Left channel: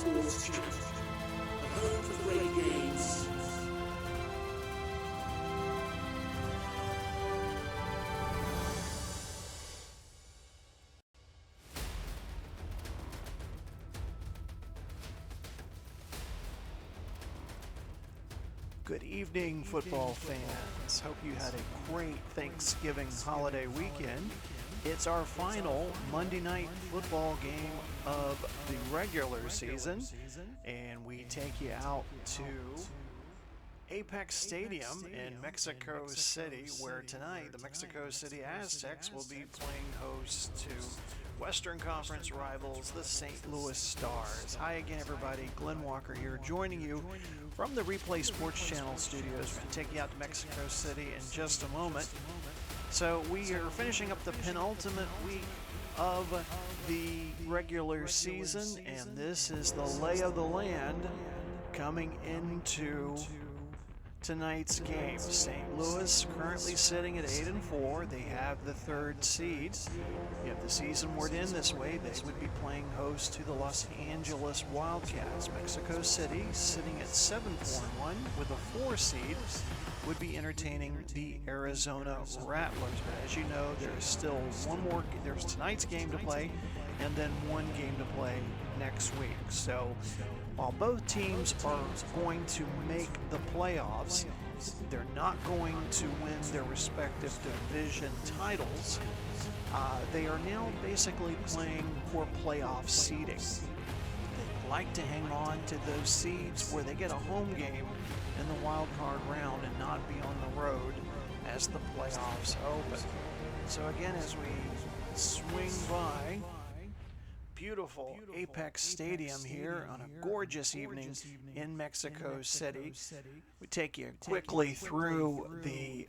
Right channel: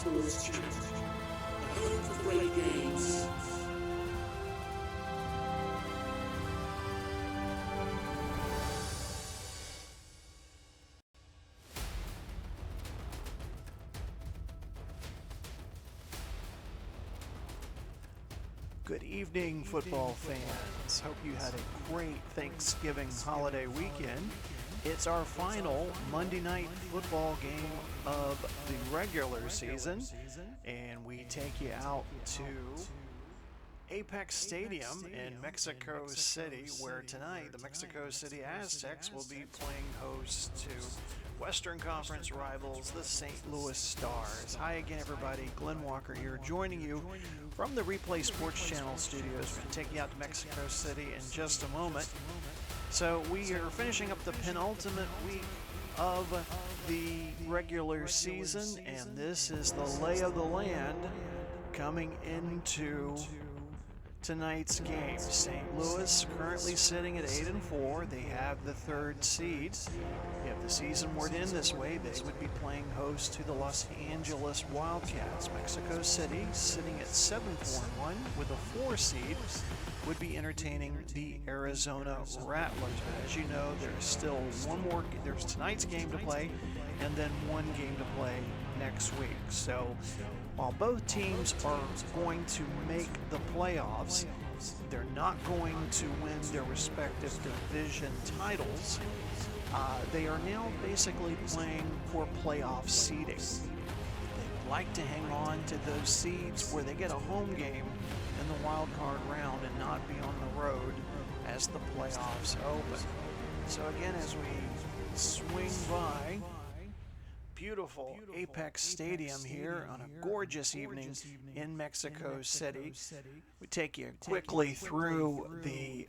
Sports Channel, a home for great games. Good evening, football fans. Hope you had a great Thanksgiving holiday weekend. It's our final Monday night football game of the regular season, and we take you out to Apex Stadium in Mexico City, where tonight the Mexico City Aztecs will be playing host to Western Conference rivals, the St. Louis Stars. Hi again, everybody. Glenn Walker here, joining you from the Replay Sports Channel studios. We're going to take you out to Mexico City in just a moment. So we are finishing up the penultimate week of the regular season, and this is the lay of the land coming into tonight's game. St. Louis currently sitting at 8-4. They have the third seed. If the season were to end this way, they would be playing host to the Los Angeles Wildcats. Mexico City, sitting at 7-4-1 with a 4 seed, would be entertaining the Arizona Rattlers. But as you know, there's still there's tonight's game to play, and then one game to play next week. So while both teams are going to make the playoffs, they're not going to win their respective division titles. They are now basically playing for playoff seeding. They'd like to hang on to those seeds where they get a home game in the wild card round and not be on the road as the playoffs open. So again, as we swing by beautiful Apex Stadium here on a gorgeous evening in Mexico City, we take you quickly through the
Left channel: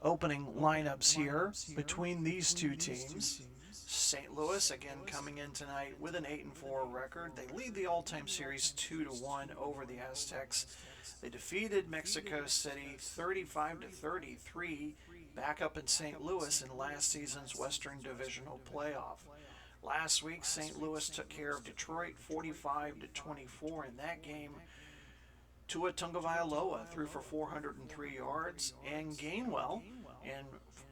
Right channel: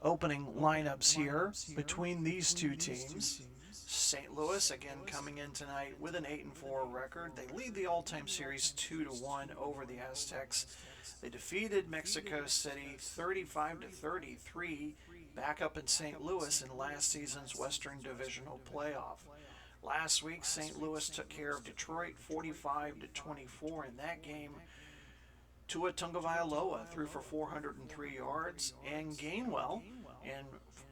opening lineups here between these two teams. St. Louis again coming in tonight with an 8-4 record. They lead the all-time series 2-1 over the Aztecs. They defeated Mexico City 35-33 back up in St. Louis in last season's Western Divisional Playoff. Last week, St. Louis took care of Detroit 45-24 in that game. Tagovailoa threw for 403 yards, and Gainwell in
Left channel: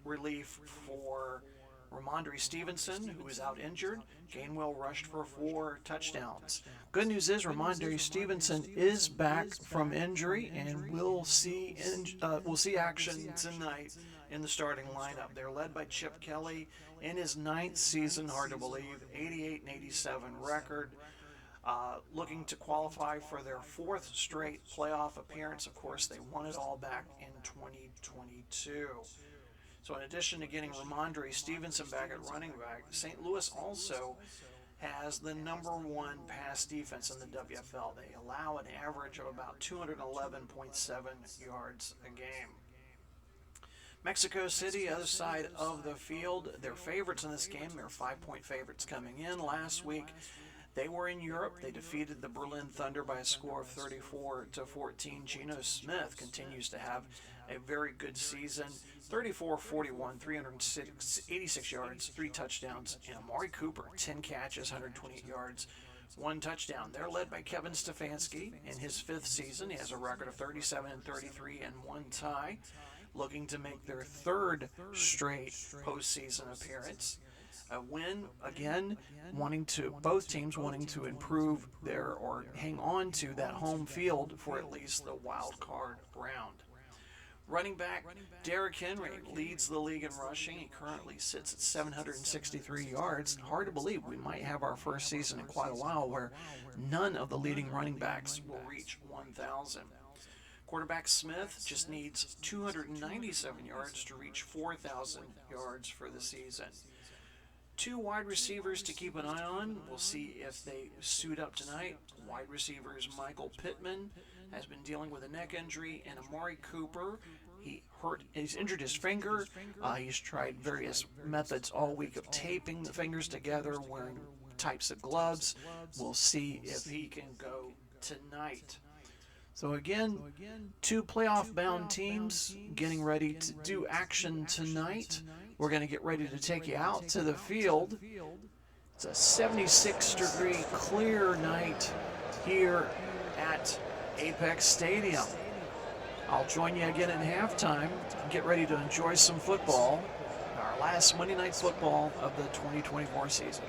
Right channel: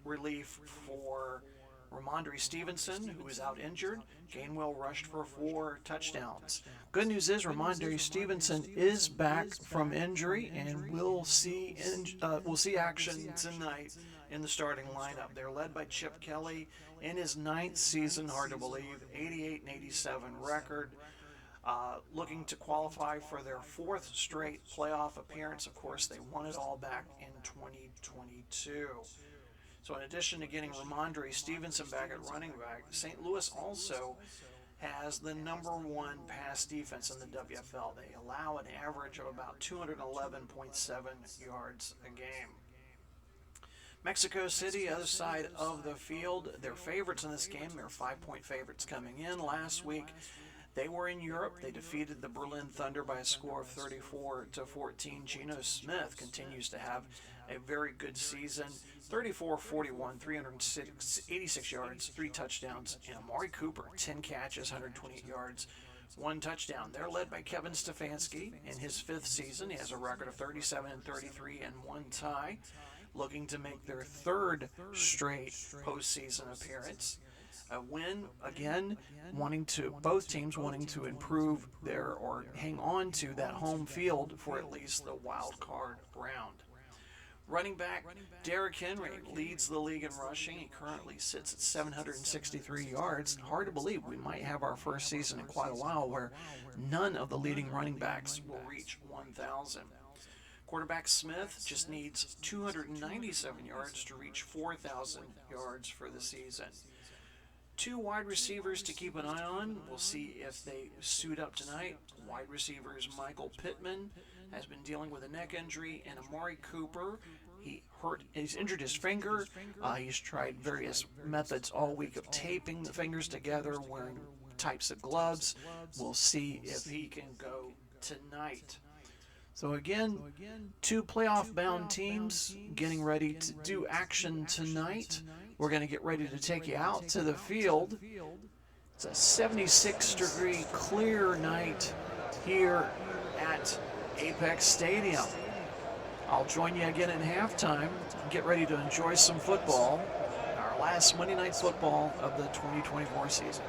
relief for Ramondre Stevenson, who was out injured. Gainwell rushed for 4 touchdowns. Good news is Ramondre Stevenson is back from injury, and we'll see action tonight in the starting lineup. They're led by Chip Kelly in his 9th season, hard to believe, 88-87 record. Looking to qualify for their 4th straight playoff appearance. Of course, they won it all back in 2022. So in addition to getting Ramondre Stevenson back at running back, St. Louis also has the #1 pass defense in the WFL. They allow an average of about 211.7 yards a game. Mexico City, other side of the field, they're favorites in this game. They're 5-point favorites coming in. Last week, they were in Europe. They defeated the Berlin Thunder by a score of 34-14. Geno Smith continues to have a very good season. 34-41, 386 yards, 3 touchdowns. And Amari Cooper, 10 catches, 128 yards, 1 touchdown. They're led by Kevin Stefanski in his 5th season. He has a record of 37-33 and 1 tie, looking to make their 3rd straight postseason appearance. A win, again, both teams wanting to improve or hang on to that home field for at least the wild card round. Running back Derrick Henry leads the league in rushing. He currently sits at 763 yards. Hard to believe we might have our first season in quite a while where none of the leading running backs will reach 1,000. Quarterback Smith just needs 297 yards to reach 4,000 yards for the season. 2 wide receivers to keep an eye on. We'll see if they suit up tonight. Wide receivers Michael Pittman has been dealing with a neck injury, and Amari Cooper, he's injured his finger. He's tried various methods all week of taping the fingers together, wearing types of gloves. We'll see if he can go tonight. So again, 2 playoff-bound teams getting ready to do action tonight. We're going to get ready to take you out to the field It's a 76-degree clear night here at Apex Stadium. I'll join you again at halftime. Get ready to enjoy some football. Our last Monday Night Football of the 2024 season.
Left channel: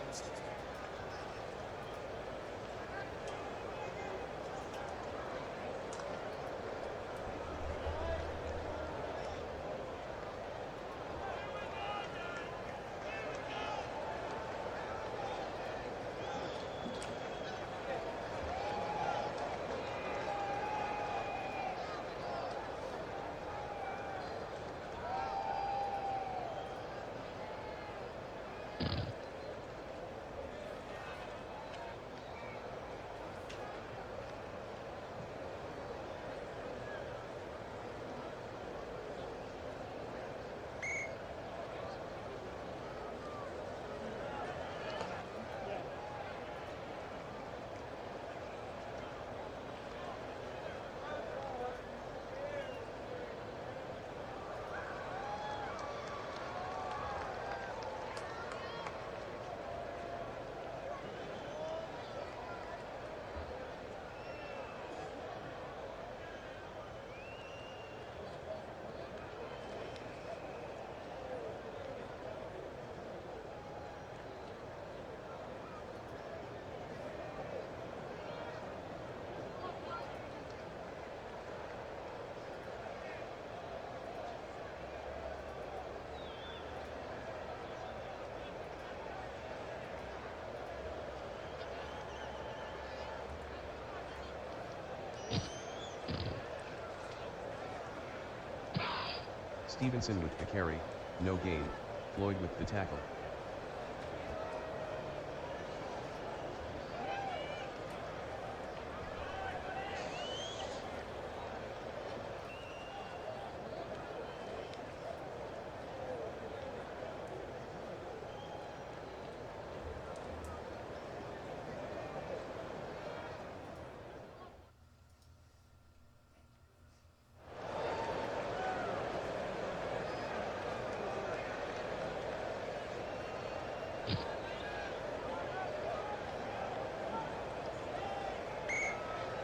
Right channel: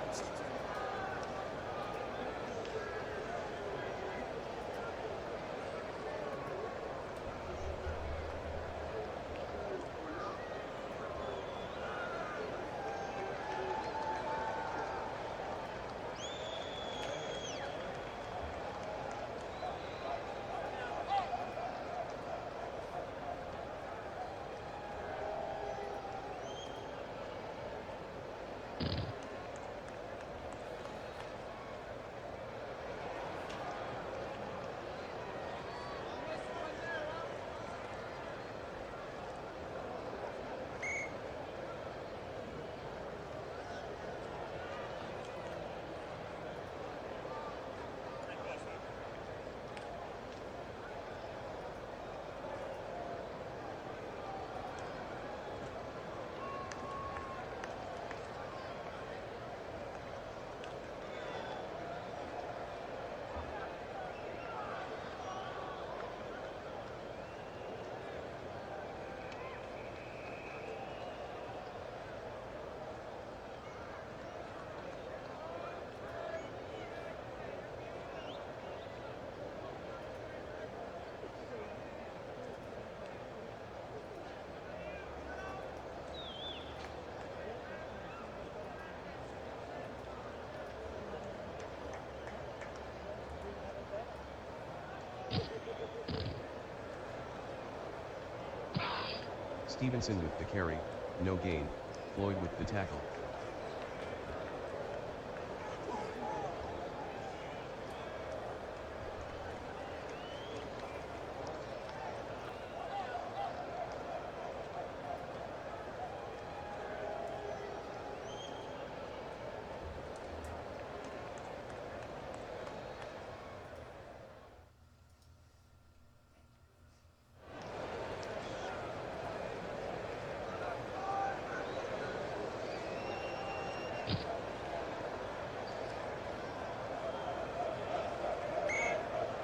Stevenson with the carry, no gain. Floyd with the tackle.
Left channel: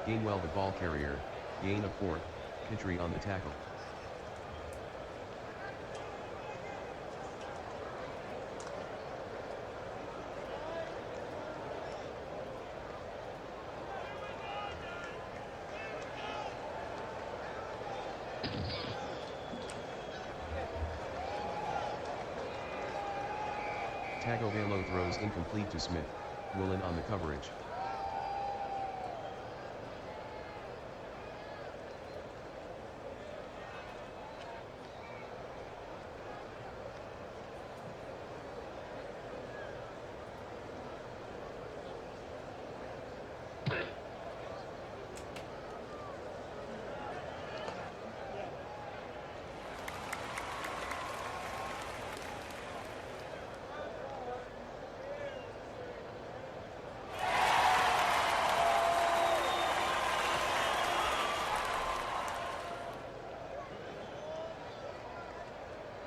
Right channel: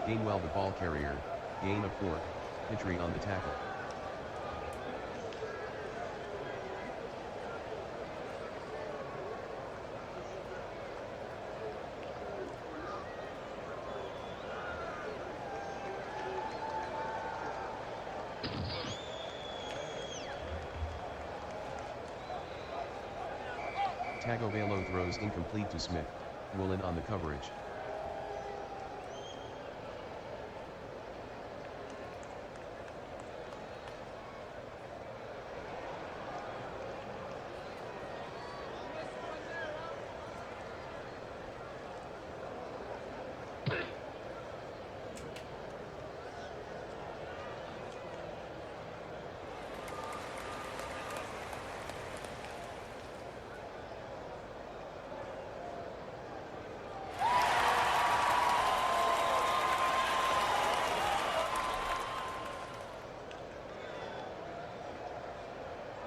Gainwell the ball carrier, gain of 4, Pitry on the tackle. Tagovailoa throws incomplete to Smith, Woolen on the coverage.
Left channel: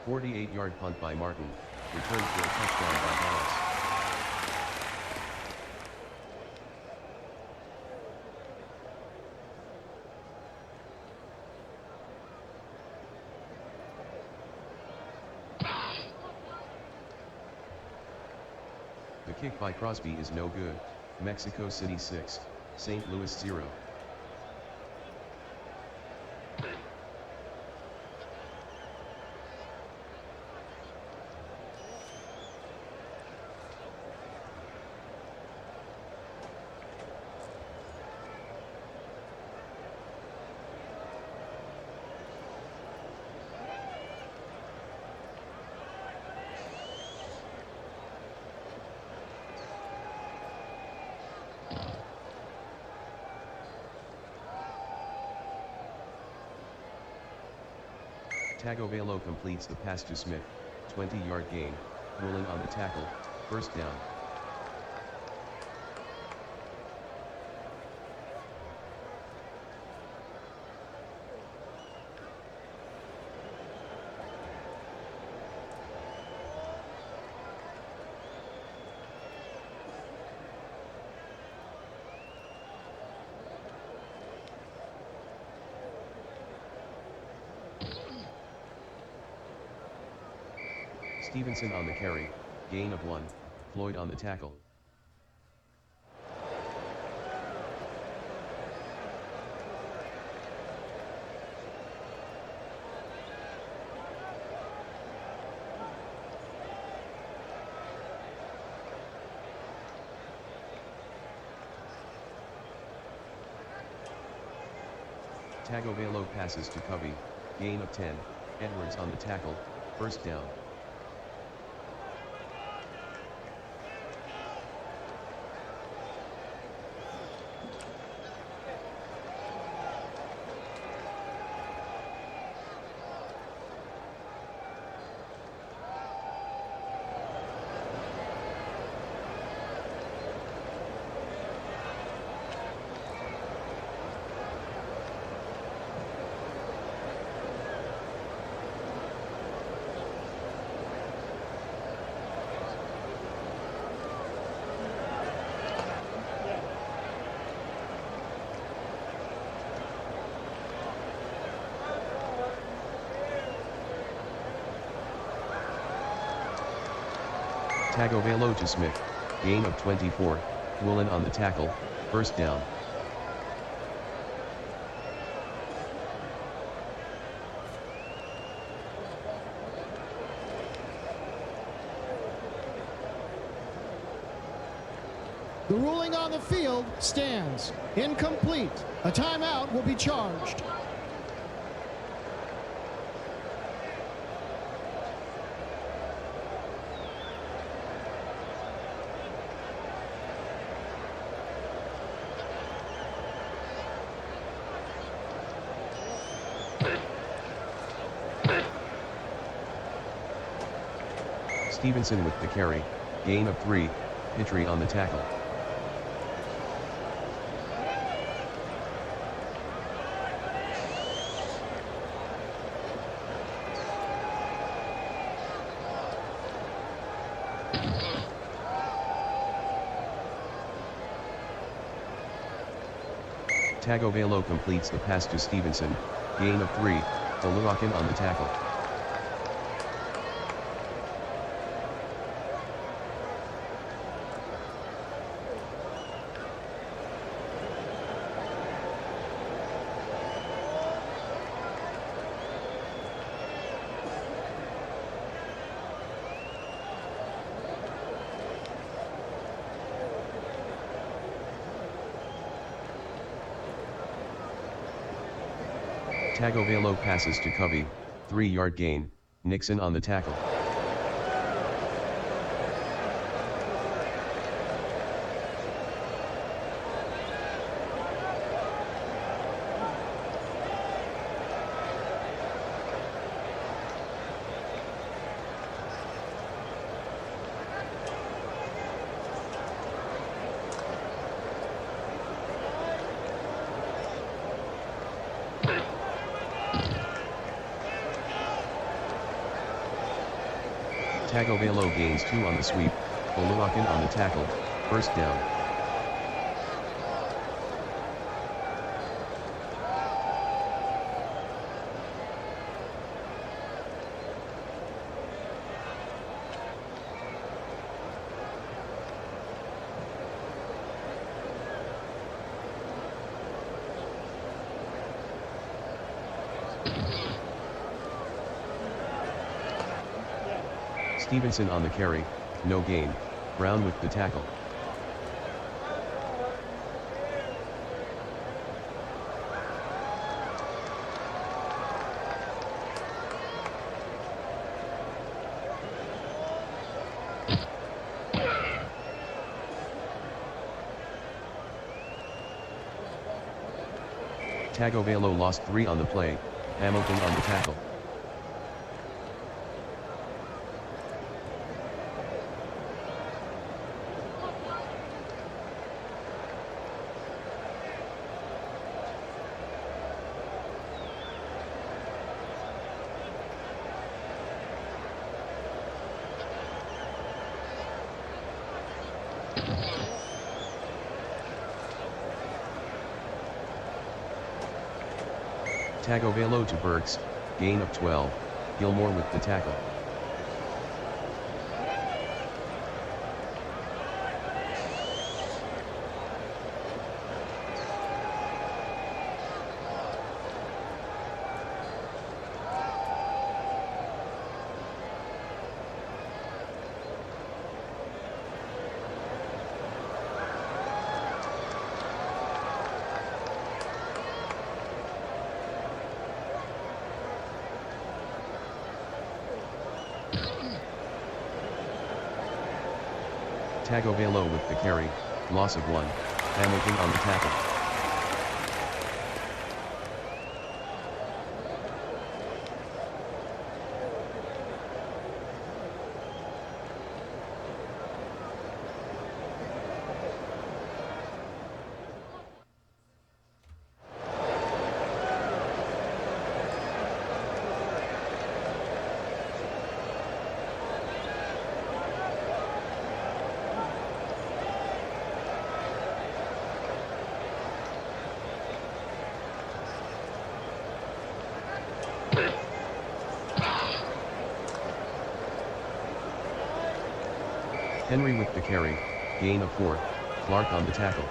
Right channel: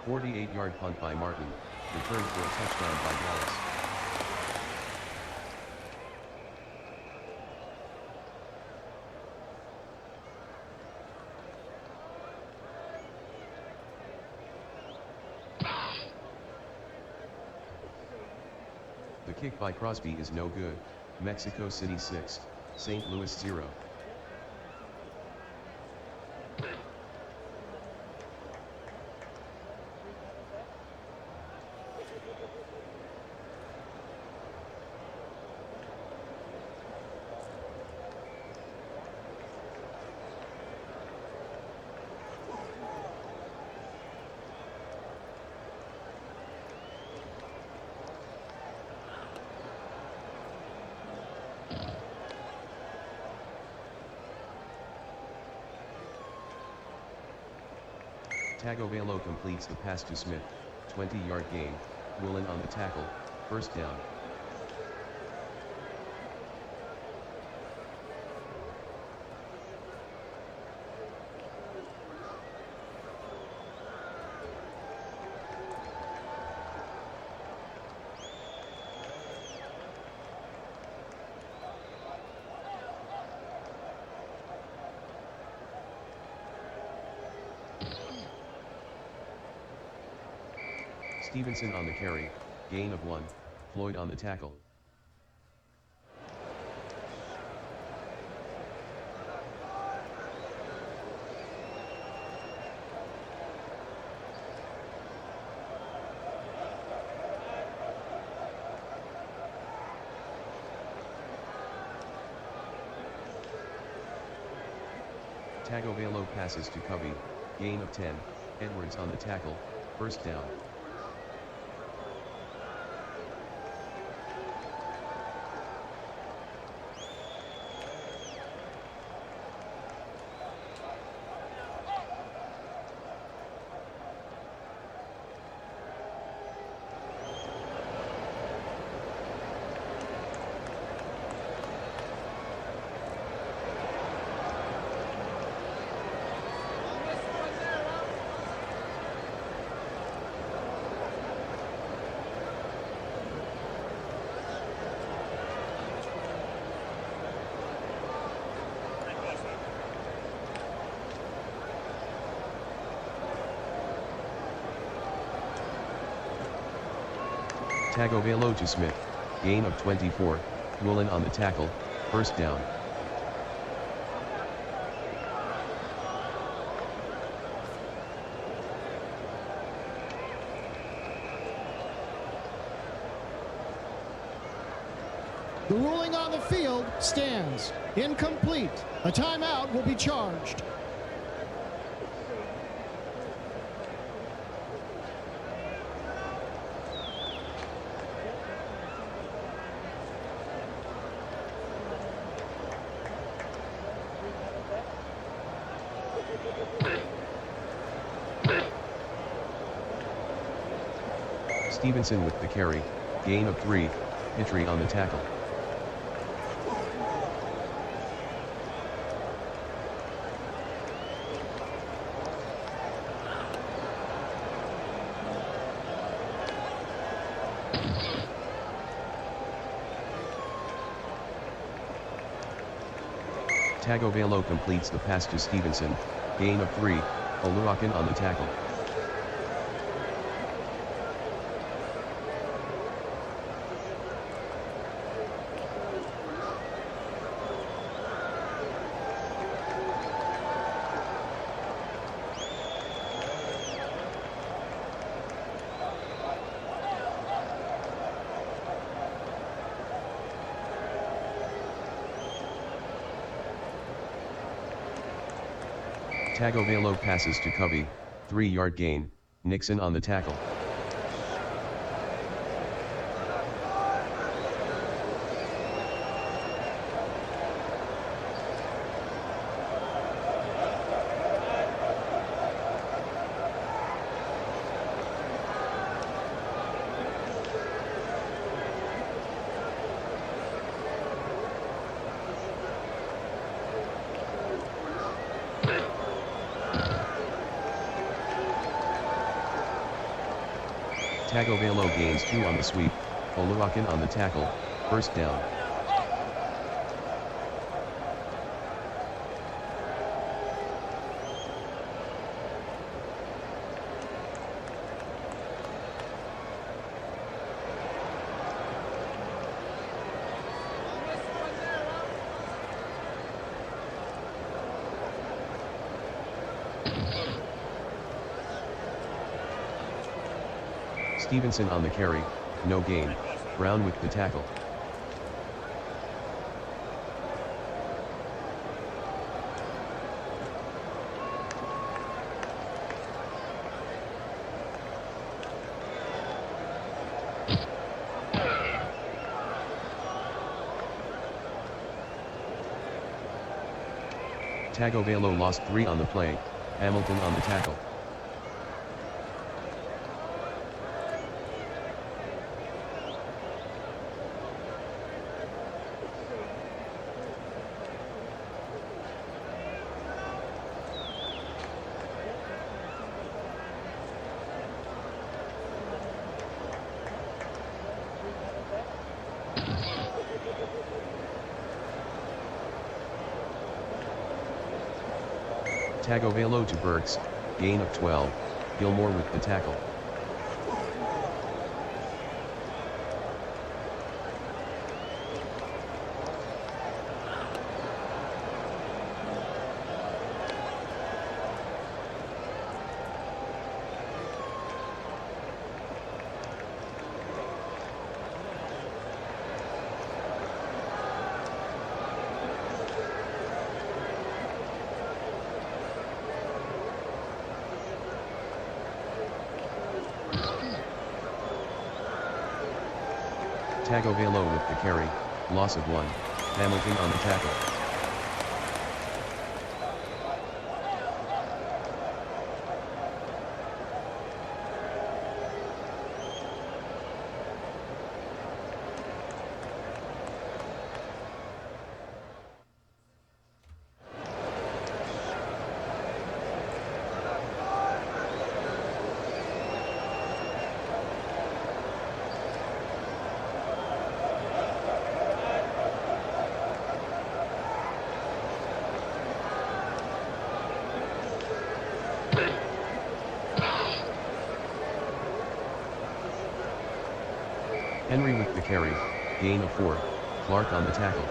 A 48-yard punt by Martin, returned for a touchdown by Dallas. The kick by Crosby is no good. Mexico City 6, St. Louis 0. Tagovailoa completes the pass to Smith, 20-yard gain, Woolen on the tackle, first down. Stevenson on the carry, gain of 1, Floyd on the tackle. Tagovailoa passes to Covey, gain of 10, Edwards on the tackle, first down. Tagovailoa to Smith, gain of 24, Woolen on the tackle, first down. The ruling on the field stands. Incomplete. A timeout will be charged. Stevenson with the carry, gain of 3, Pitre on the tackle. Tagovailoa completes the pass to Stevenson, gain of 3, Oluwakin on the tackle. Tagovailoa passes to Covey, 3-yard gain, Nixon on the tackle. Tagovailoa gains 2 on the sweep, Oluwakin on the tackle, first down. Stevenson on the carry, no gain, Brown with the tackle. Tagovailoa lost 3 on the play, Hamilton on the tackle. Tagovailoa to Burks, gain of 12, Gilmore with the tackle. Tagovailoa with the carry, loss of 1, Hamilton on the tackle. Henry with the carry, gain of 4, Clark on the tackle.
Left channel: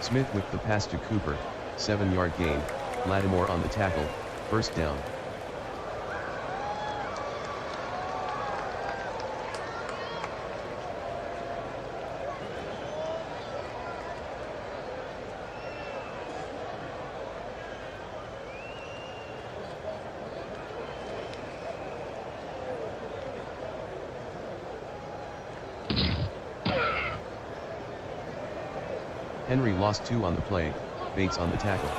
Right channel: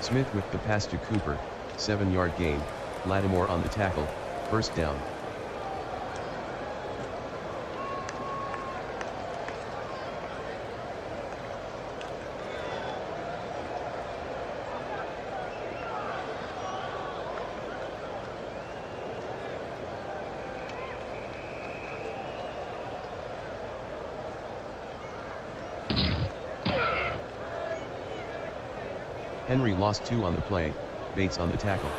Smith with the pass to Cooper, 7-yard gain, Lattimore on the tackle, first down. Henry lost 2 on the play, Bates on the tackle.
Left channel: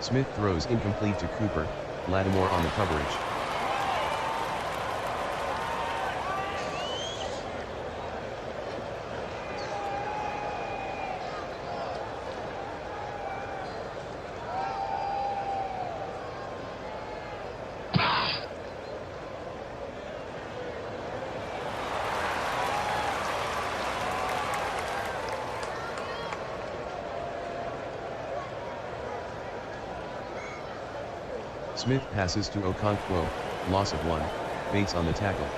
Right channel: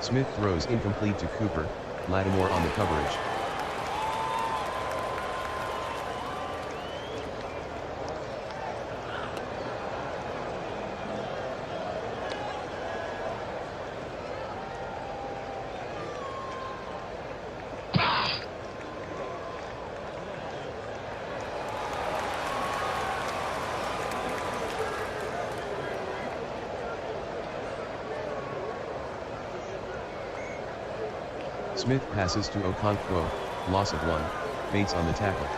Smith throws incomplete to Cooper, Lattimore on the coverage. Smith passes to Okonkwo, loss of 1, Bates on the tackle.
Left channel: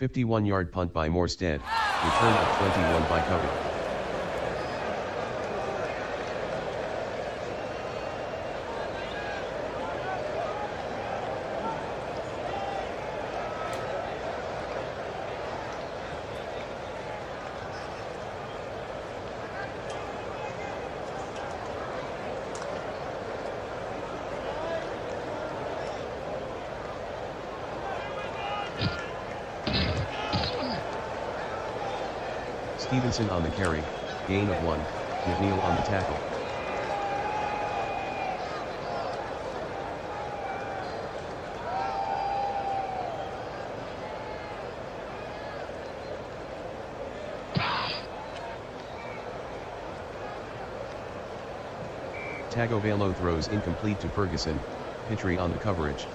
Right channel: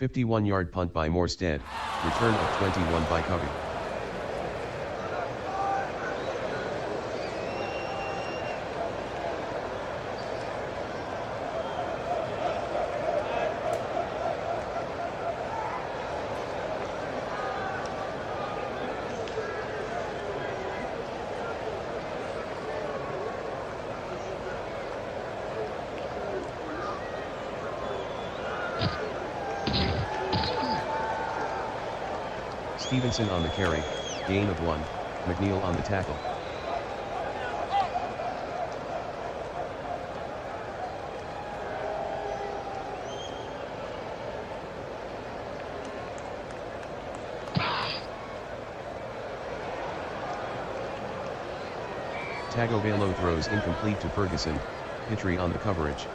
"51-yard punt by Morstead, return of 21 by Covey. Stevenson on the carry, gain of 1, McNeil on the tackle. Tagovailoa throws incomplete to Ferguson, Pitre on the coverage.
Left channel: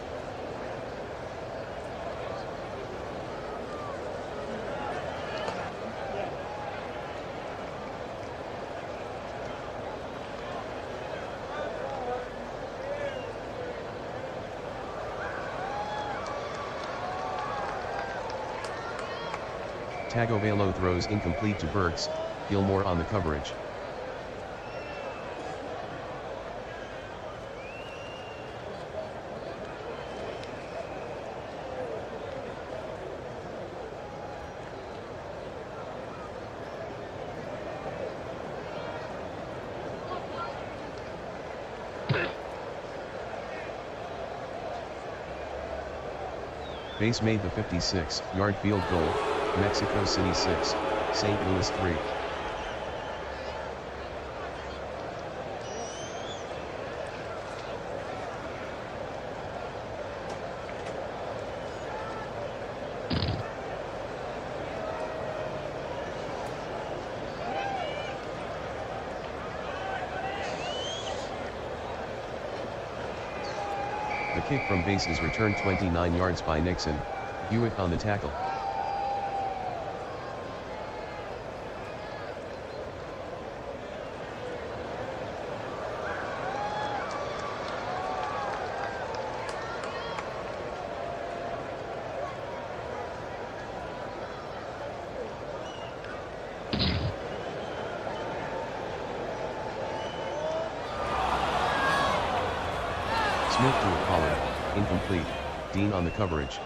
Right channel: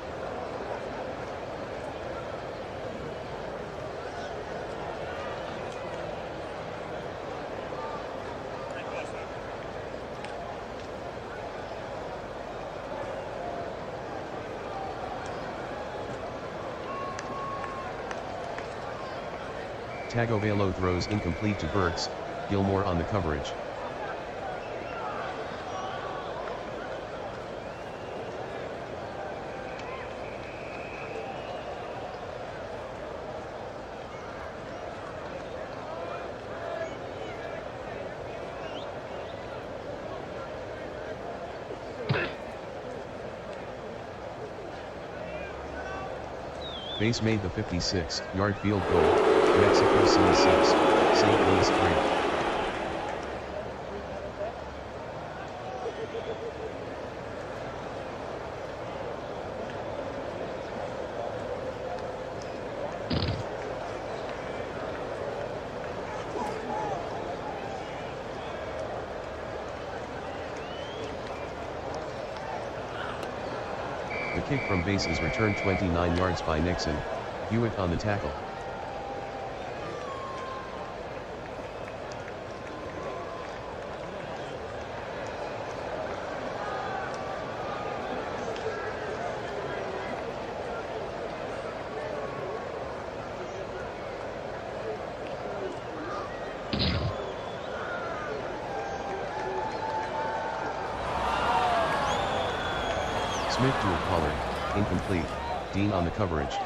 Tagovailoa throws incomplete to Burks, Gilmore on the coverage. Base made the 56-yard field goal, Mexico City 6, St. Louis 3. The kick from base is returned 29 yards by Nixon, Hewitt on the tackle. Smith to a Pollard, incomplete, Dean on the coverage.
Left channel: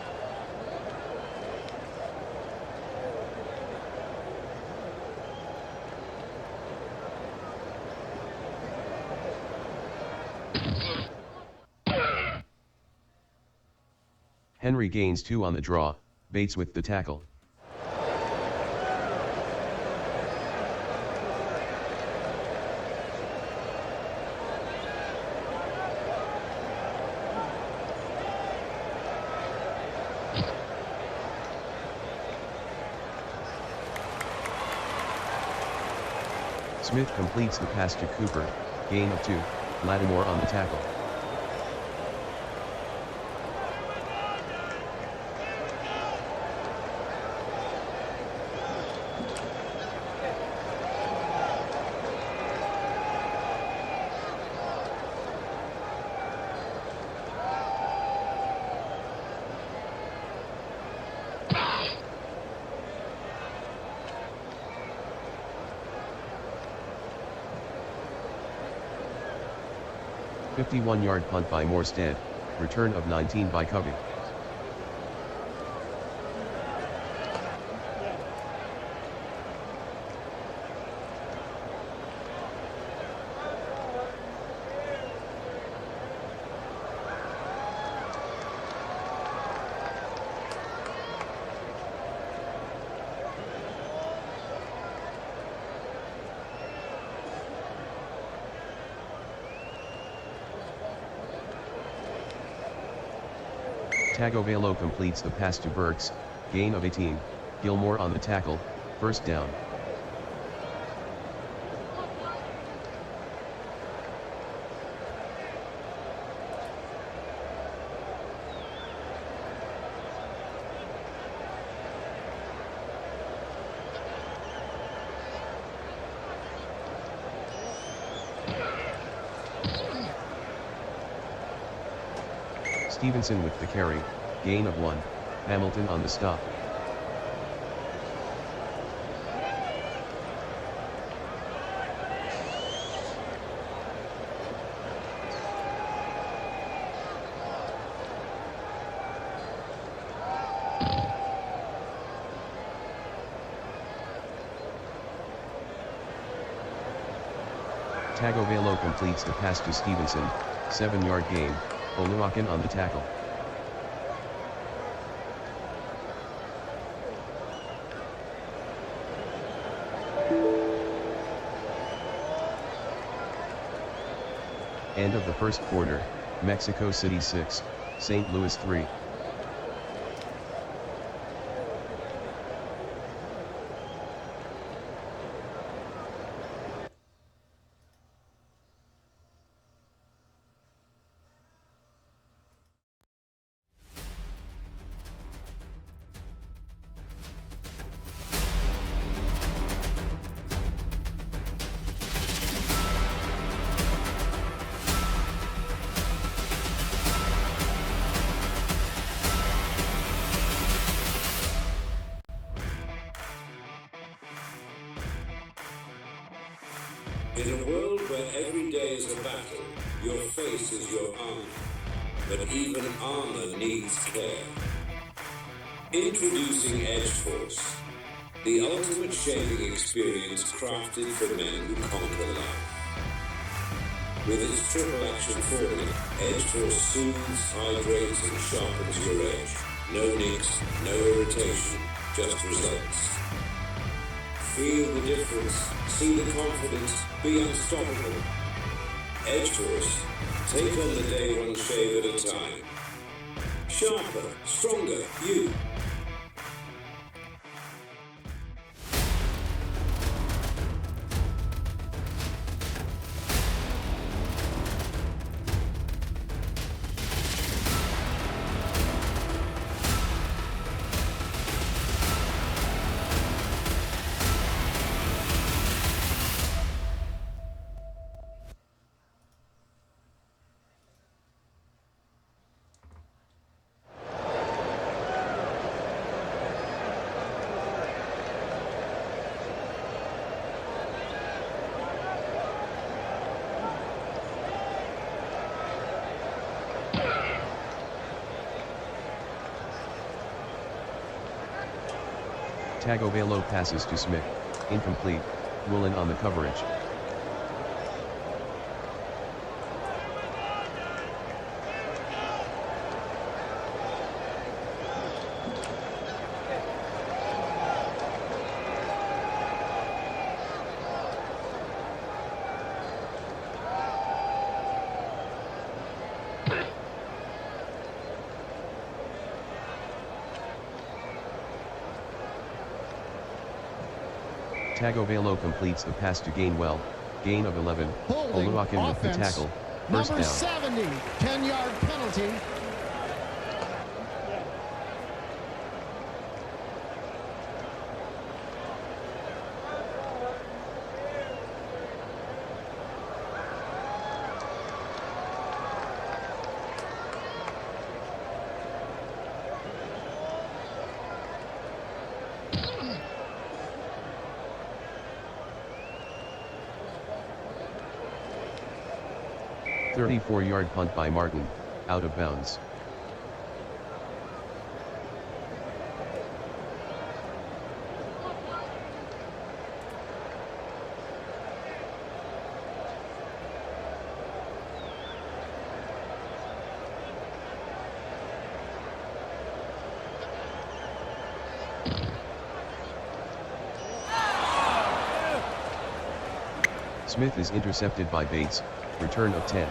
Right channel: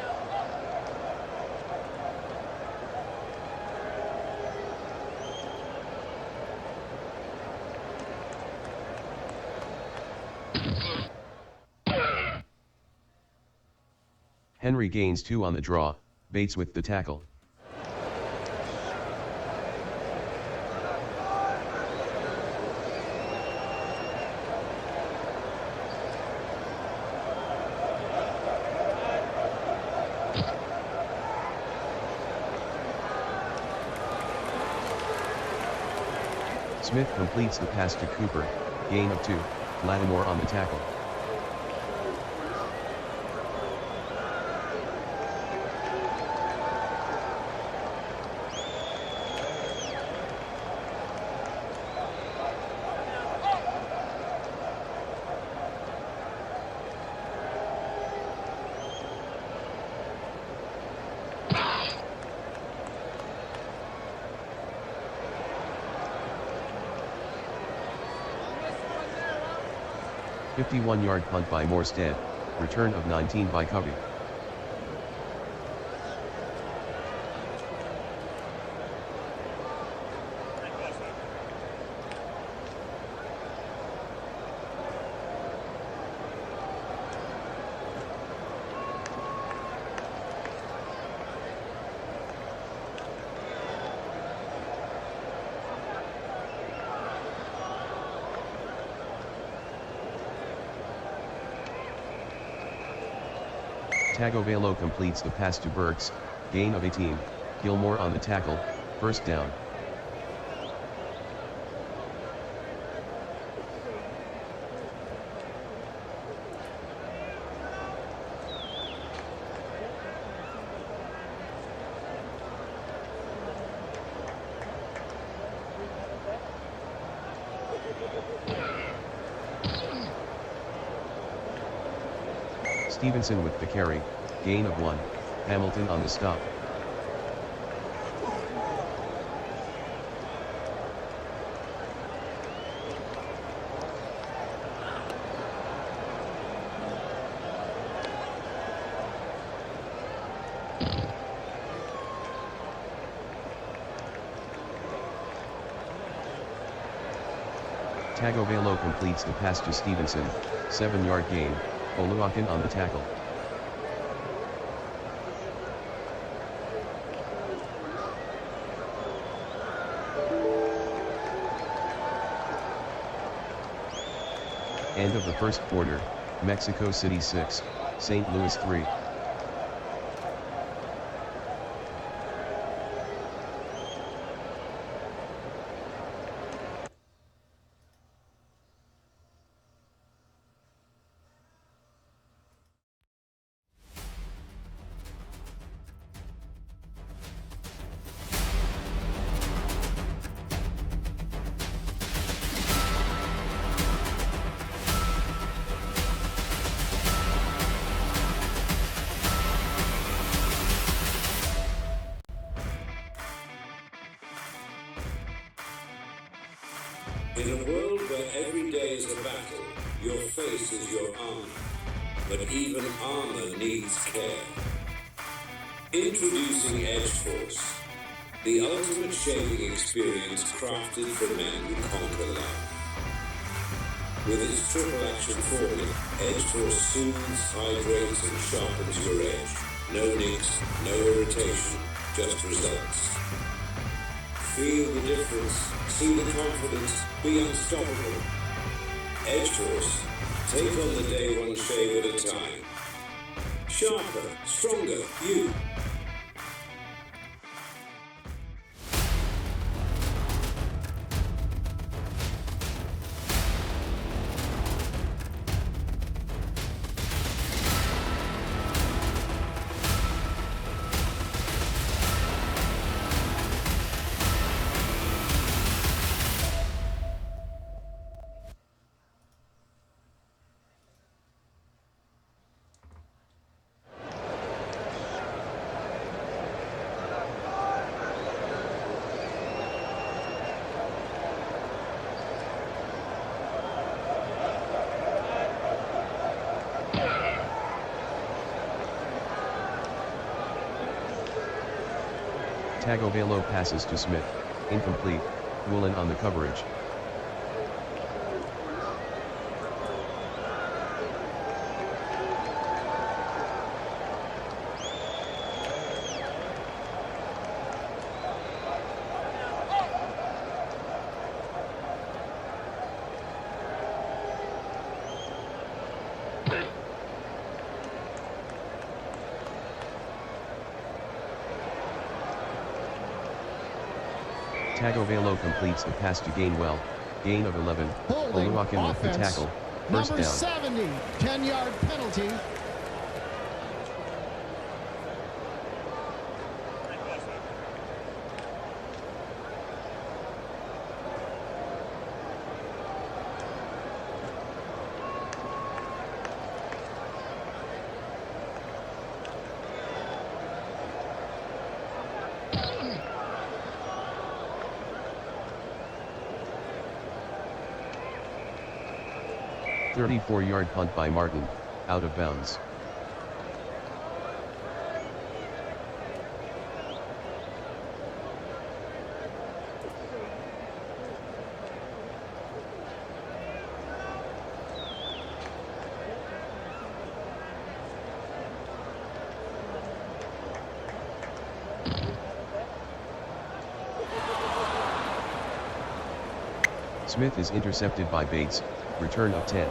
Henry gains 2 on the draw, Bates with the tackle. Smith completes the pass to Cooper, gain of 2, Lattimore on the tackle. A 51-yard punt by Morstead, return of 19 by Covey. Tagovailoa completes the pass to Burks, gain of 18, Gilmore on the tackle, first down. Stevenson with the carry, gain of 1, Hamilton on the stop. Tagovailoa completes the pass to Stevenson, 7-yard gain, Oluwakin on the tackle. End of the first quarter, Mexico City 6, St. Louis 3. In a world where every day is a battle, your face is your armor. But even armor needs care. Introducing Edge Force, the ultimate shaving experience crafted for men who conquer life. With its triple action formula, Edge Force soothes, hydrates, and sharpens your edge, No nicks, no irritation, just results. Feel the difference, see the confidence, be unstoppable. Edge Force, take on the day one shave at a time. Sharper, stronger, you. Tagovailoa passes to Smith, incomplete, Woolen on the coverage. Tagovailoa completes the pass to Gainwell, gain of 11, Holding Oluwakin with the offense. tackle, first Number down. 70, 10-yard penalty. A 34-yard punt by Martin, out of bounds. Smith is intercepted by Bates, return of 10.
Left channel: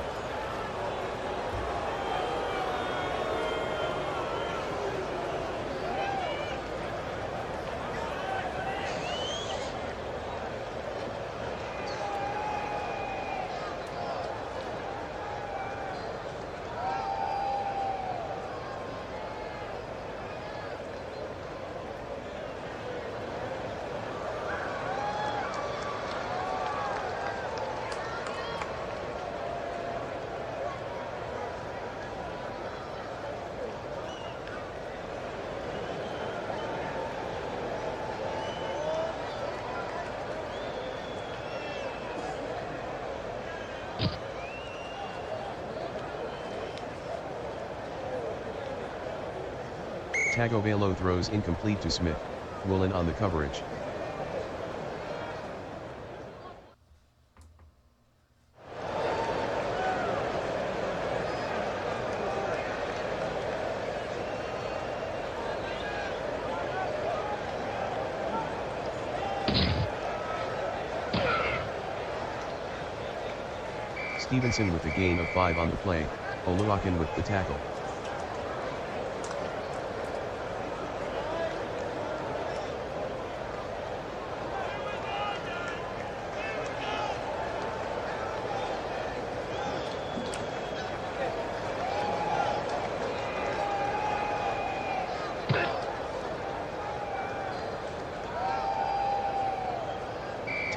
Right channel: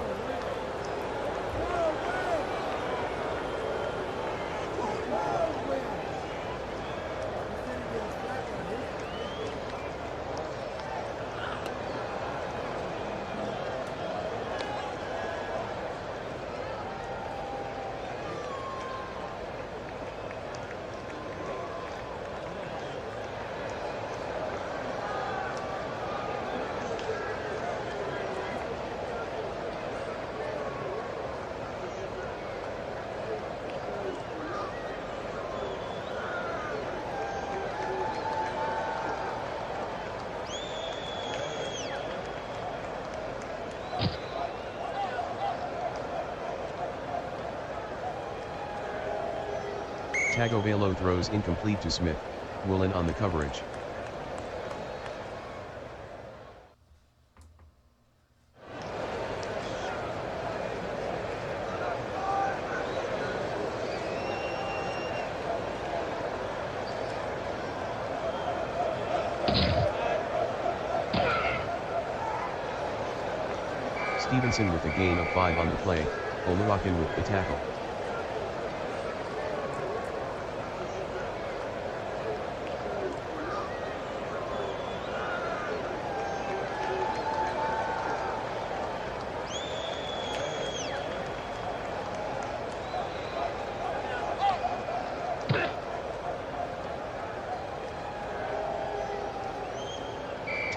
Tagovailoa throws incomplete to Smith, Woolen on the coverage. Stevenson with a gain of 5 on the play, Oluwakin with the tackle.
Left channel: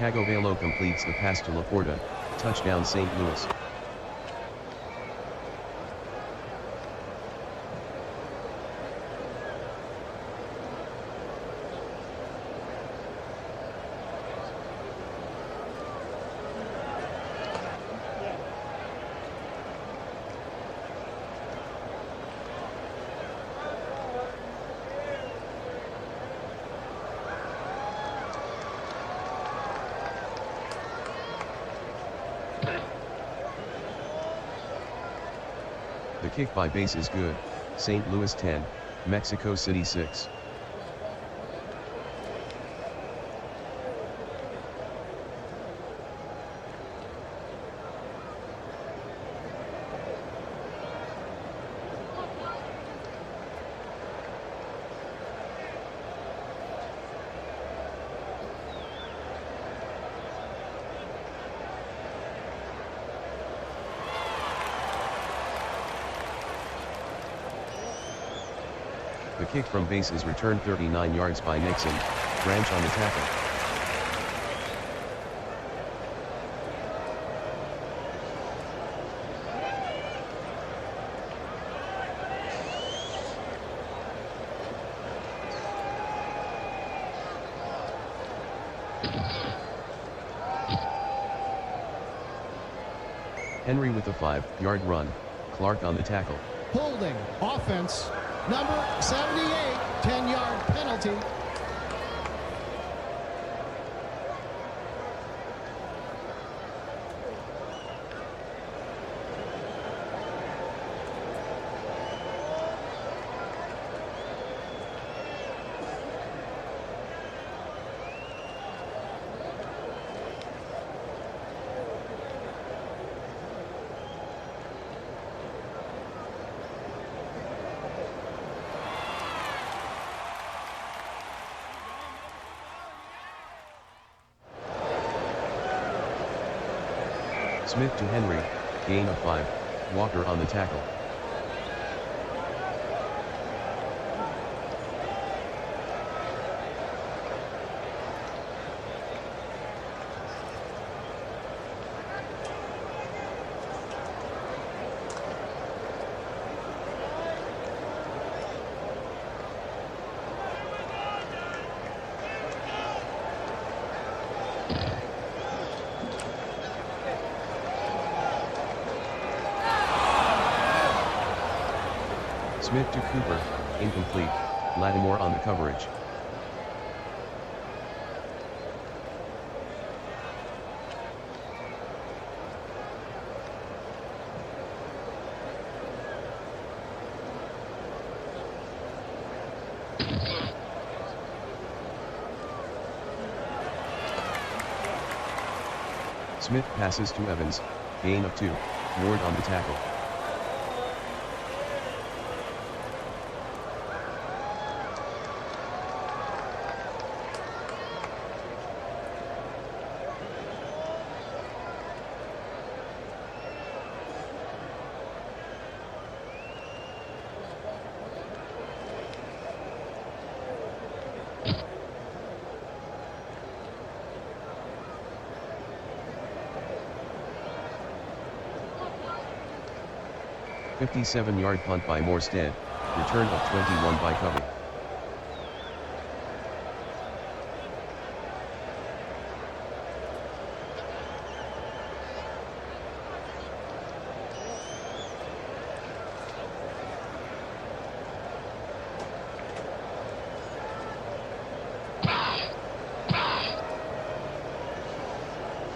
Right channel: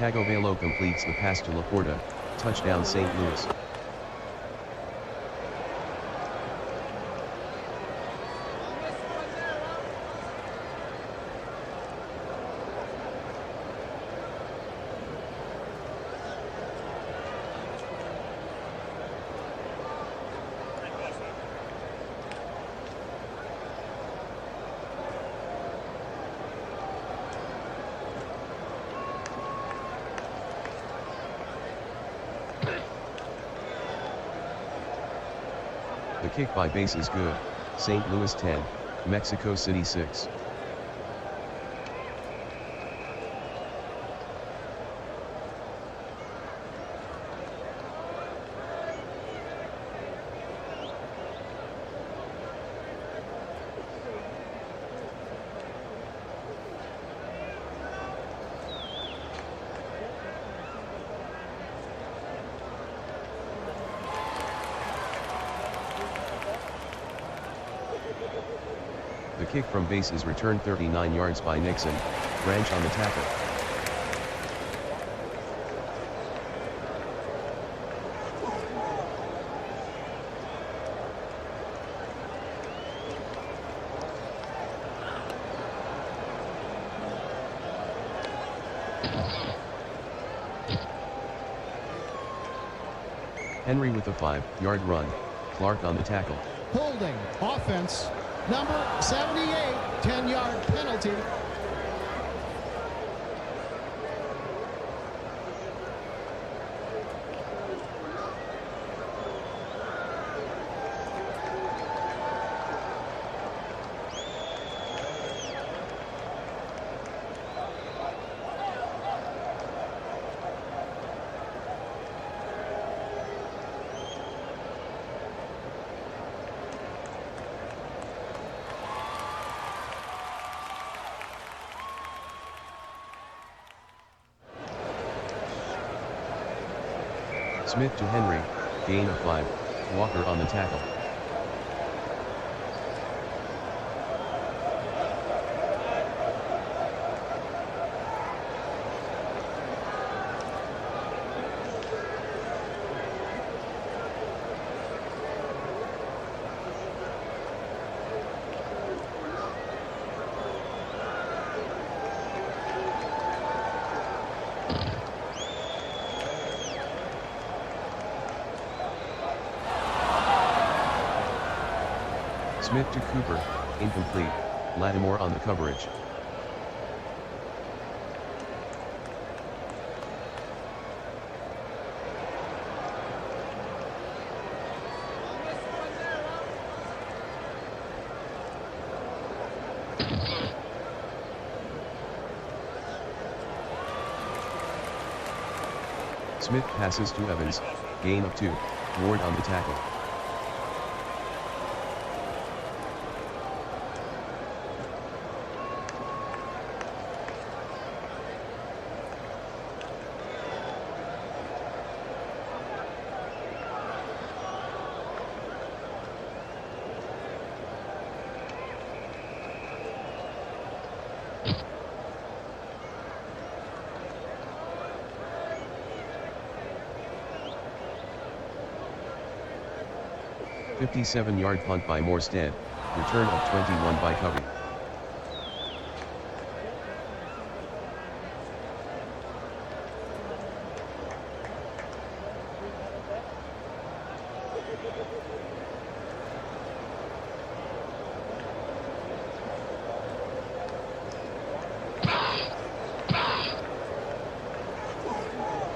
Tagovailoa completes the pass to Laporta, touchdown St. Louis. The kick by Bates is good, St. Louis 10, Mexico City 6. The kick from base is returned 39 yards by Nixon, Branch on the tackle. Henry with a 5-yard run, Clark on the tackle. Holding. Offense. Number 78, 10-yard penalty. Smith to Henry, gain of 5, Walker on the tackle. Smith to Cooper, incomplete, Lattimore on the coverage. Smith passes to Evans, gain of 2, Ward on the tackle. A 57-yard punt by Morstead, return of 21 by Covey.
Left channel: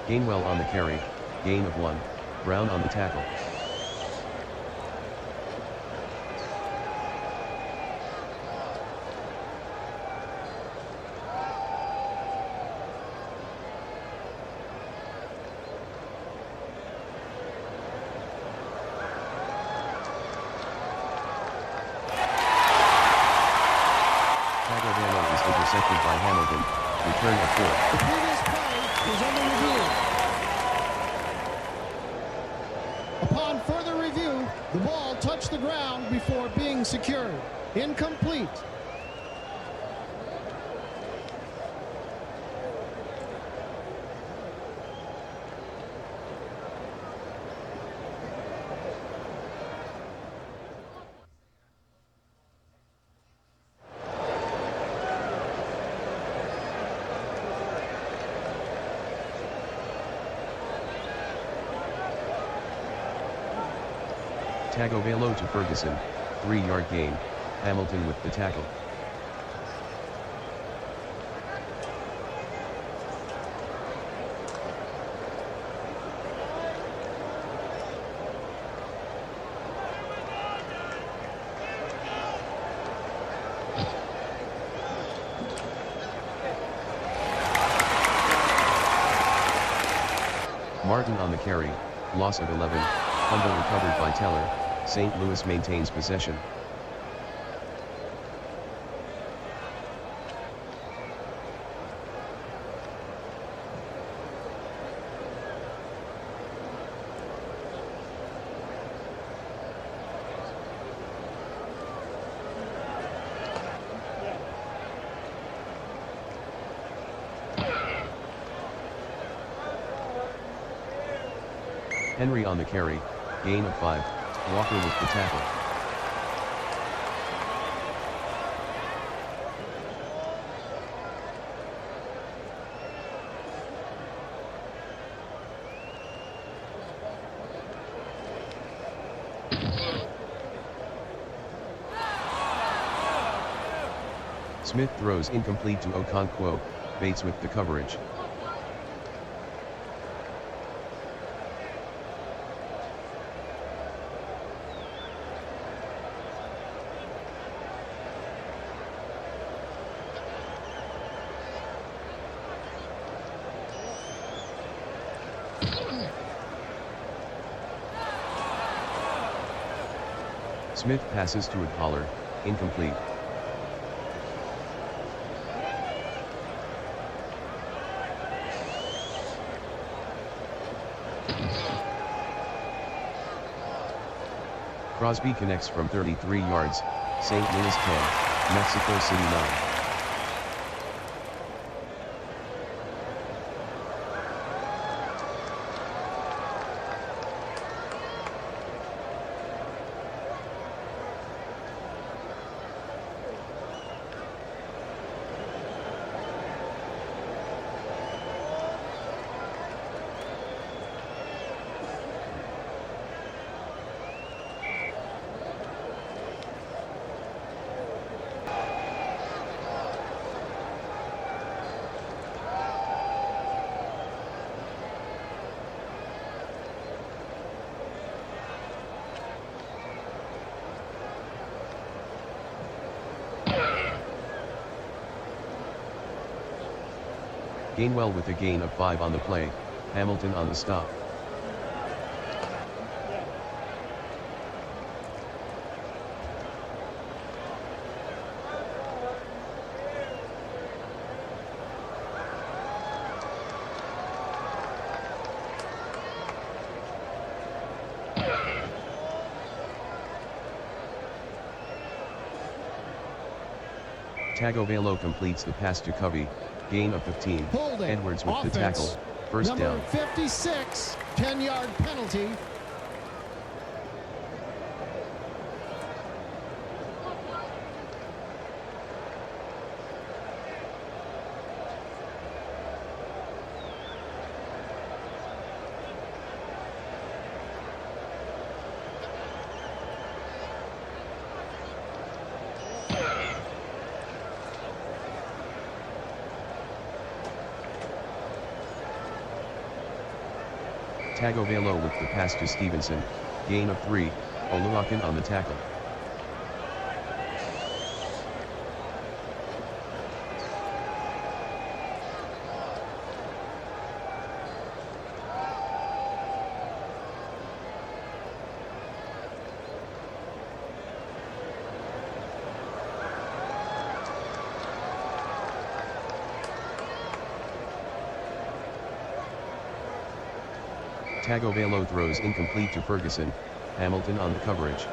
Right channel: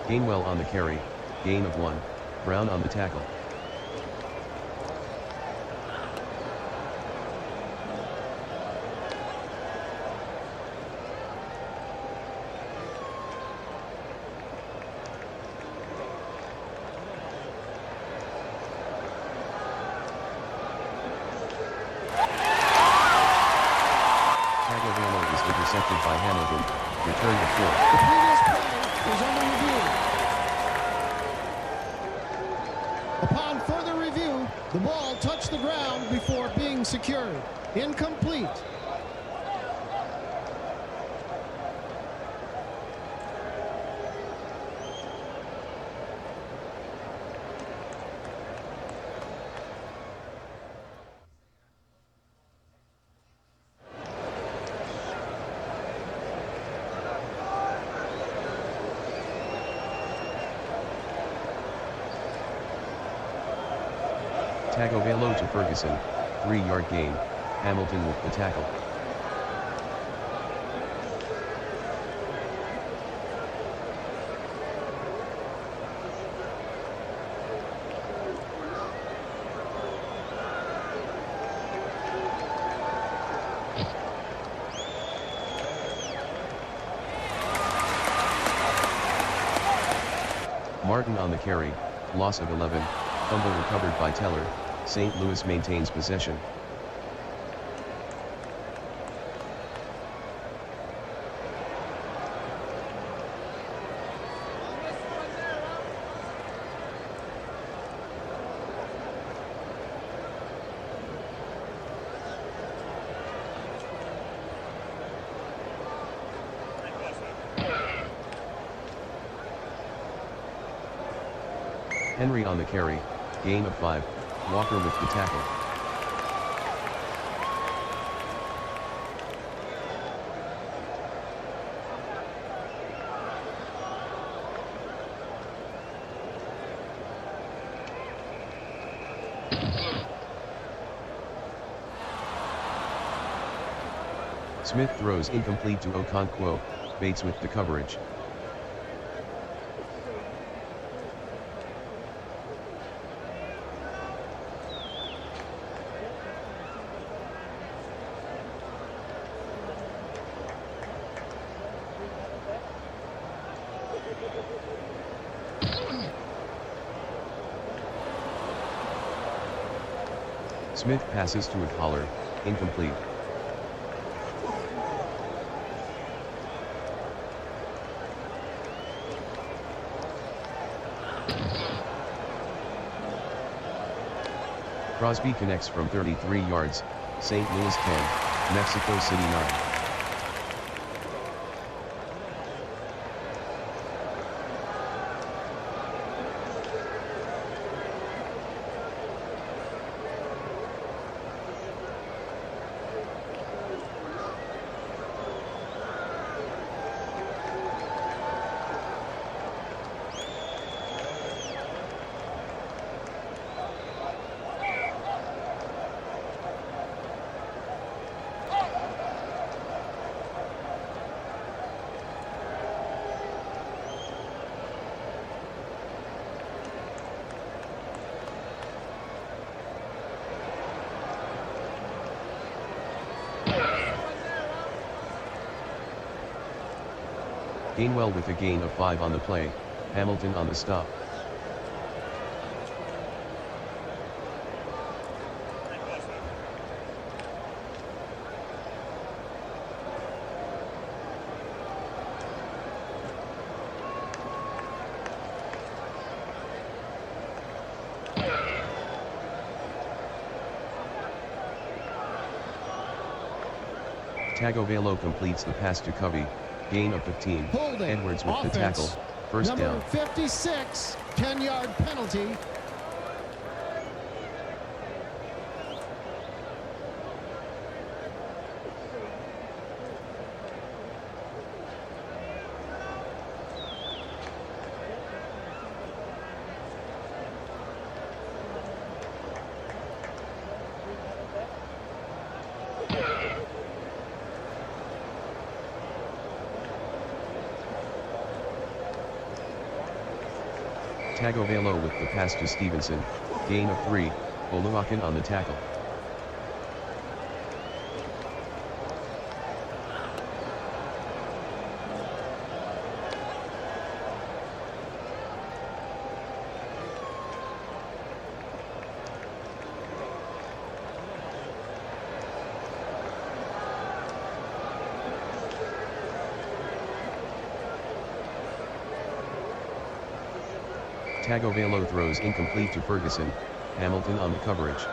Gainwell on the carry, gain of 1, Brown on the tackle. Tagovailoa is intercepted by Hamilton, return of 4. The previous play is under review. Upon further review, the ball touched the ground before being secured. Incomplete. Tagovailoa to Ferguson, 3-yard gain, Hamilton with the tackle. Martin on the carry, loss of 11, fumble recovered by Teller, St. Louis maintains possession. Henry on the carry, gain of 5, Walker with the tackle. Smith throws incomplete to Okonkwo, Bates with the coverage. Smith passes to Pollard, incomplete. Crosby connects from 33 yards, St. Louis 10, Mexico City 9. Gainwell with a gain of 5 on the play, Hamilton on the stop. Tagovailoa completes the pass to Covey, gain of 15, Holding. Edwards with Offense. the tackle, first Number down. 56, 10-yard penalty. Tagovailoa with the pass to Stevenson, gain of 3, Oluwakin on the tackle. Tagovailoa throws incomplete to Ferguson, Hamilton on the coverage.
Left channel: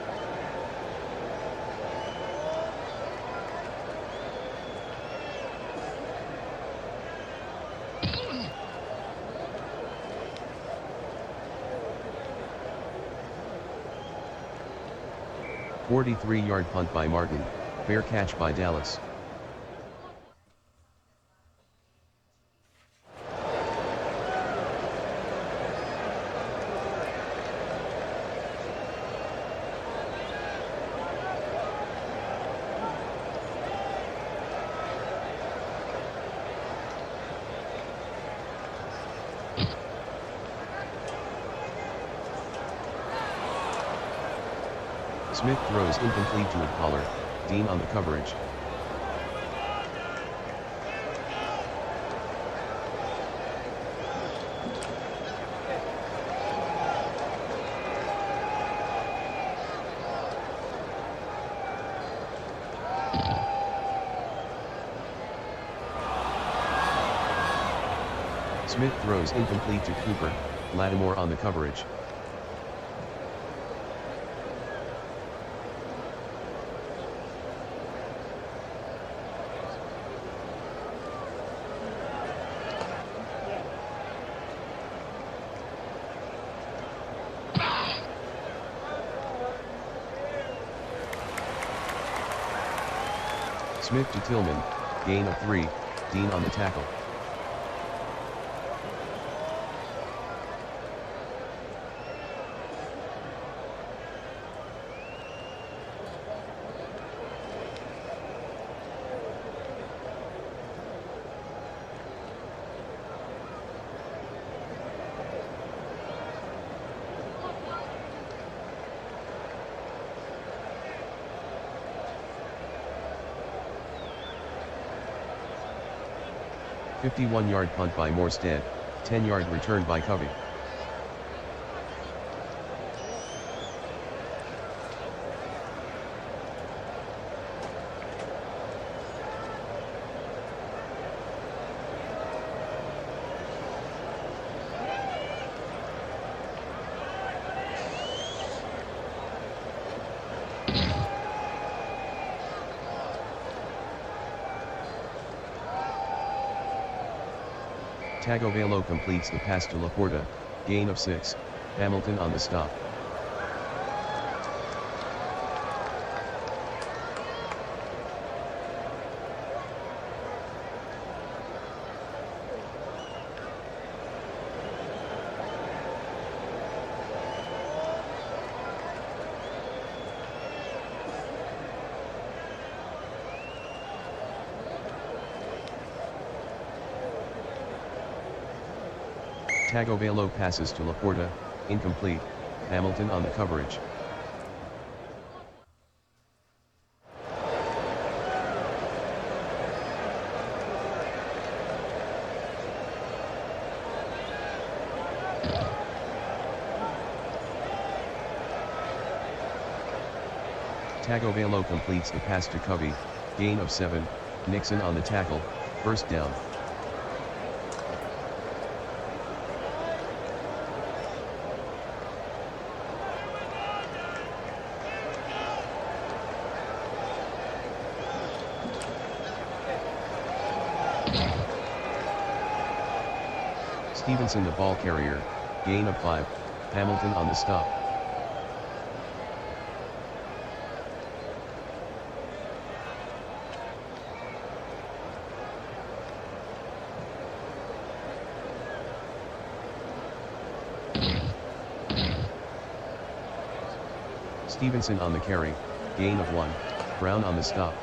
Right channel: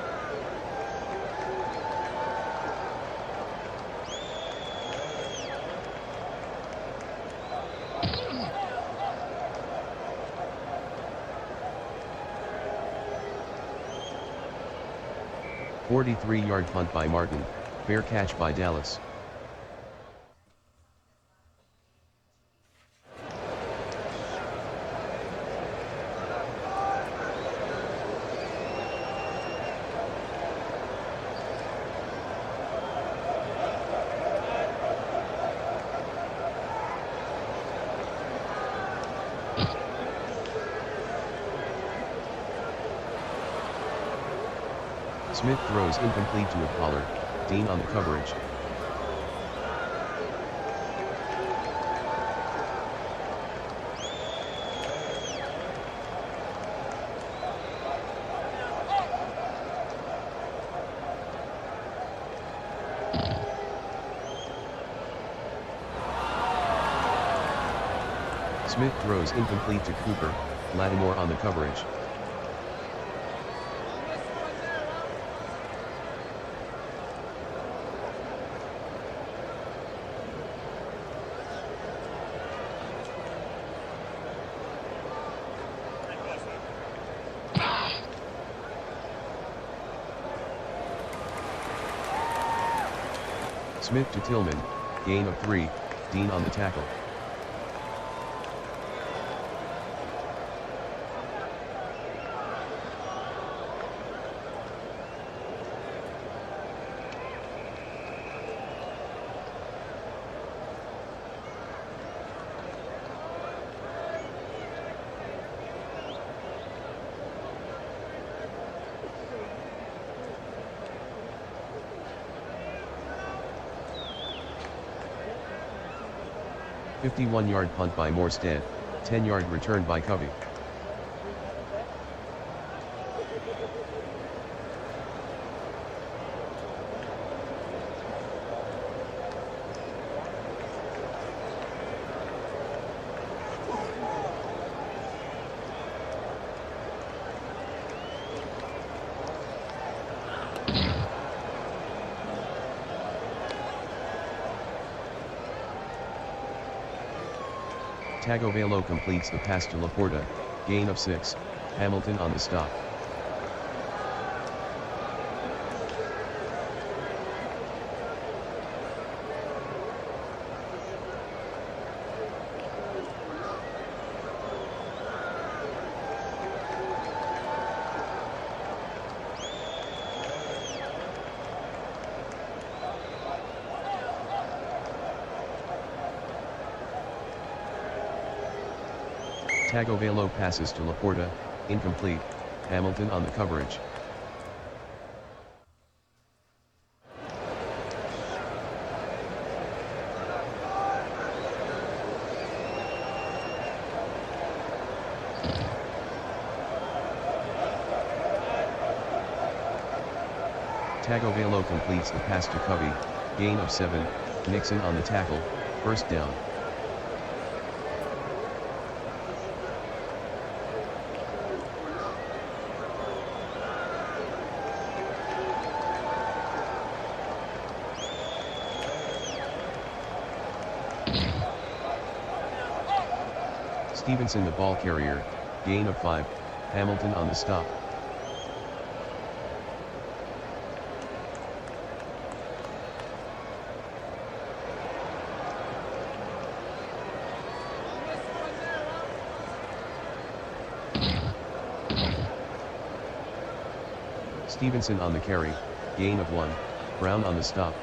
"43-yard punt by Martin, fair catch by Dallas." Smith throws incomplete to Pollard, Dean on the coverage. Smith throws incomplete to Cooper, Lattimore on the coverage. Smith to Tillman, gain of 3, Dean on the tackle. "51-yard punt by Morstead, 10-yard return by Covey. Tagovailoa completes the pass to Laporta, gain of 6, Hamilton on the stop. Tagovailoa passes to Laporta, incomplete, Hamilton on the coverage. Tagovailoa completes the pass to Covey, gain of 7, Nixon on the tackle, first down. Stevenson the ball carrier, gain of 5, Hamilton on the stop. Stevenson on the carry, gain of 1, Brown on the stop.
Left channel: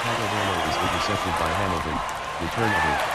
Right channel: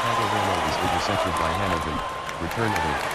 Tagovailoa is intercepted by Hamilton, return of 8.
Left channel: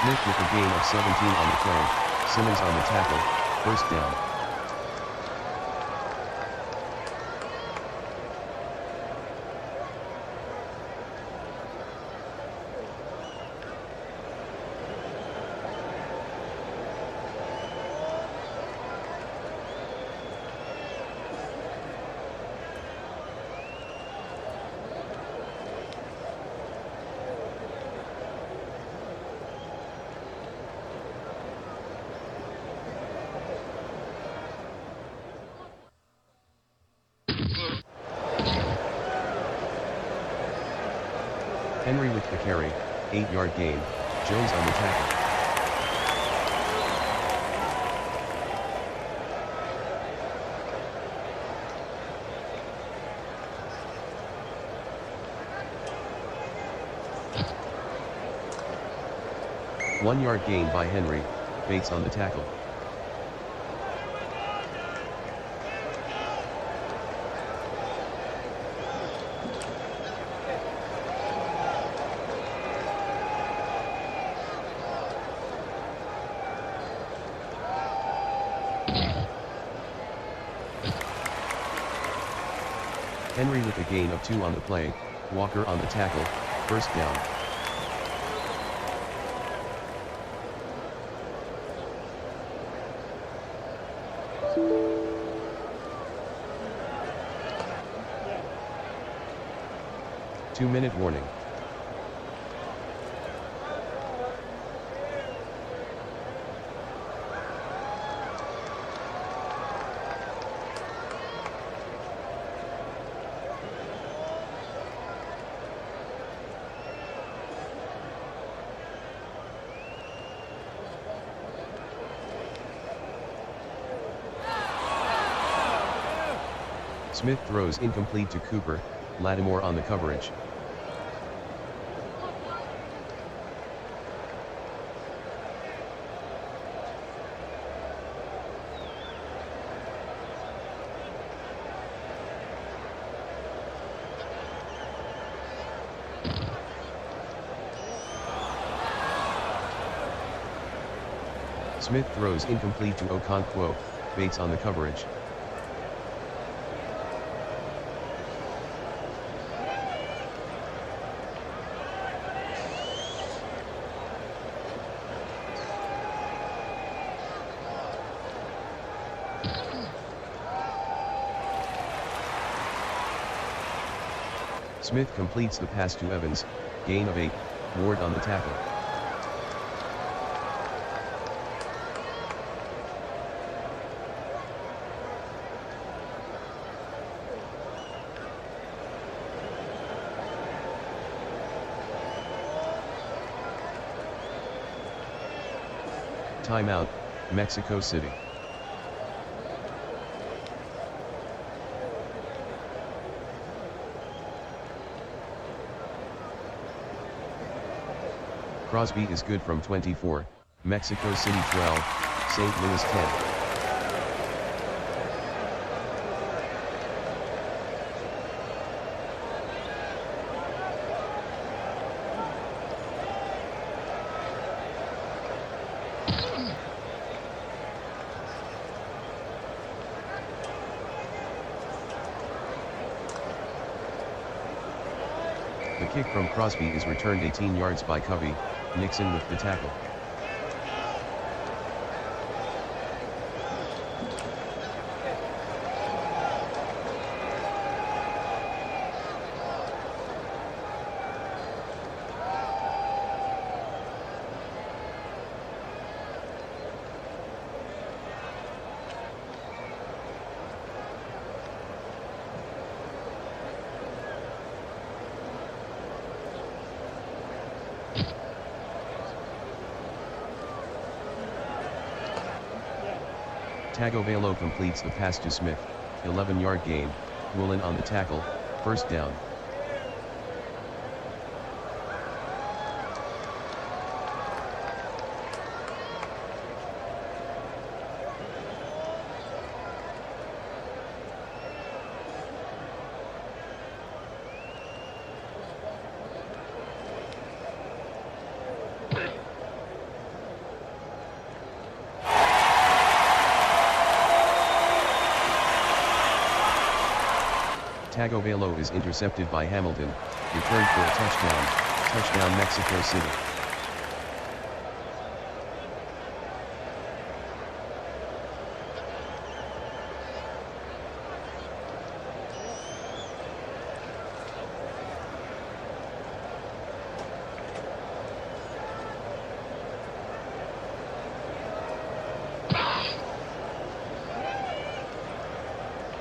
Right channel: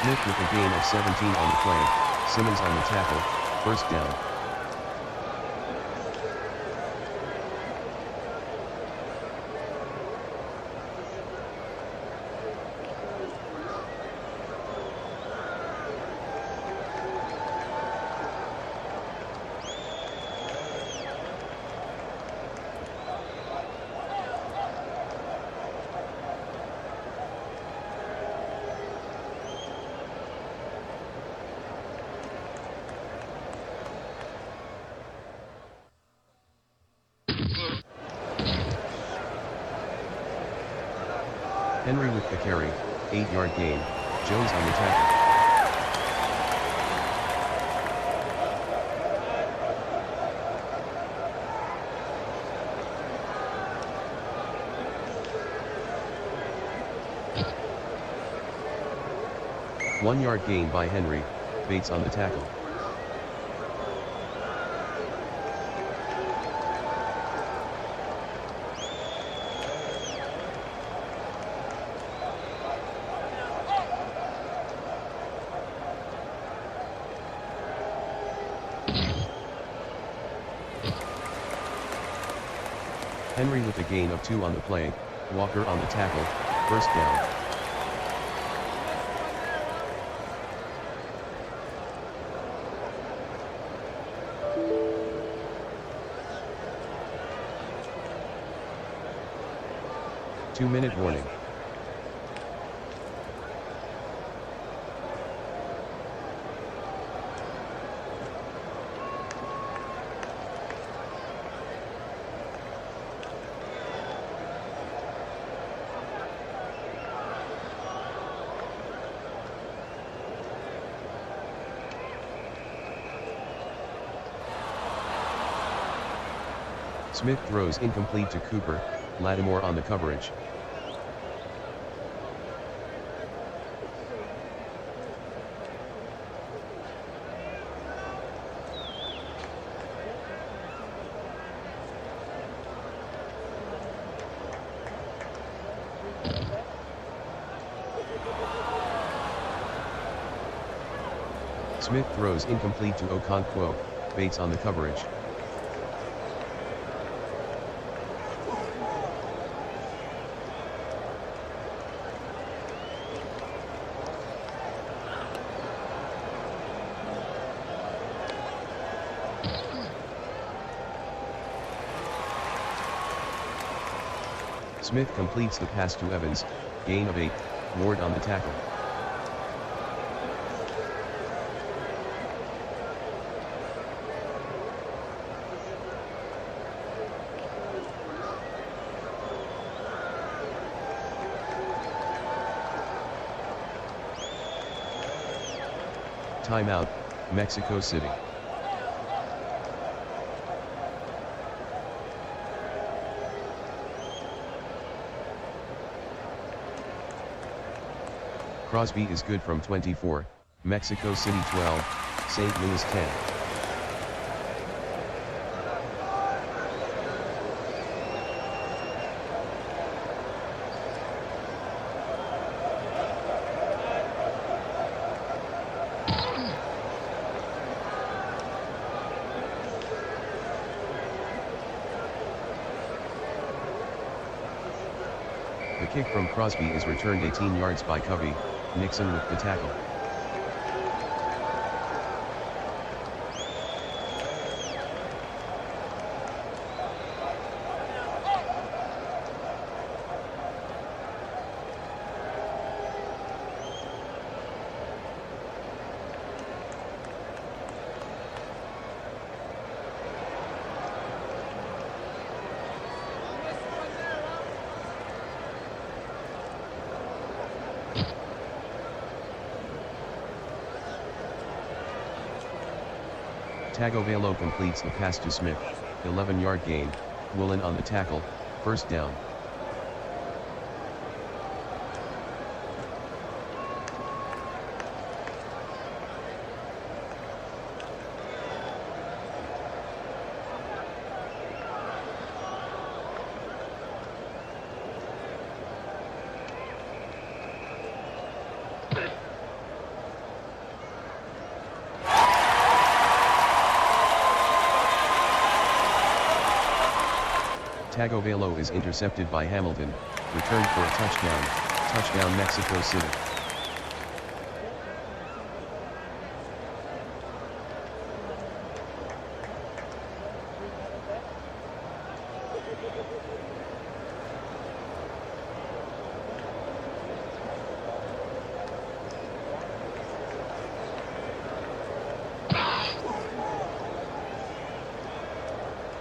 Smith with a gain of 17 on the play, Simmons on the tackle, first down. Henry with the carry, 8-yard gain, Jones on the tackle. One-yard gain by Henry, Bates on the tackle. Henry with a gain of 2 on the play, Walker on the tackle, first down. Two-minute warning. Smith throws incomplete to Cooper, Lattimore on the coverage. Smith throws incomplete to Okonkwo, Bates on the coverage. Smith completes the pass to Evans, gain of 8, Ward on the tackle. Timeout, Mexico City. Crosby is good from 24, Mexico City 12, St. Louis 10. The kick from Crosby is returned 18 yards by Covey, Nixon with the tackle. Tagovailoa completes the pass to Smith, 11-yard gain, Woolen on the tackle, first down. Tagovailoa is intercepted by Hamilton, returned for a touchdown Mexico City.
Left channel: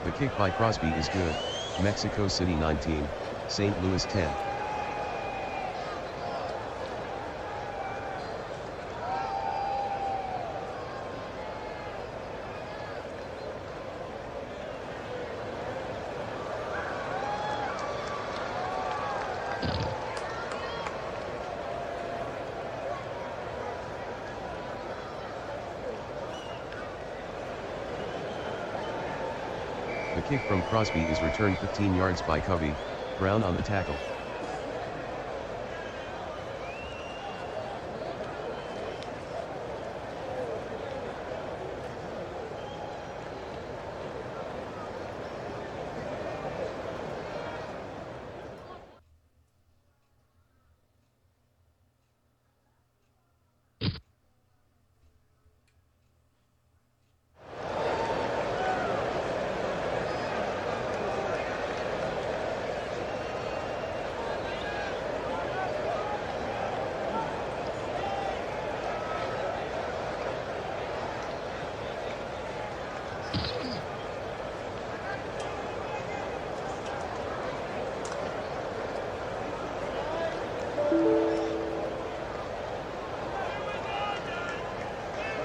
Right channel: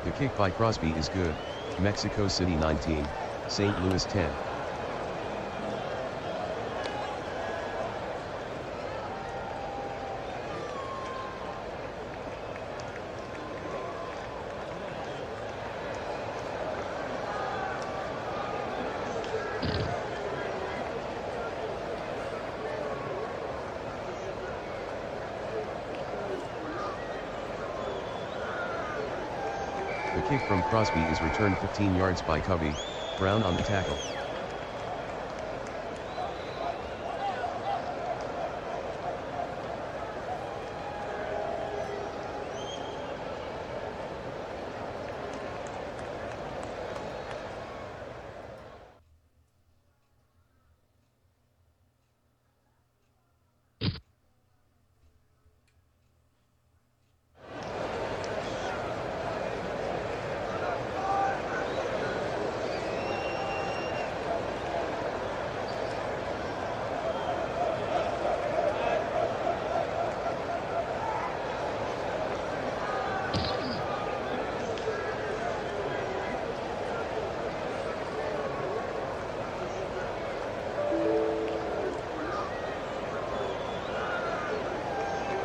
The kick by Crosby is good. Mexico City 19, St. Louis 10. The kick from Crosby is returned 15 yards by Covey, Brown on the tackle.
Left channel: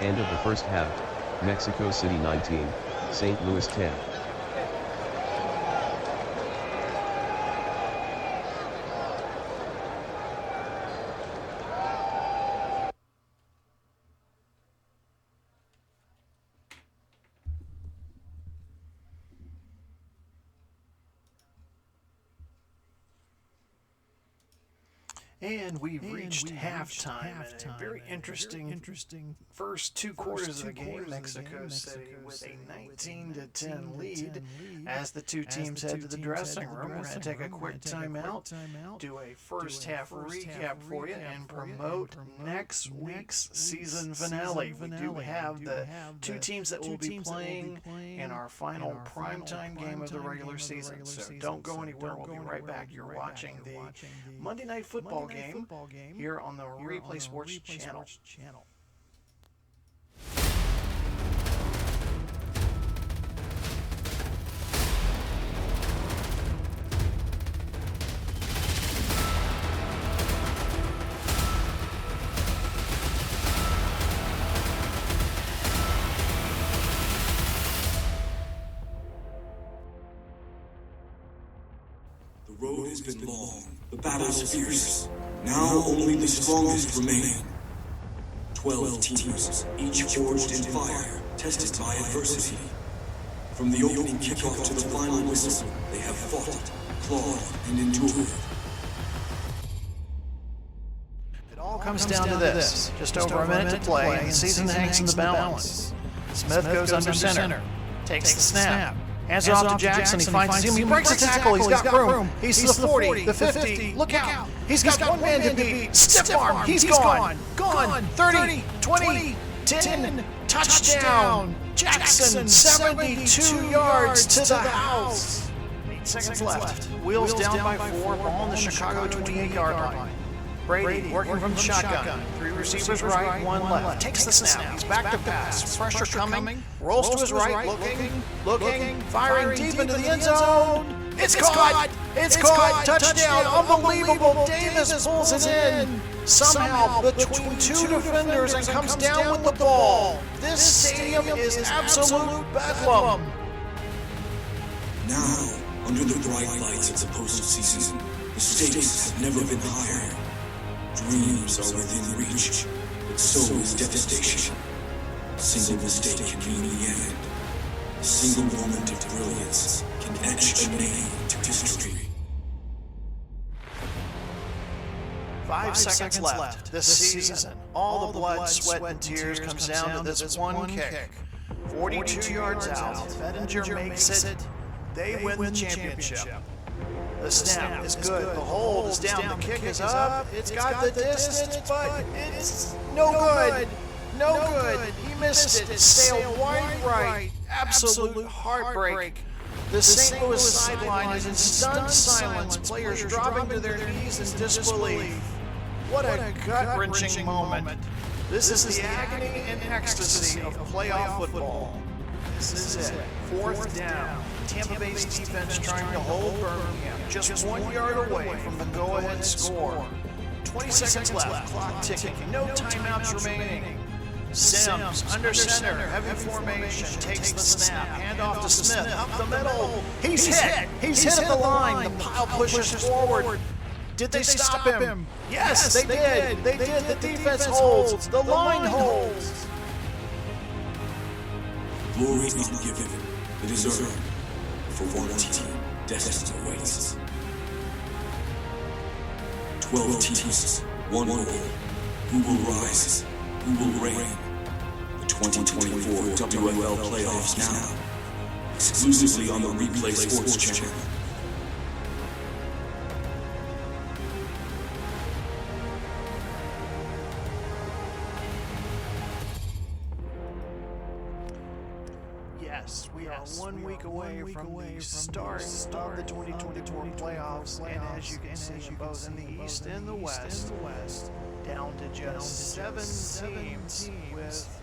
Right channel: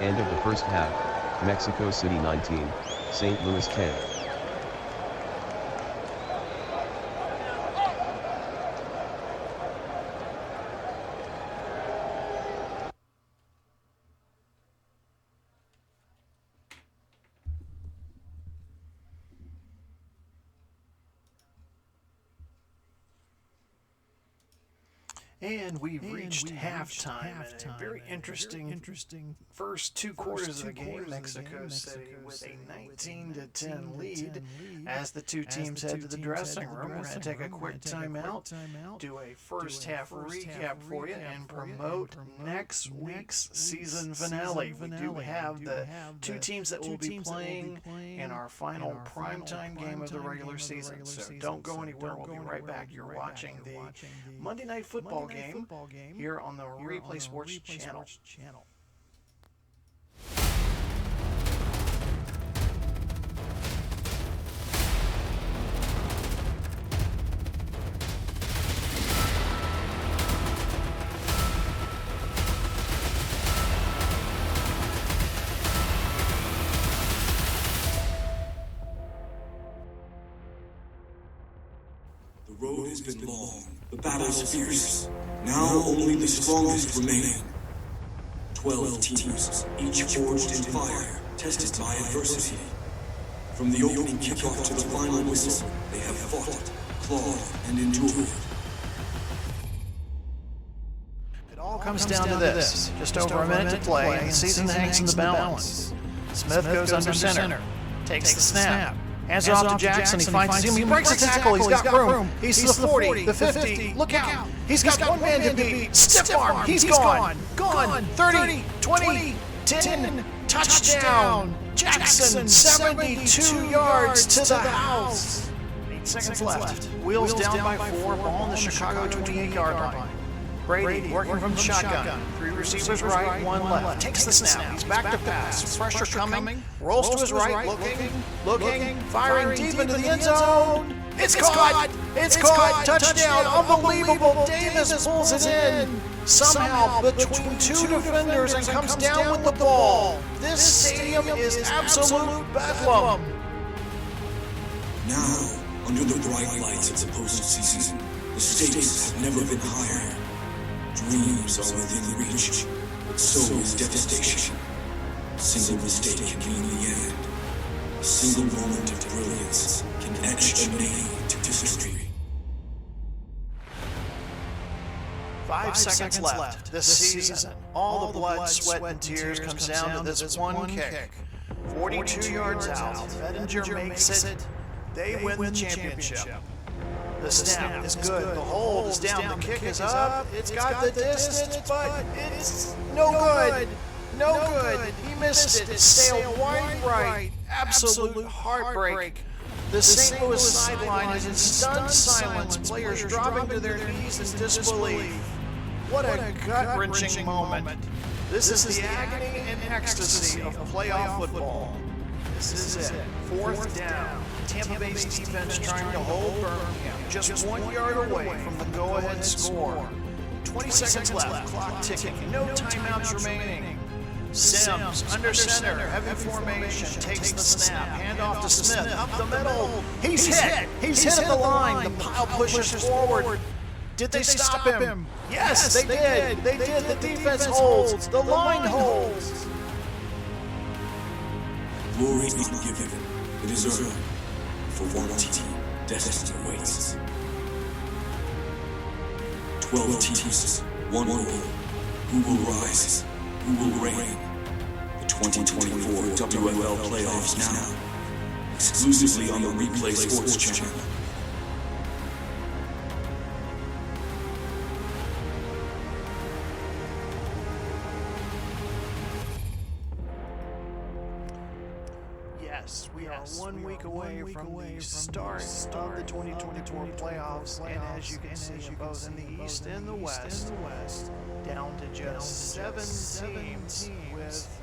End of the first half, Mexico City 19, St. Louis 10. And we've reached halftime. A very interesting first two quarters of the game. Mexico City with a 19-10 lead. As the two teams head to the dressing room, we're going to take a quick timeout, do a first half recap for you, and promote next week's season finale. We do have the two teams that will be playing in our final primetime game of the regular season. So don't go anywhere. We'll be right back. You're watching the Monday Night Football game here on the Replay Sports channel. The road has been long, the battles fierce. Now only the strongest remain. 12 teams, each forged in fire, tested by adversity. From the opening kickoff to the final whistle, they have fought, clawed, and endured. It all comes down to this. Just over a minute to play, and the season hangs in the balance. Smith goes under center, takes the snap. Hands it off to Jackson, he finds his team, he breaks a tackle, he's got room. He's to the 40, the 50, look out. He's got one man to beat, stiff arm, he's gone. 30, 20, 10, touchdown. Jackson, 72 yards to the house. 8 seconds left. Wheels down by 4, ball on the Chicago 28-yard line. Brady working from the shotgun. 3 receivers right, 1 left. Takes the snap. He's back to pass. Pressure coming. Rolls to his right. Looking. Firing deep into the end zone. It's caught. It's caught. Touchdown. Unbelievable. Davis pulls it in. Somehow between 2 defenders and comes down with the ball. This stadium is absolute bedlam. Now, under the bright lights of the postseason, the stakes have never been higher. Dreams are within reach, but so is devastation. A single mistake can mean the end. A single moment of brilliance can etch a name to history. 5 seconds left. This season, all the blood, sweat, and tears comes down to this one kick. 42 yards out. Bettinger makes it. They win the championship. The snap is good. The hold is down. The kick is up. It's got the distance, but it's no good. No good. He missed it. Sailed wide right. Absolute heartbreak. The St. Louis sideline is in stunned silence. Players dropping to their knees in disbelief. What a gut-wrenching moment. This is the agony and ecstasy of playoff football. This is it. Fourth down. Tampa Bay's defense trying to hold Birmingham just 1 yard away from the go-ahead score. 20 seconds left. Clock ticking. No timeouts remaining. Sims, under center, heavy formation, takes the snap, handoff to Smith, up the middle. He's hit. He's hit at the line. The pile pushes forward. Did they stop him? Yes, they did. They did. The defense holds. The line holds. Glory is not given, it is earned. For one team, destiny waits. 12 teams, one goal. Who will rise? Who will reign? The 2024 WFL playoffs now, exclusively on the Replay Sports Channel. Yes, we are 1 week away from the start of the 2024 playoffs, and as you can see, both in the East and the West, down to just 7 teams with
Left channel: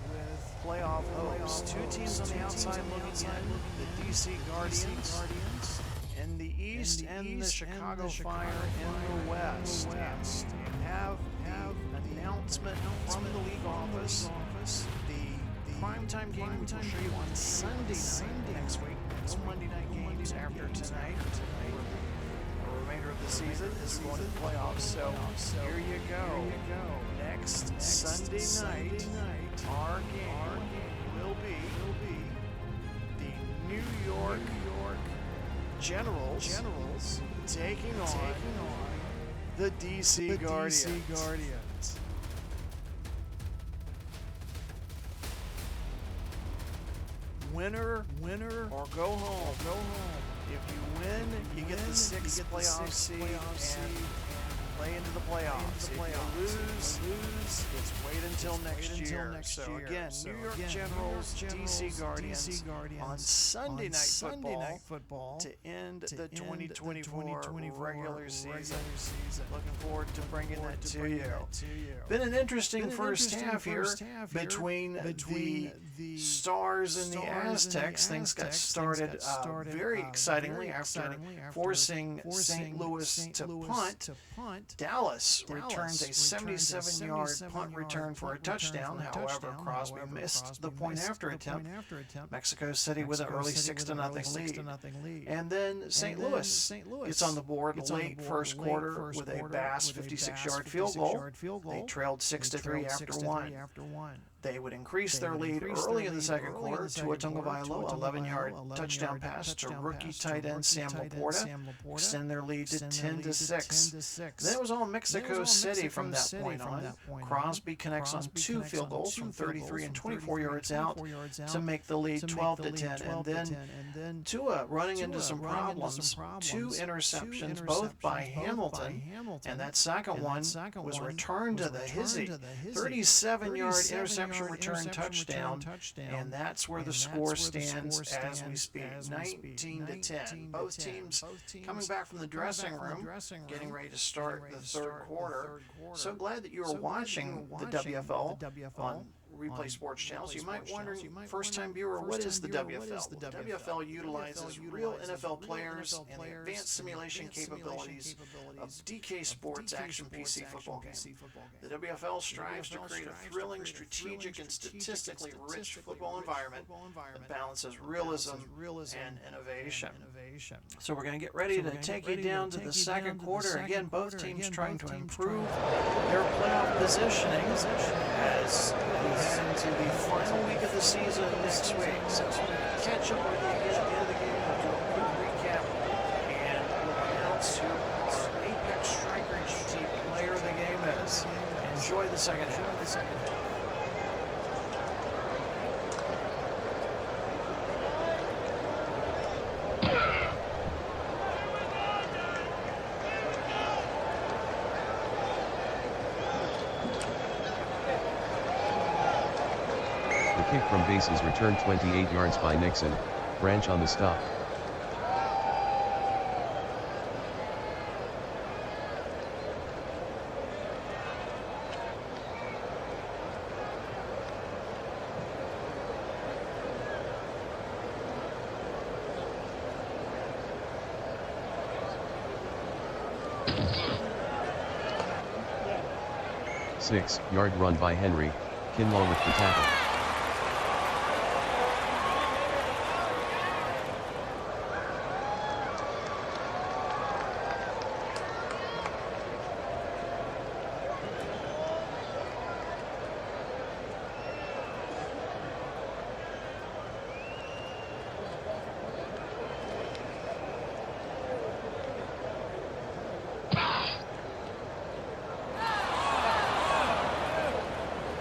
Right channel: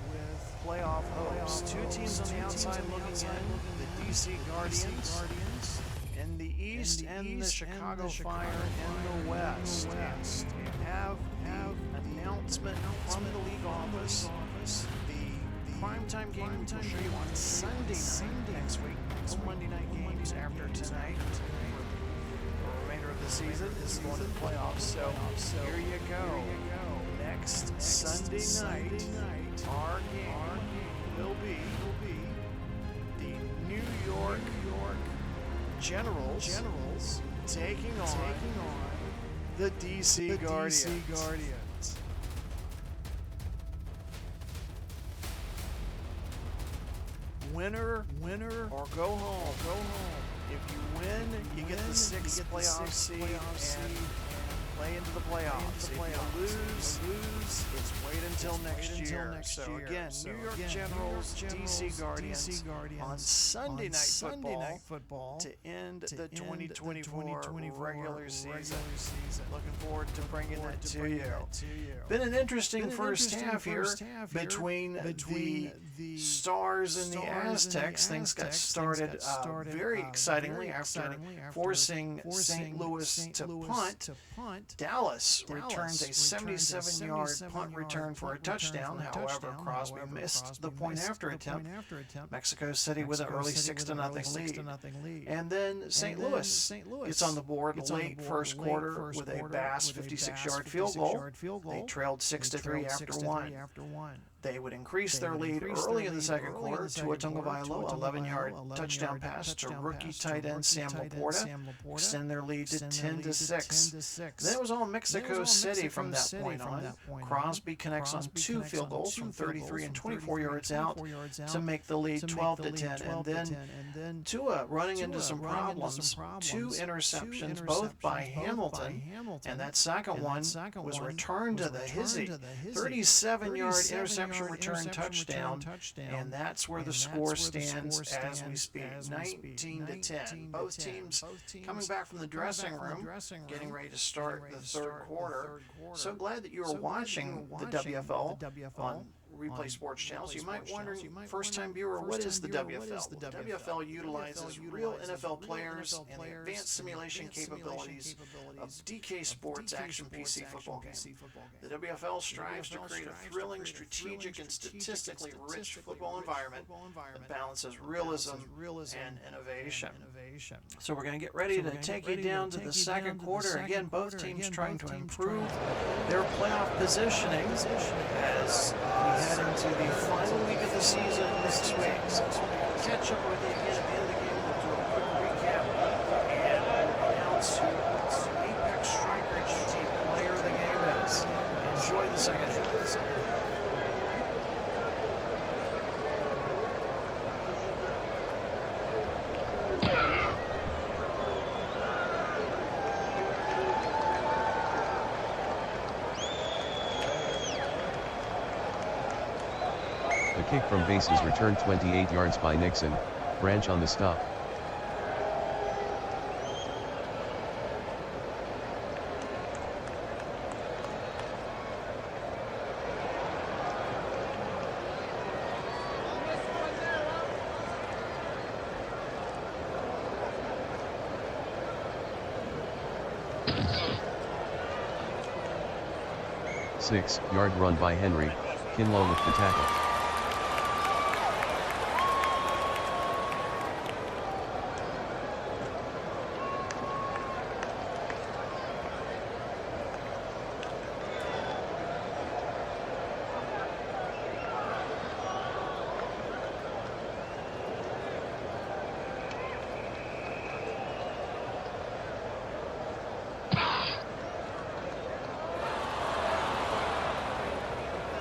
playoff hopes. 2 teams on the outside looking in, the DC Guardians in the East and the Chicago Fire in the West. And have the announcement from the league office. The primetime game we will show you on Sunday night next week. No Monday night games after tonight. The remainder of the season is going to the playoffs. So here you go. Next Sunday night, our game will be the New York Generals taking on the DC Guardians. Winner, or go home. If you win, you get the 6th playoff seed and play into the playoffs. If you lose, it's wait until next year. So again, New York Generals, DC Guardians on Sunday night football to end the 2024 regular season. Looking forward to bringing that to you. Been an interesting first half here between the Stars and the Aztecs. Things got started very excitingly after forcing St. Louis to punt. Dallas returns a 77-yard punt return for a touchdown. However, Crosby missed the point after attempt. Mexico City with an early 6-0 lead. And then St. Louis gets on the board late first quarter with a Bass 56-yard field goal. They trailed 6-3 after one. They would increase their lead early in the second quarter to a Tagovailoa 11-yard touchdown pass to rookie tight end Sam Laporta, extend their lead to 10-6. Then it was all Mexico City from that point on. Crosby connects on 2 field goals from 33 and 24 yards out to make the lead 12-10. And then Tua running into some problems, 2 interceptions, both by Hamilton, and that second one was returned to the Hizzy, 37-yard interception return touchdown, and that's where the score stands as we speak, 19-10. Both teams coming back from the dressing room, getting ready to start the third quarter. So glad that you are watching the WFL on Replay Sports Channels. You might wonder, first-time viewer, what is the WFL? The WFL utilizes real NFL players and the advanced simulation capabilities of DK Sports Action PC football game. The WFL strives to create a thrilling, strategic, and statistically rich football environment that balances realism and innovation. So we're going to get ready to take you down to the second quarter. Again, both teams trying to improve their playoff positioning as we head into the final week of the season next week. So I'll catch up with you again at the end of the game. We'll do a quick recap and we'll announce who our Apex Striker GT player of the game is. Enjoy the second half. The kick from base is returned 28 yards by Nixon, Branch on the stop. 6-yard run by Henry, Kinlaw with the tackle.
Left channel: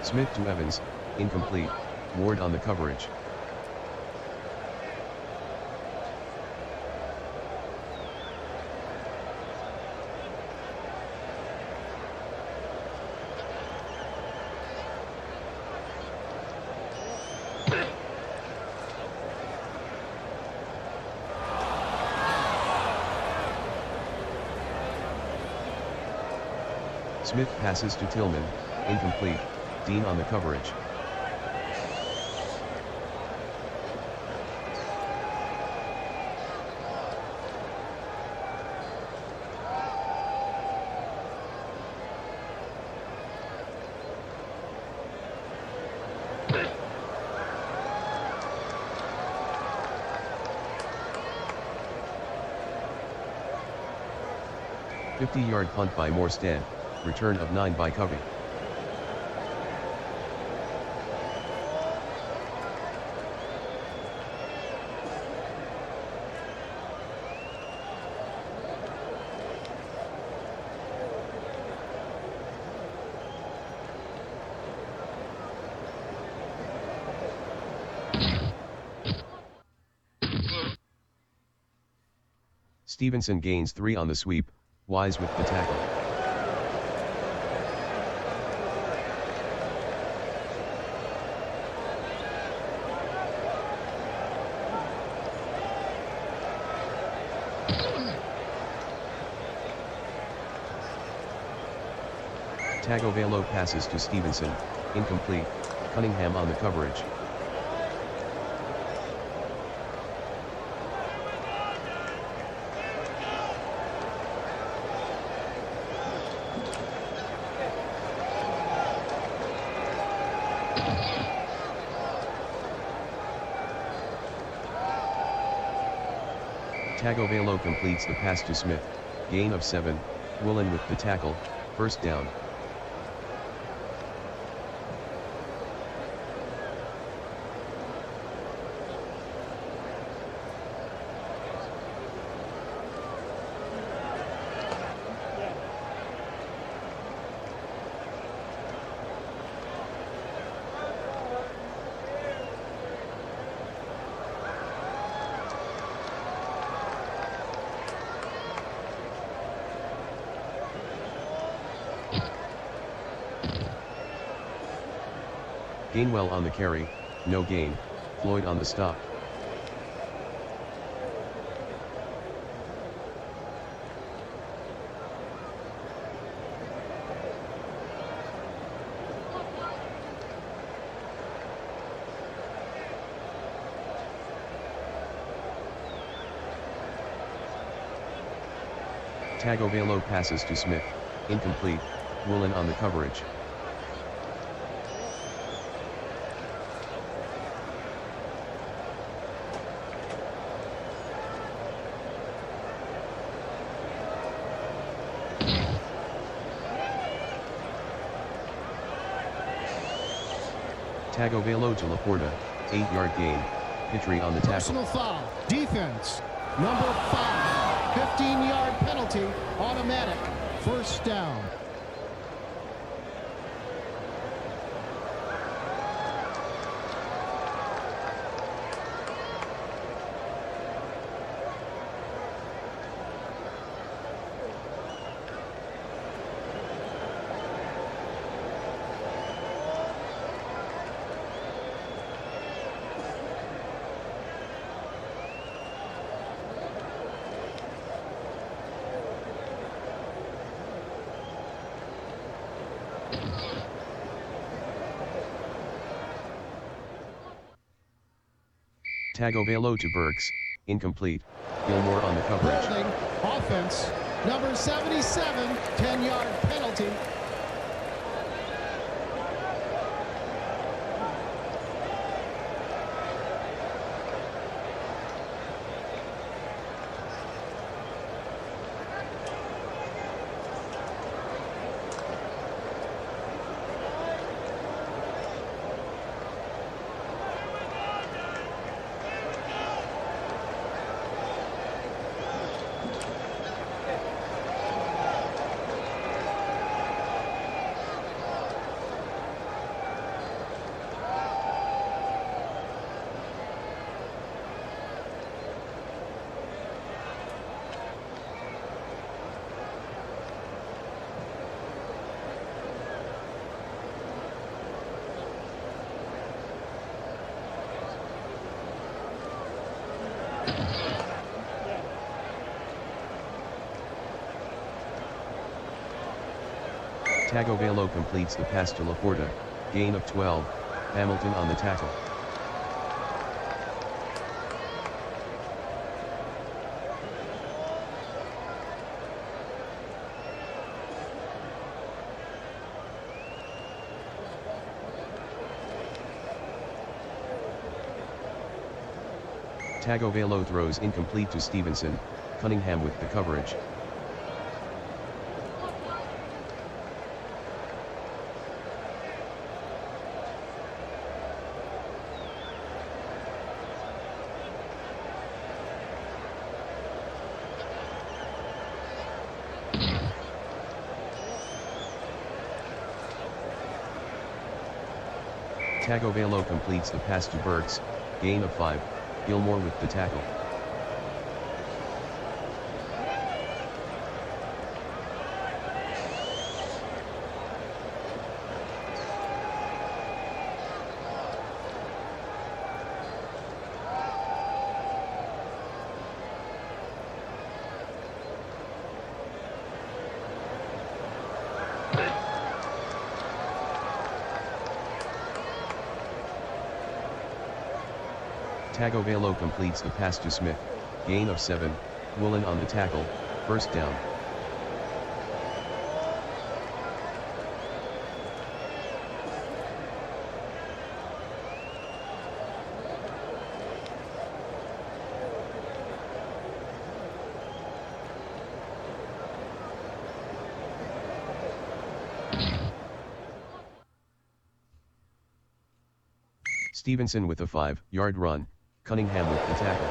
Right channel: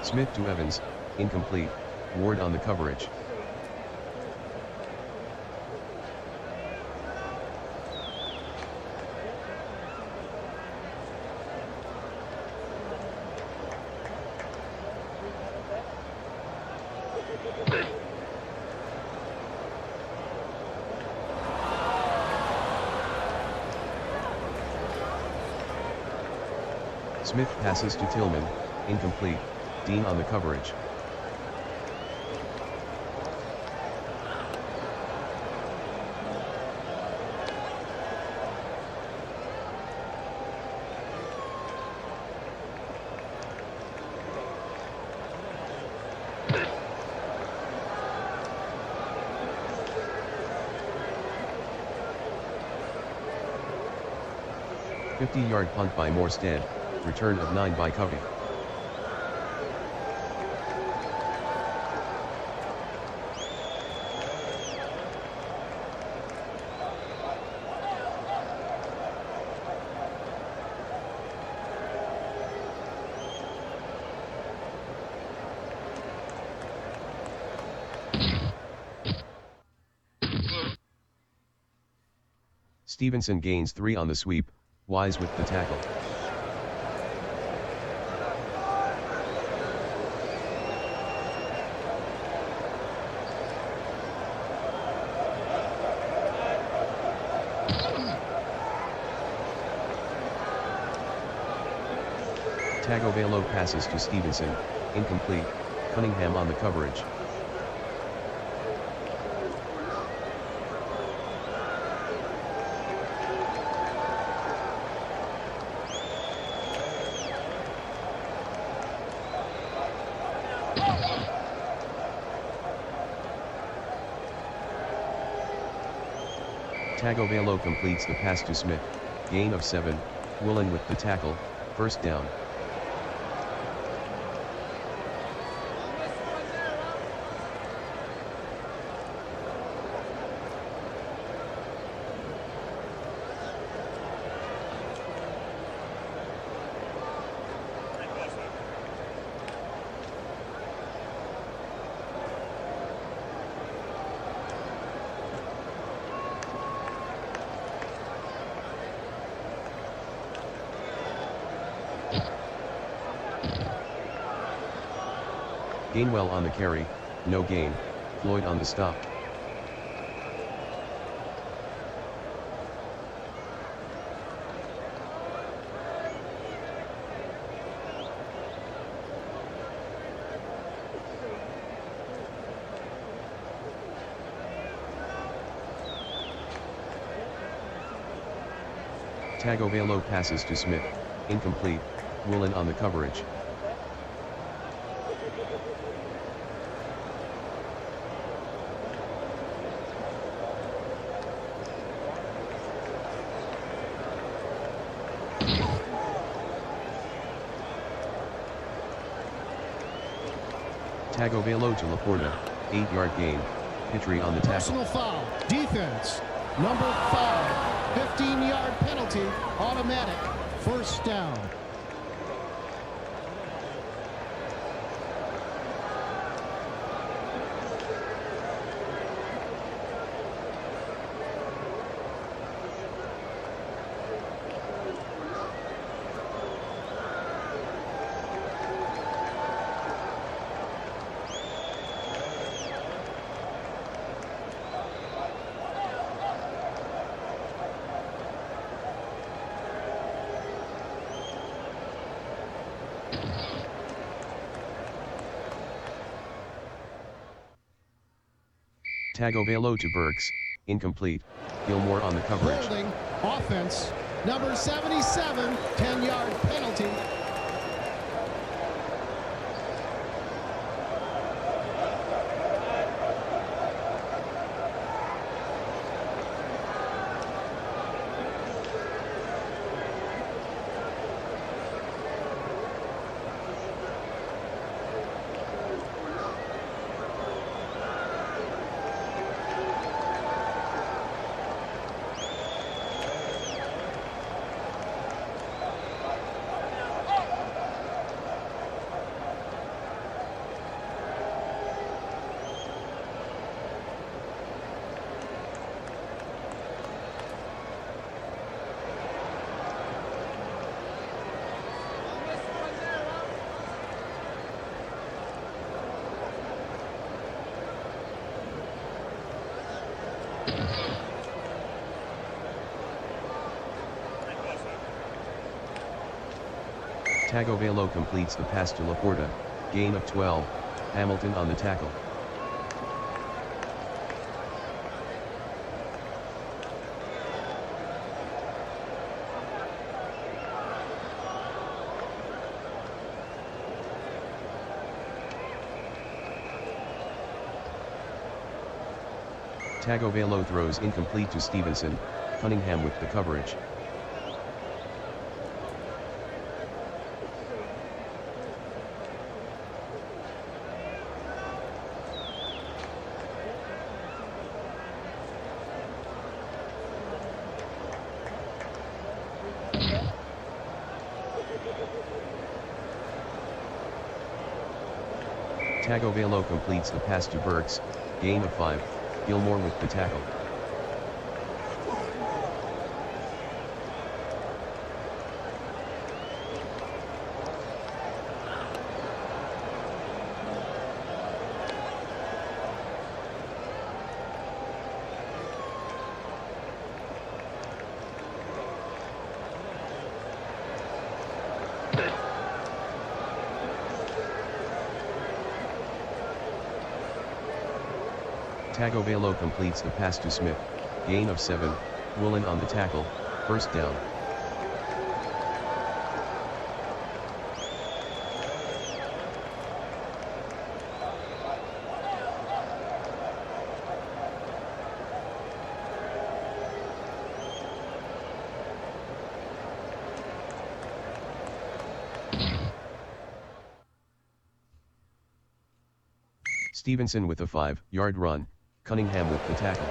Smith to Evans, incomplete, Ward on the coverage. Smith passes to Tillman, incomplete, Dean on the coverage. "50-yard punt by Morstead, return of 9 by Covey. Stevenson gains 3 on the sweep, Wise with the tackle. Tagovailoa passes to Stevenson, incomplete, Cunningham on the coverage. Tagovailoa completes the pass to Smith, gain of 7, Woolen with the tackle, first down. Gainwell on the carry, no gain, Floyd on the stop. Tagovailoa passes to Smith, incomplete, Woolen on the coverage. Tagovailoa to Laporta, 8-yard gain, Pitre on the tackle. Personal foul, defense, number 5, 15-yard penalty, automatic, first down. Tagovailoa to Burks, incomplete, Gilmore on the coverage. Holding, offense, number 77, 10-yard penalty. Tagovailoa completes the pass to Laporta, gain of 12, Hamilton on the tackle. Tagovailoa throws incomplete to Stevenson, Cunningham with the coverage. Tagovailoa completes the pass to Burks, gain of 5, Gilmore with the tackle. Tagovailoa completes the pass to Smith, gain of 7, Woolen on the tackle, first down. Stevenson with a 5-yard run, Cunningham with the tackle.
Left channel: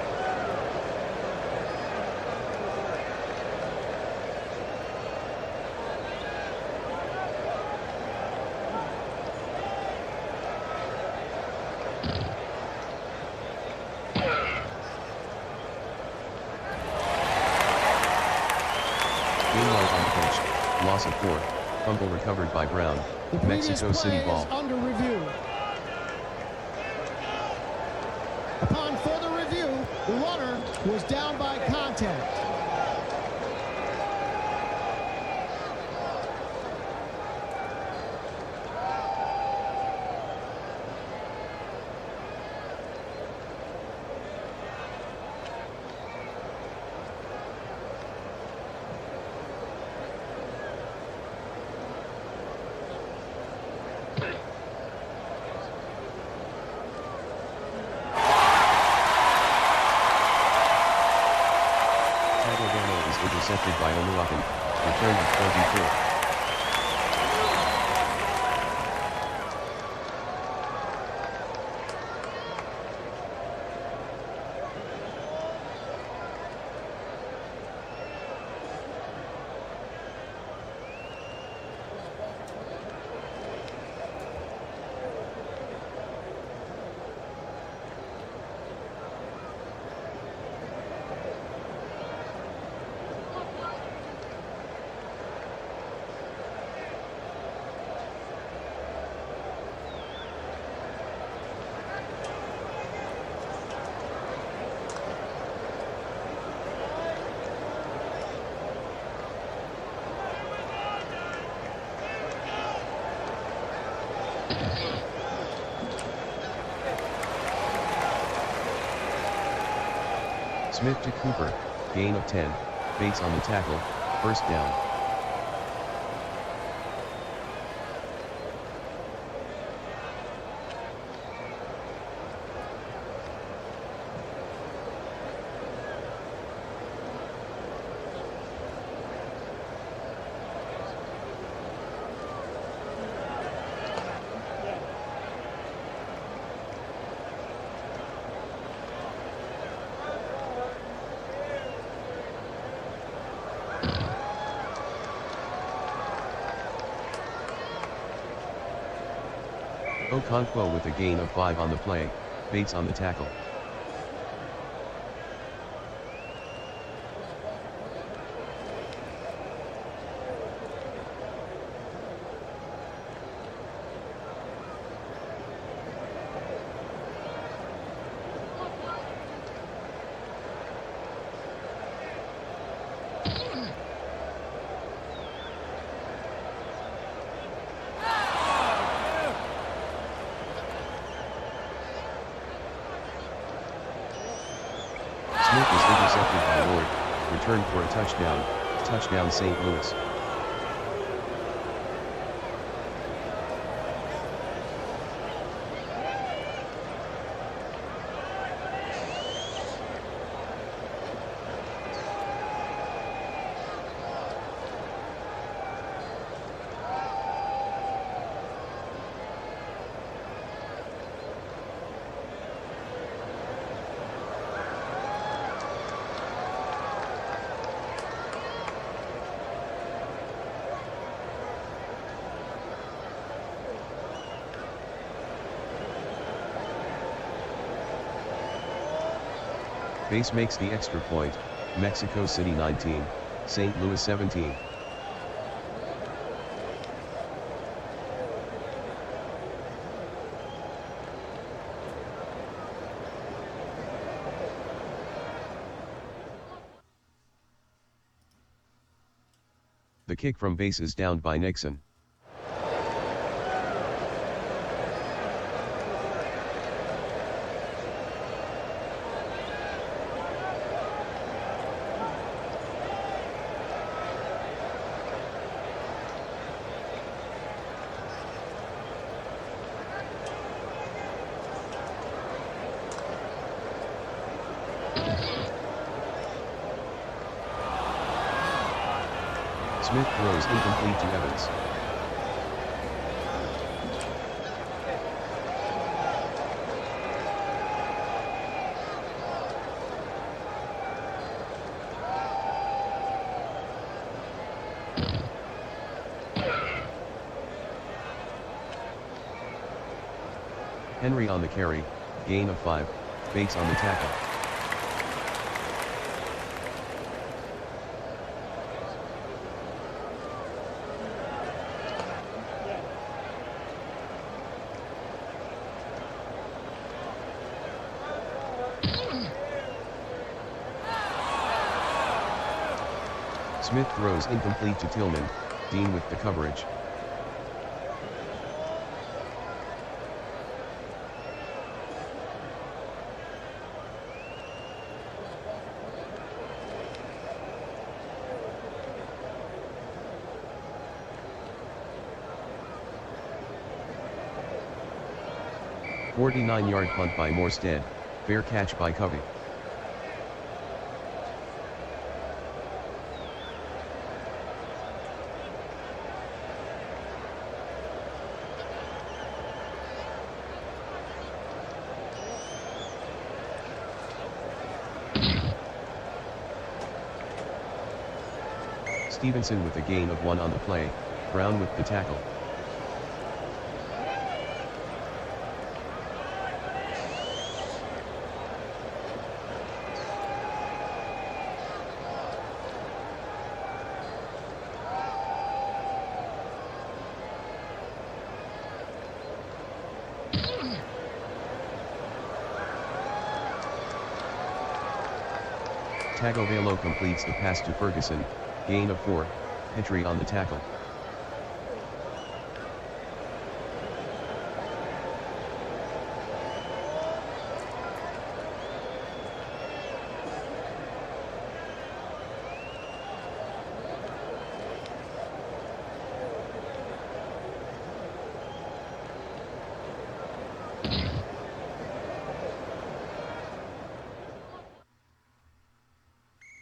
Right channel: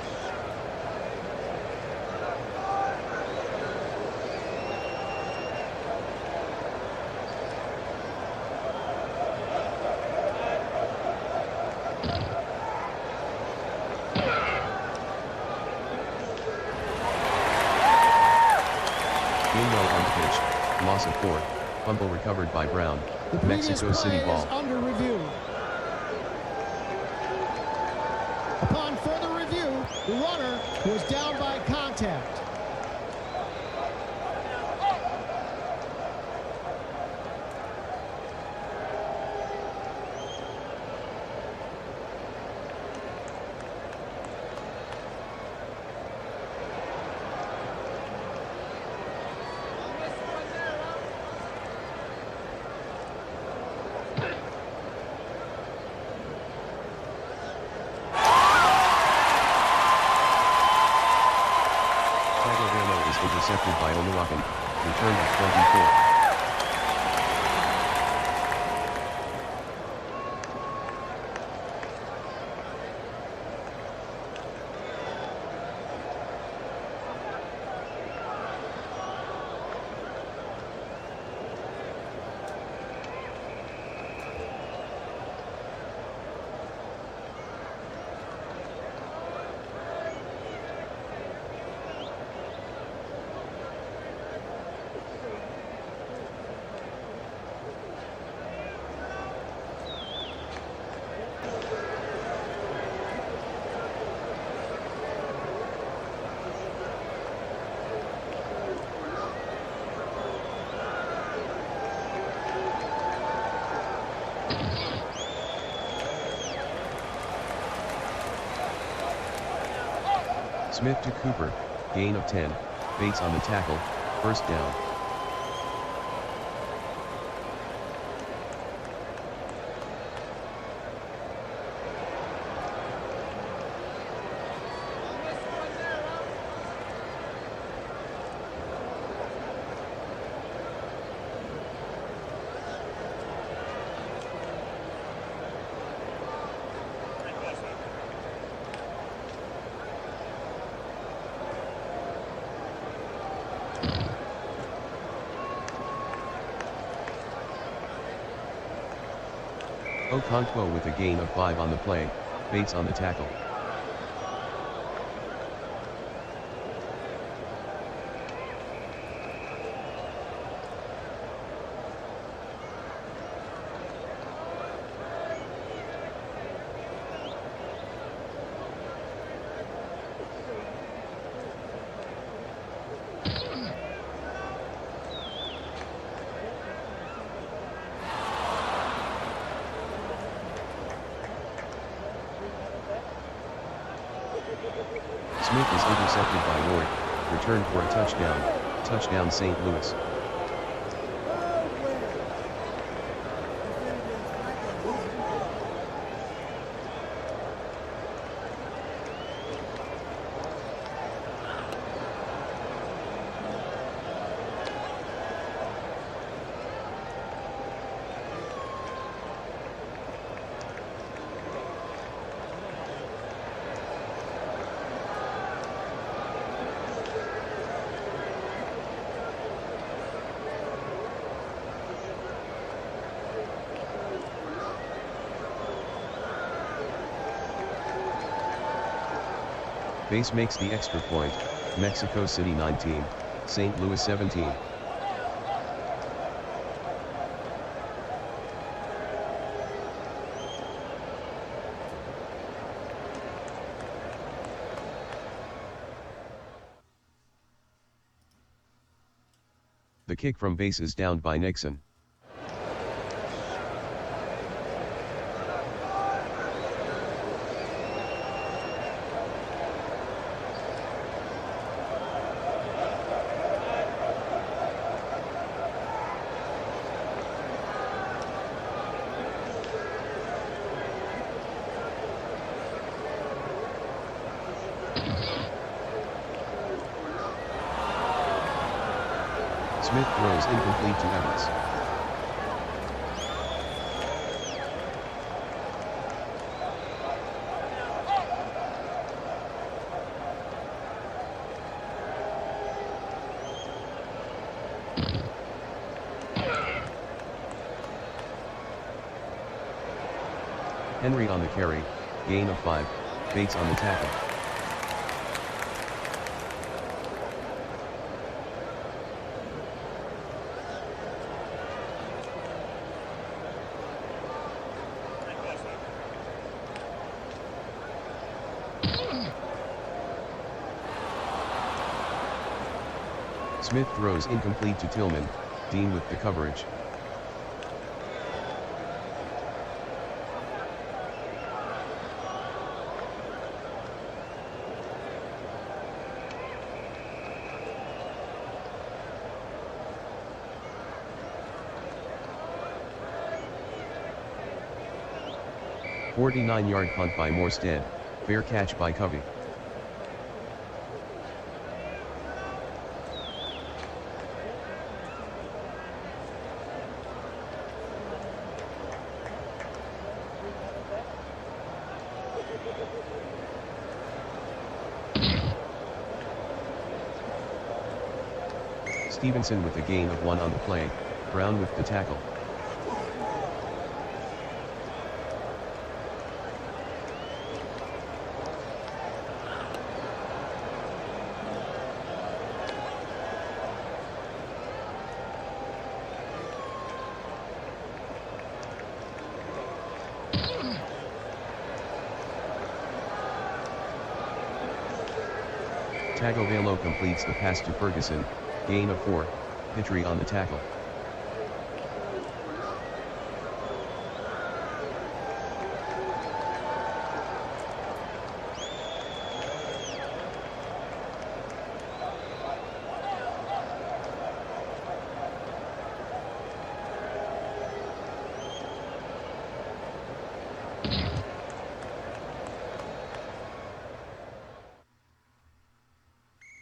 Gainwell on the pitch, loss of 4, fumble recovered by Brown, The previous Mexico play City is ball. under review. Upon further review, the runner was down by contact. Tagovailoa is intercepted by Oluwakan, return of 24. Smith to Cooper, gain of 10, Bates on the tackle, first down. Okonkwo with a gain of 5 on the play, Bates on the tackle. Smith is intercepted by Ward, returned for a touchdown, touchdown St. Louis. Base makes the extra point, Mexico City 19, St. Louis 17. The kick from base is downed by Nixon. Smith throws incomplete to Evans. Henry on the carry, gain of 5, Bates on the tackle. Smith throws incomplete to Tillman, Dean with the coverage. "49-yard punt by Morstead, fair catch by Covey. Stevenson with a gain of 1 on the play, Brown with the tackle. Tagovailoa completes the pass to Ferguson, gain of 4, Petrie on the tackle.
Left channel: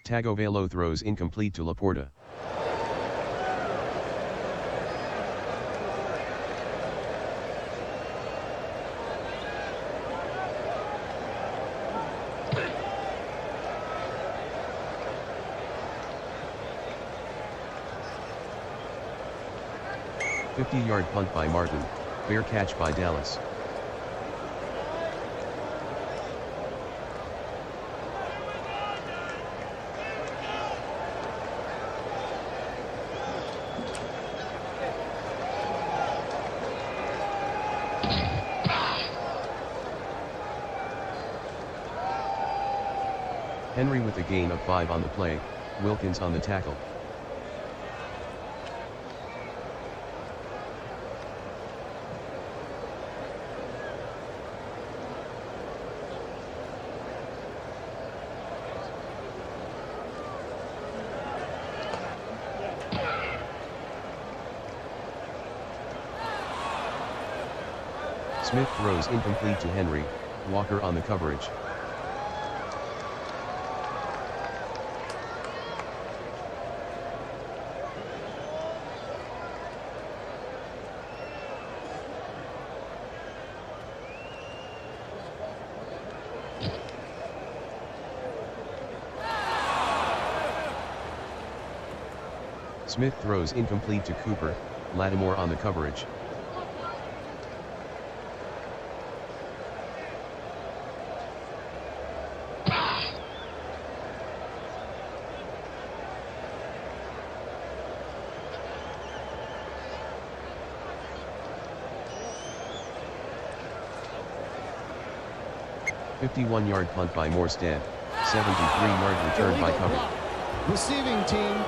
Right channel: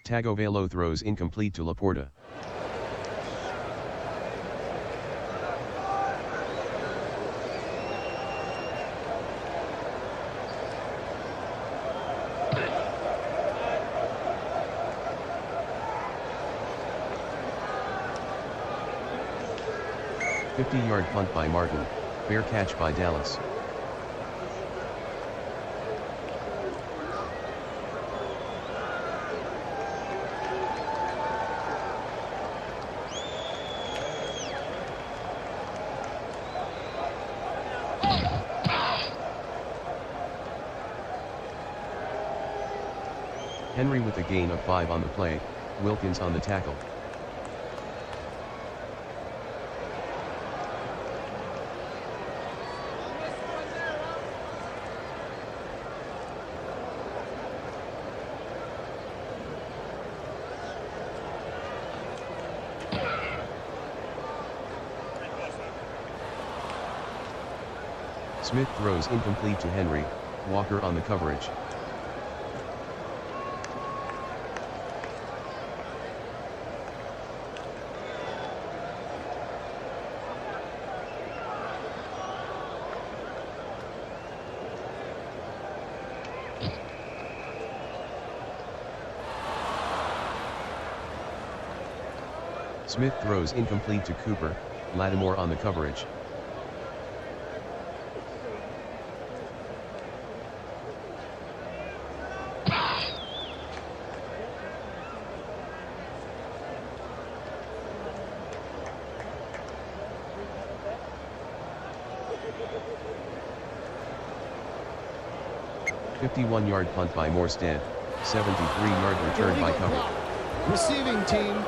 Tagovailoa throws incomplete to Laporta. "50-yard punt by Martin, fair catch by Dallas. Henry with a gain of 5 on the play, Wilkins on the tackle. Smith throws incomplete to Henry, Walker on the coverage. Smith throws incomplete to Cooper, Lattimore on the coverage. "51-yard punt by Morstead, 73-yard return by Cover." Block. Receiving team.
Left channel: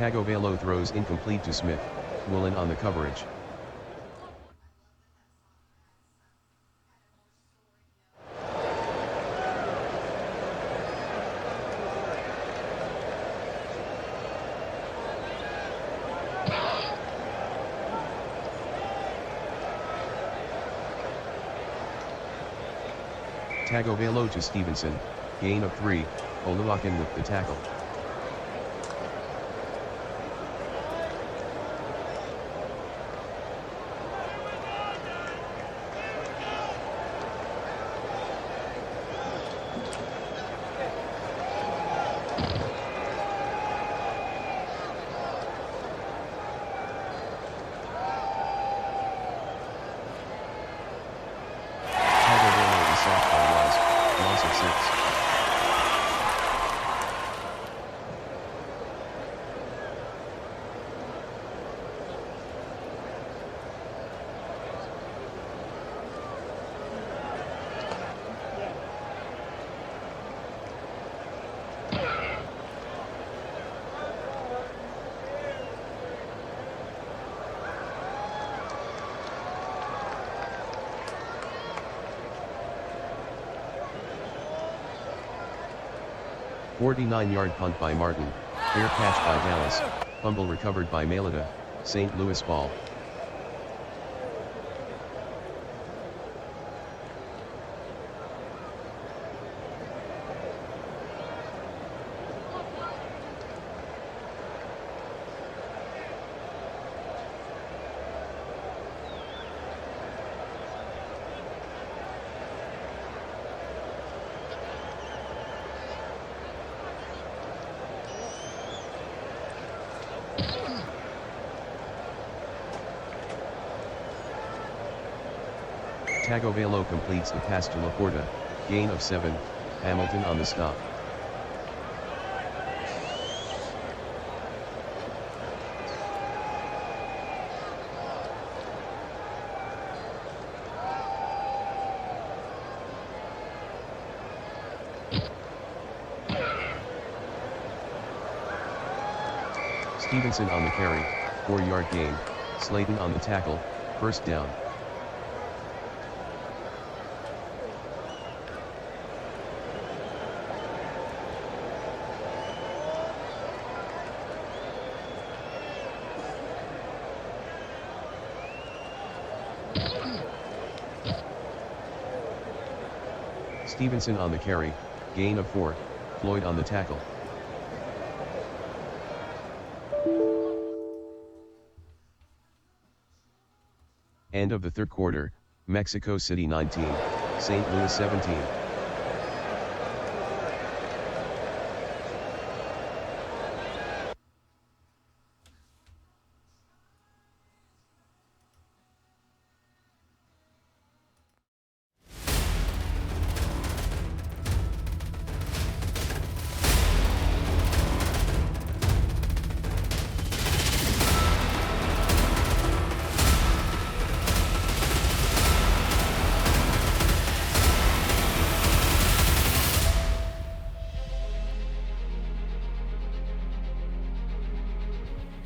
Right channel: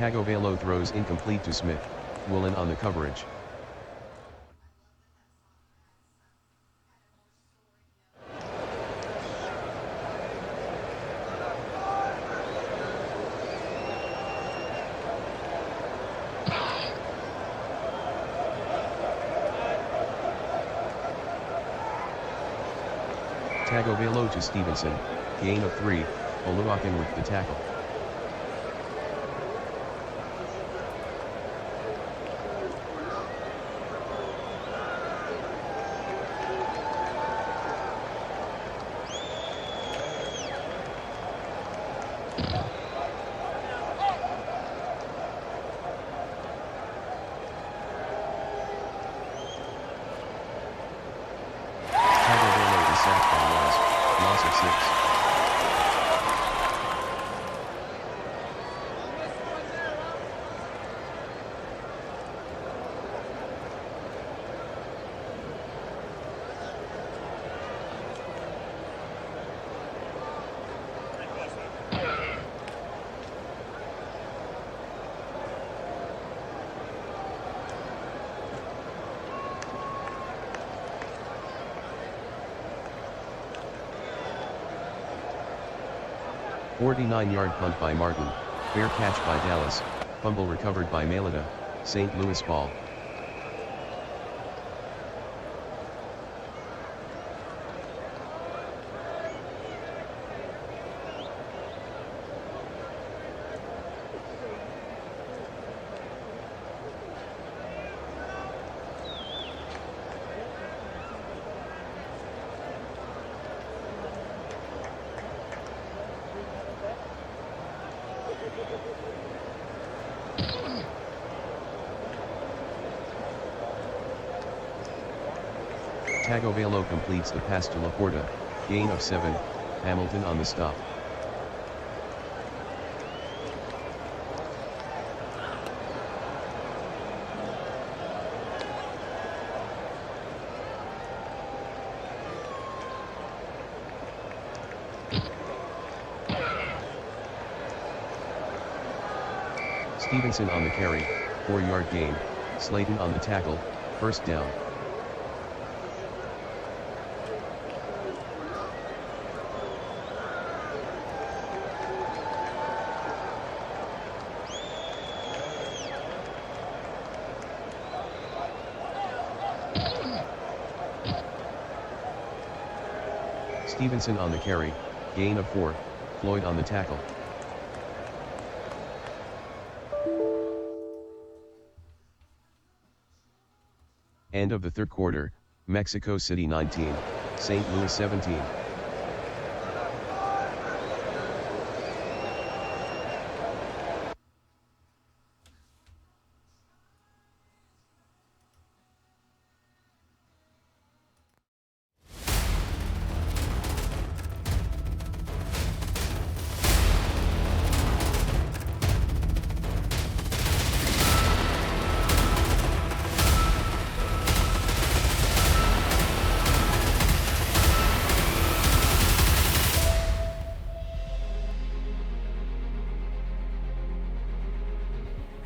Tagovailoa throws incomplete to Smith, Woolen on the coverage. Tagovailoa to Stevenson, gain of 3, Oluwakin with the tackle. Tagovailoa is sacked by Wise, loss of 6. "49-yard punt by Martin, fair catch by Dallas, fumble recovered by Mailata, St. Louis ball." Tagovailoa completes the pass to Laporta, gain of 7, Hamilton on the stop. Stevenson on the carry, 4-yard gain, Slayton on the tackle, first down. Stevenson on the carry, gain of 4, Floyd on the tackle. End of the third quarter, Mexico City 19, St. Louis 17.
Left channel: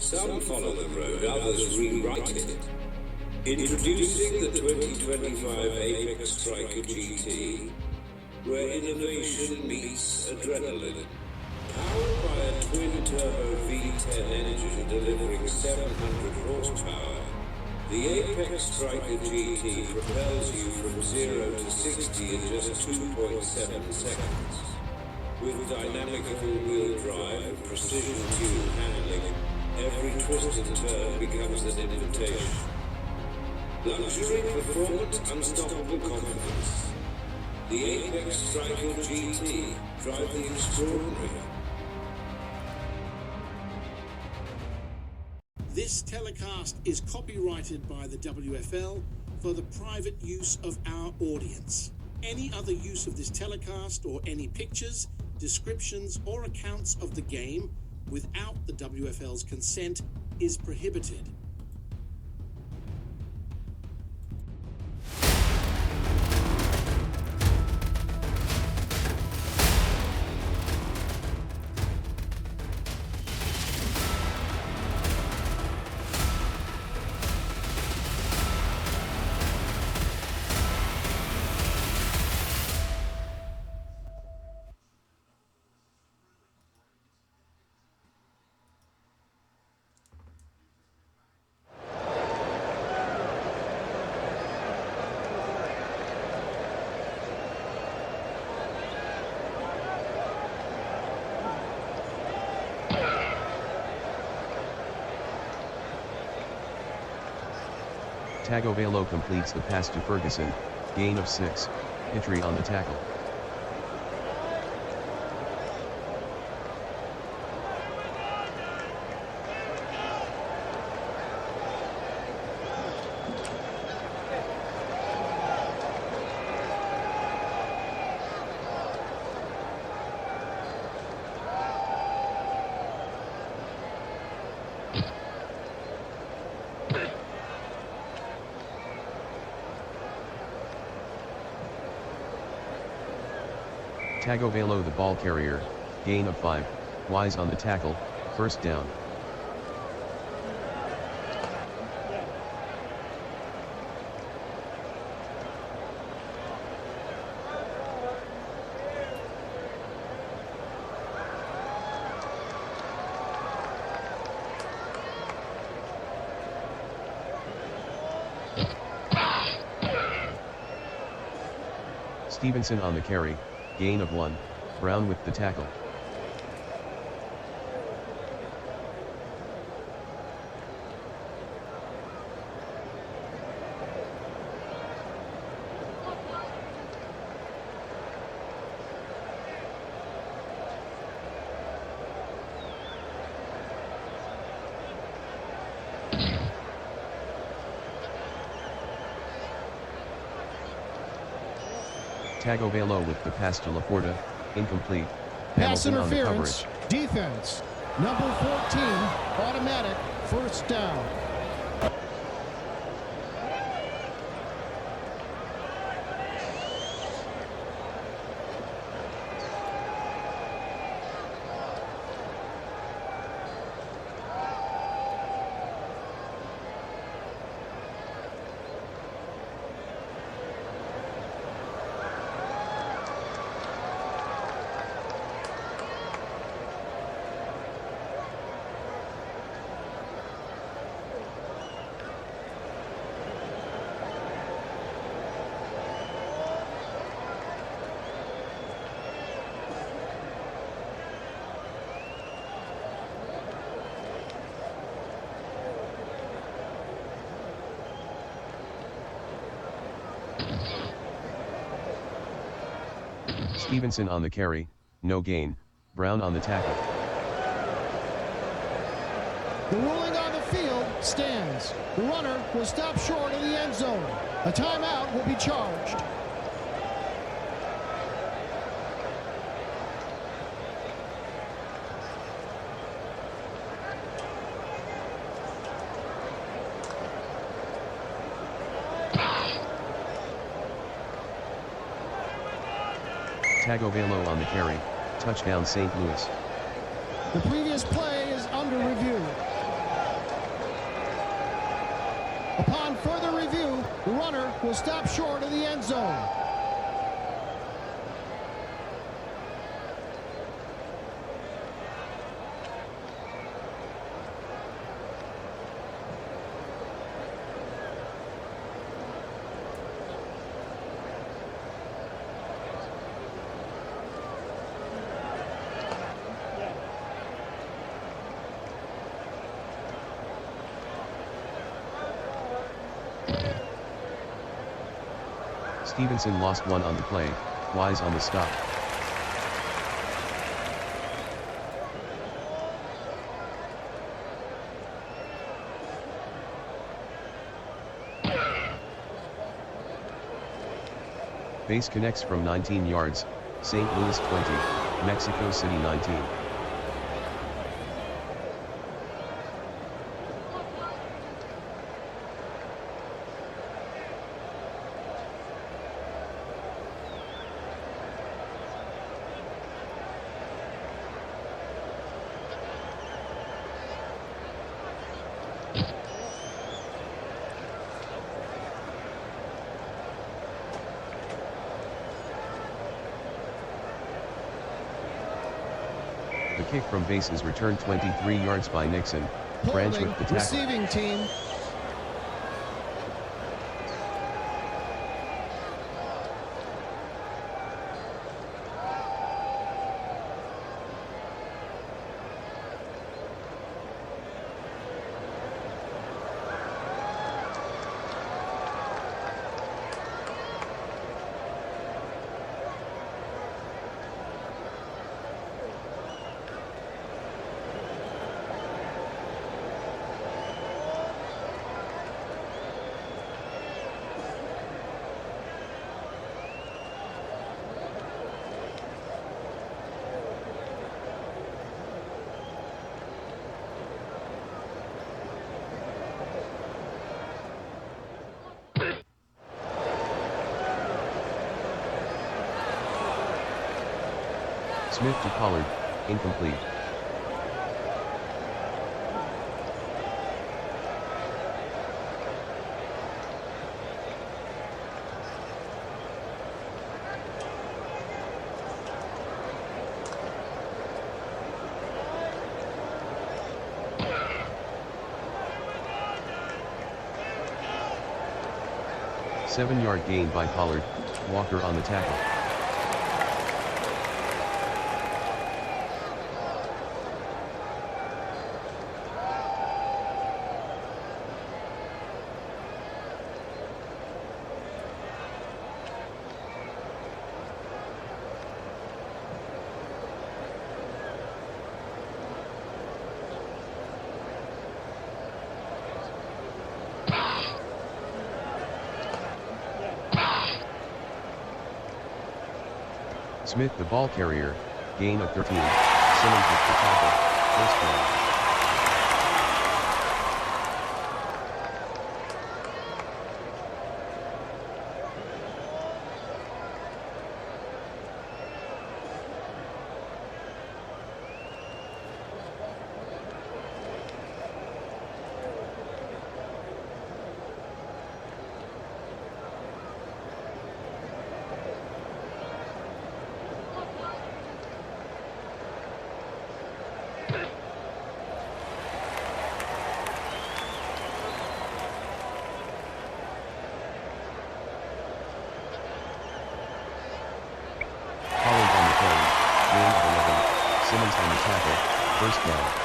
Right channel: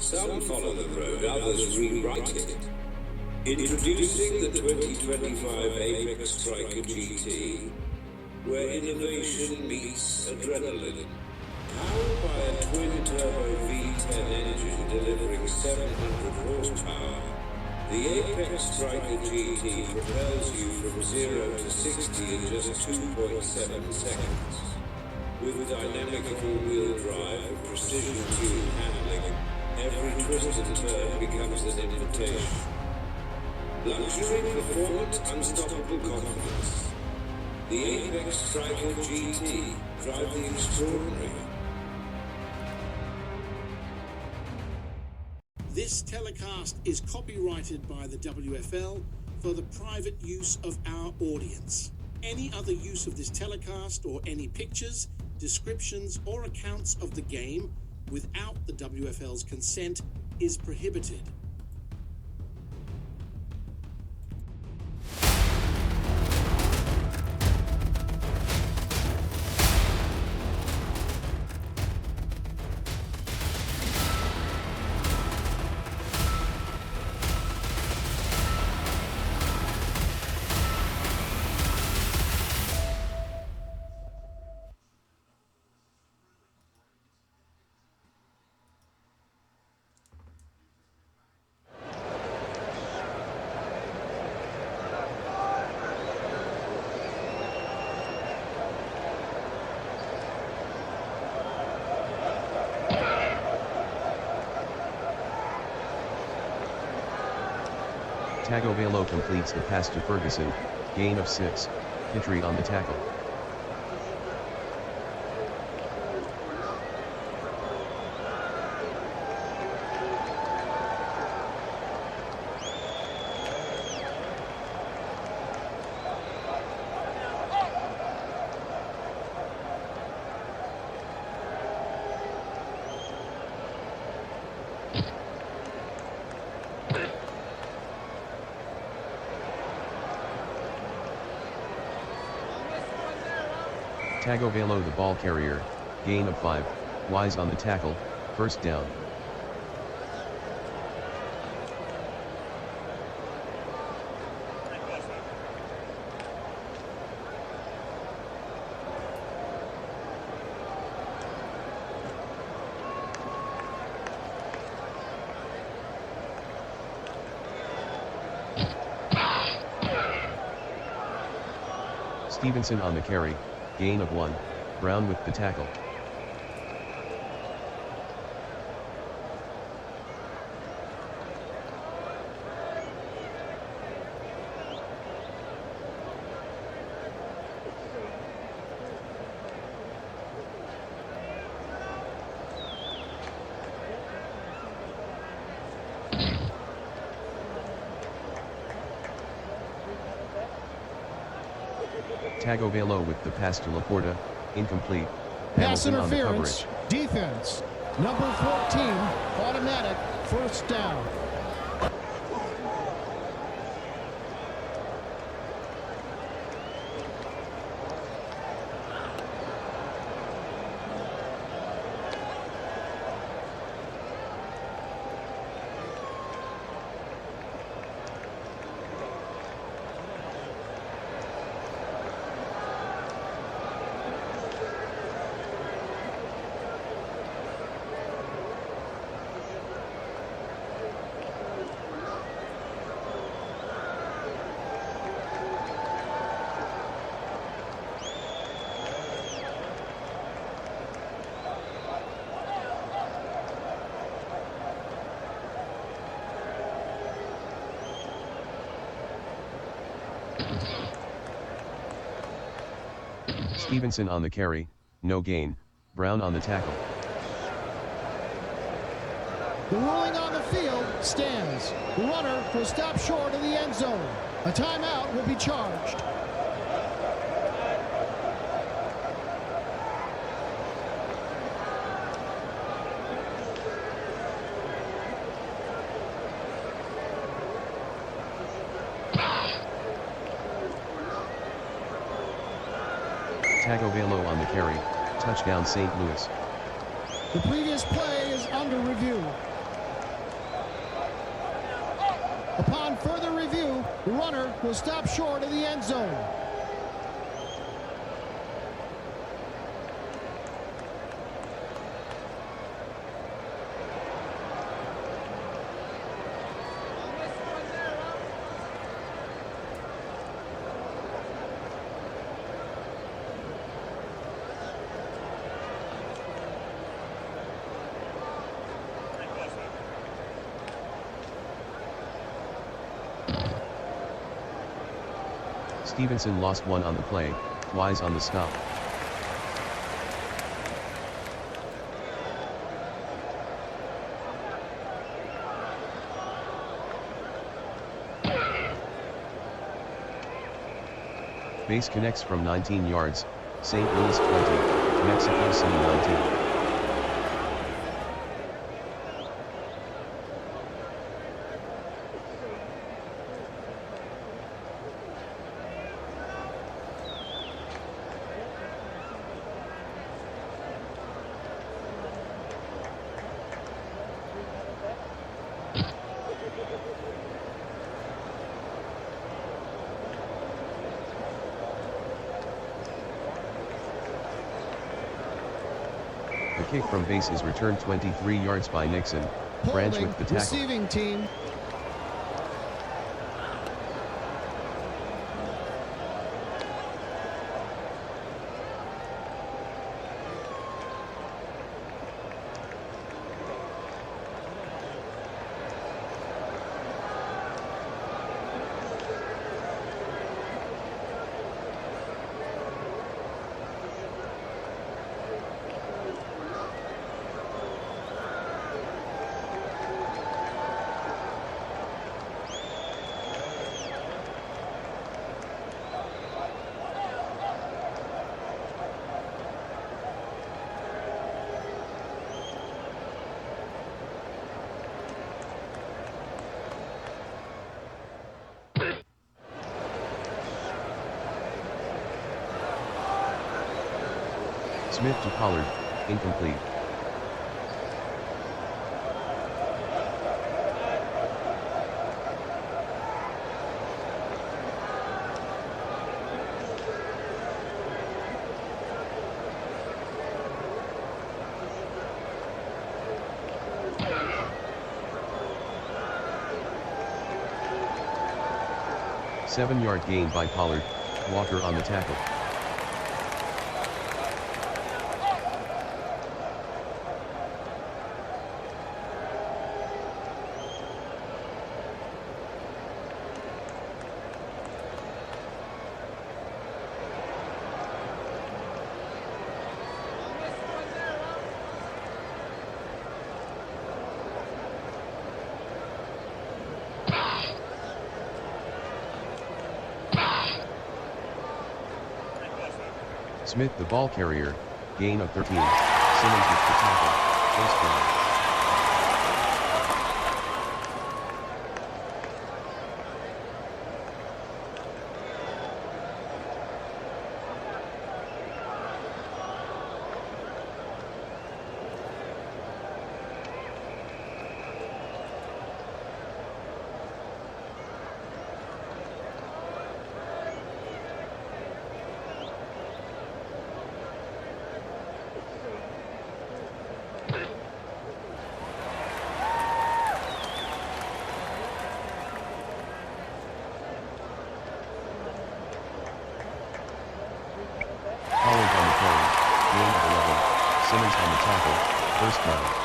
Some follow the road, others rewrite it. Introducing the 2025 Apex Striker GT, where innovation meets adrenaline. Powered by a twin-turbo V10 engine delivering 700 horsepower, the Apex Striker GT propels you from 0 to 60 in just 2.7 seconds. With dynamic all-wheel drive and precision-tuned handling, every twist and turn becomes an invitation. Luxury, performance, unstoppable confidence. The Apex Striker GT. Drive the extraordinary. This telecast is copyrighted by the WFL for the private use of our audience. Any other use of this telecast or any pictures, descriptions, or accounts of the game without the WFL's consent is prohibited. Tagovailoa completes the pass to Ferguson, gain of 6, entry on the tackle. Tagovailoa the ball carrier, gain of 5, Wise on the tackle, first down. Stevenson on the carry, gain of 1, Brown with the tackle. Tagovailoa with the pass to Laporta, incomplete. Pass Hamilton on the interference, coverage. defense. Number 14, automatic, first down. Stevenson on the carry, no gain, Brown on the tackle. The ruling on the field stands. The runner was stopped short of the end zone. A timeout will be charged. Tagovailoa on the carry, touchdown St. Louis. The previous play is under review. Upon further review, the runner was stopped short of the end zone. Stevenson lost 1 on the play, Wise on the stop. Base connects from 19 yards, St. Louis 20, Mexico City 19. The kick from base is returned 23 yards by Nixon. Branch with the tackle. Receiving team. Smith to Pollard, incomplete. Seven-yard gain by Pollard, Walker on the tackle. Smith the ball carrier, gain of 13, Simmons with the tackle, first down. Pollard on the carry, gain of 11, Simmons on the tackle, first down.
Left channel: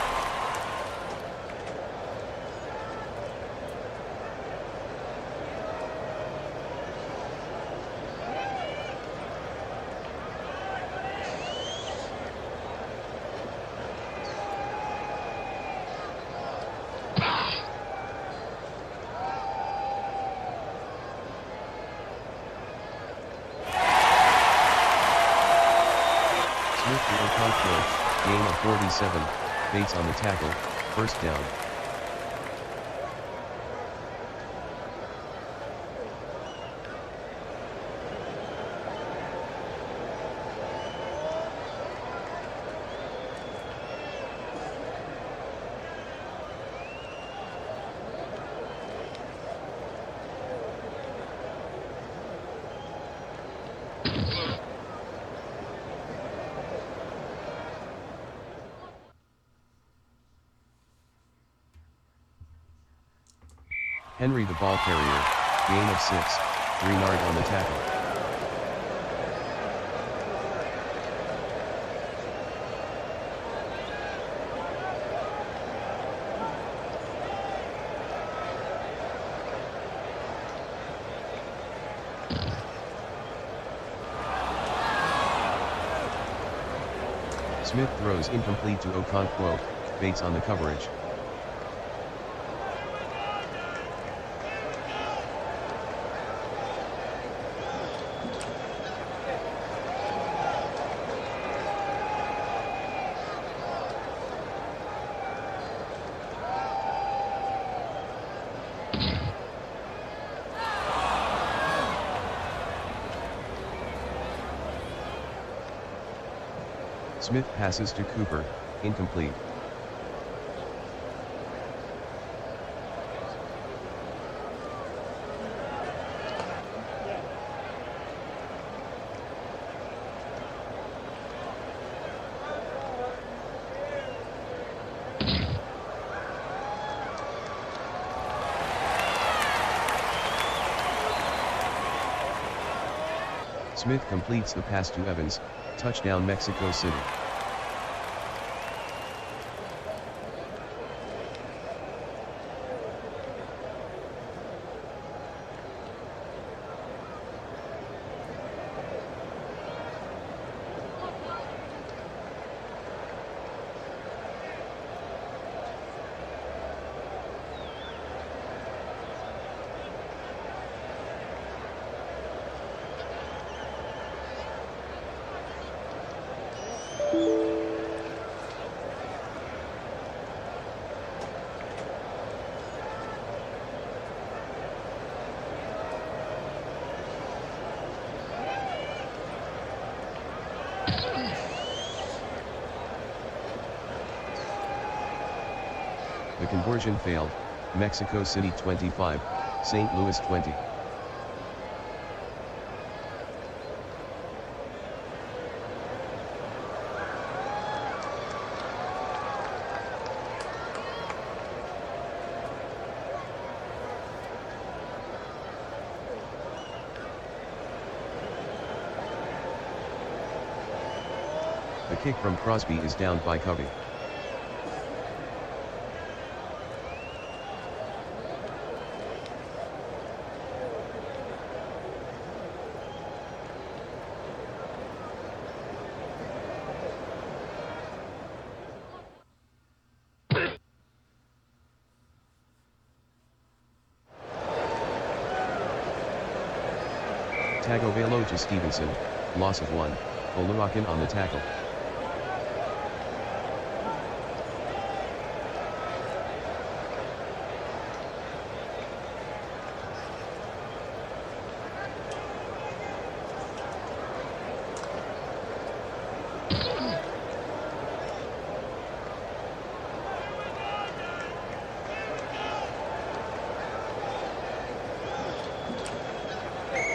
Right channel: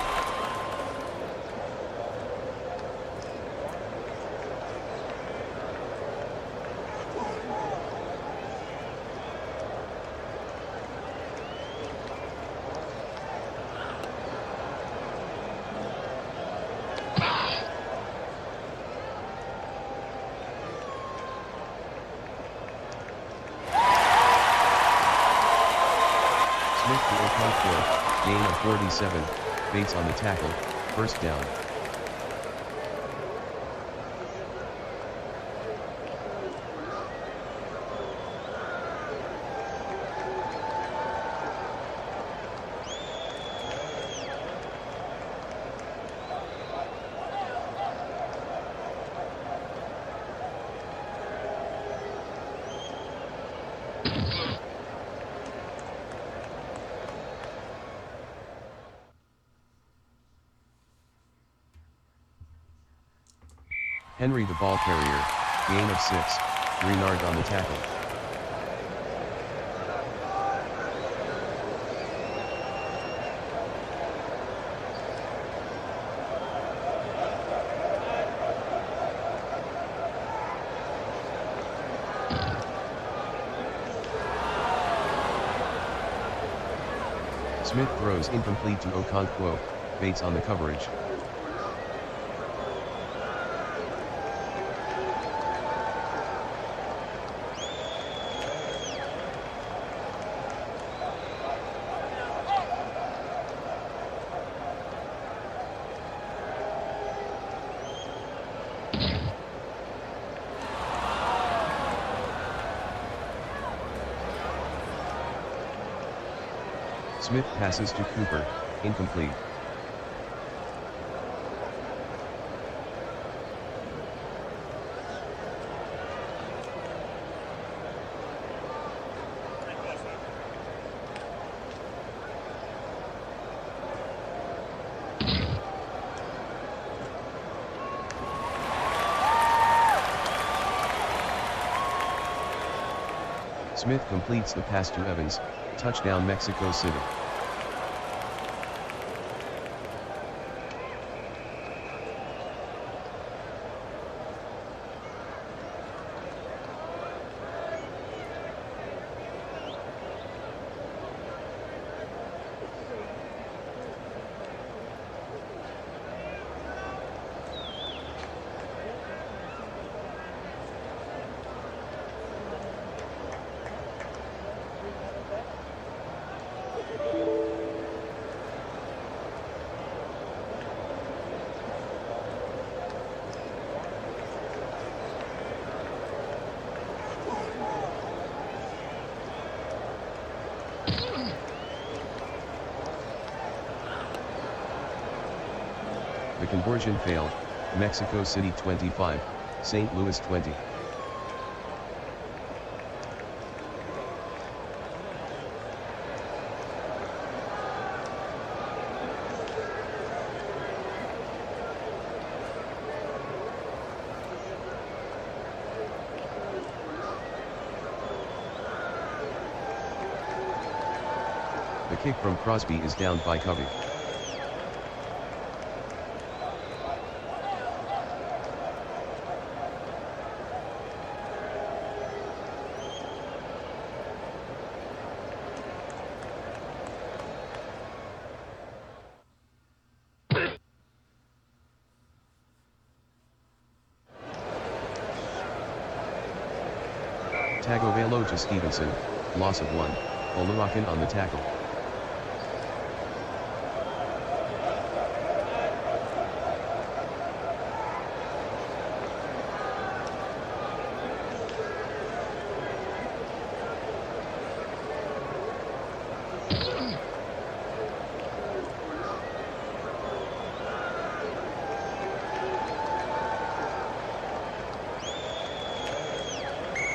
Smith to Okonkwo, gain of 47, Bates on the tackle, first down. Henry the ball carrier, gain of 6, Greenard on the tackle. Smith throws incomplete to Okonkwo, Bates on the coverage. Smith passes to Cooper, incomplete. Smith completes the pass to Evans, touchdown Mexico City. The conversion failed, Mexico City 25, St. Louis 20. The kick from Crosby is downed by Covey. Tagovailoa to Stevenson, loss of 1, Oluwakin on the tackle.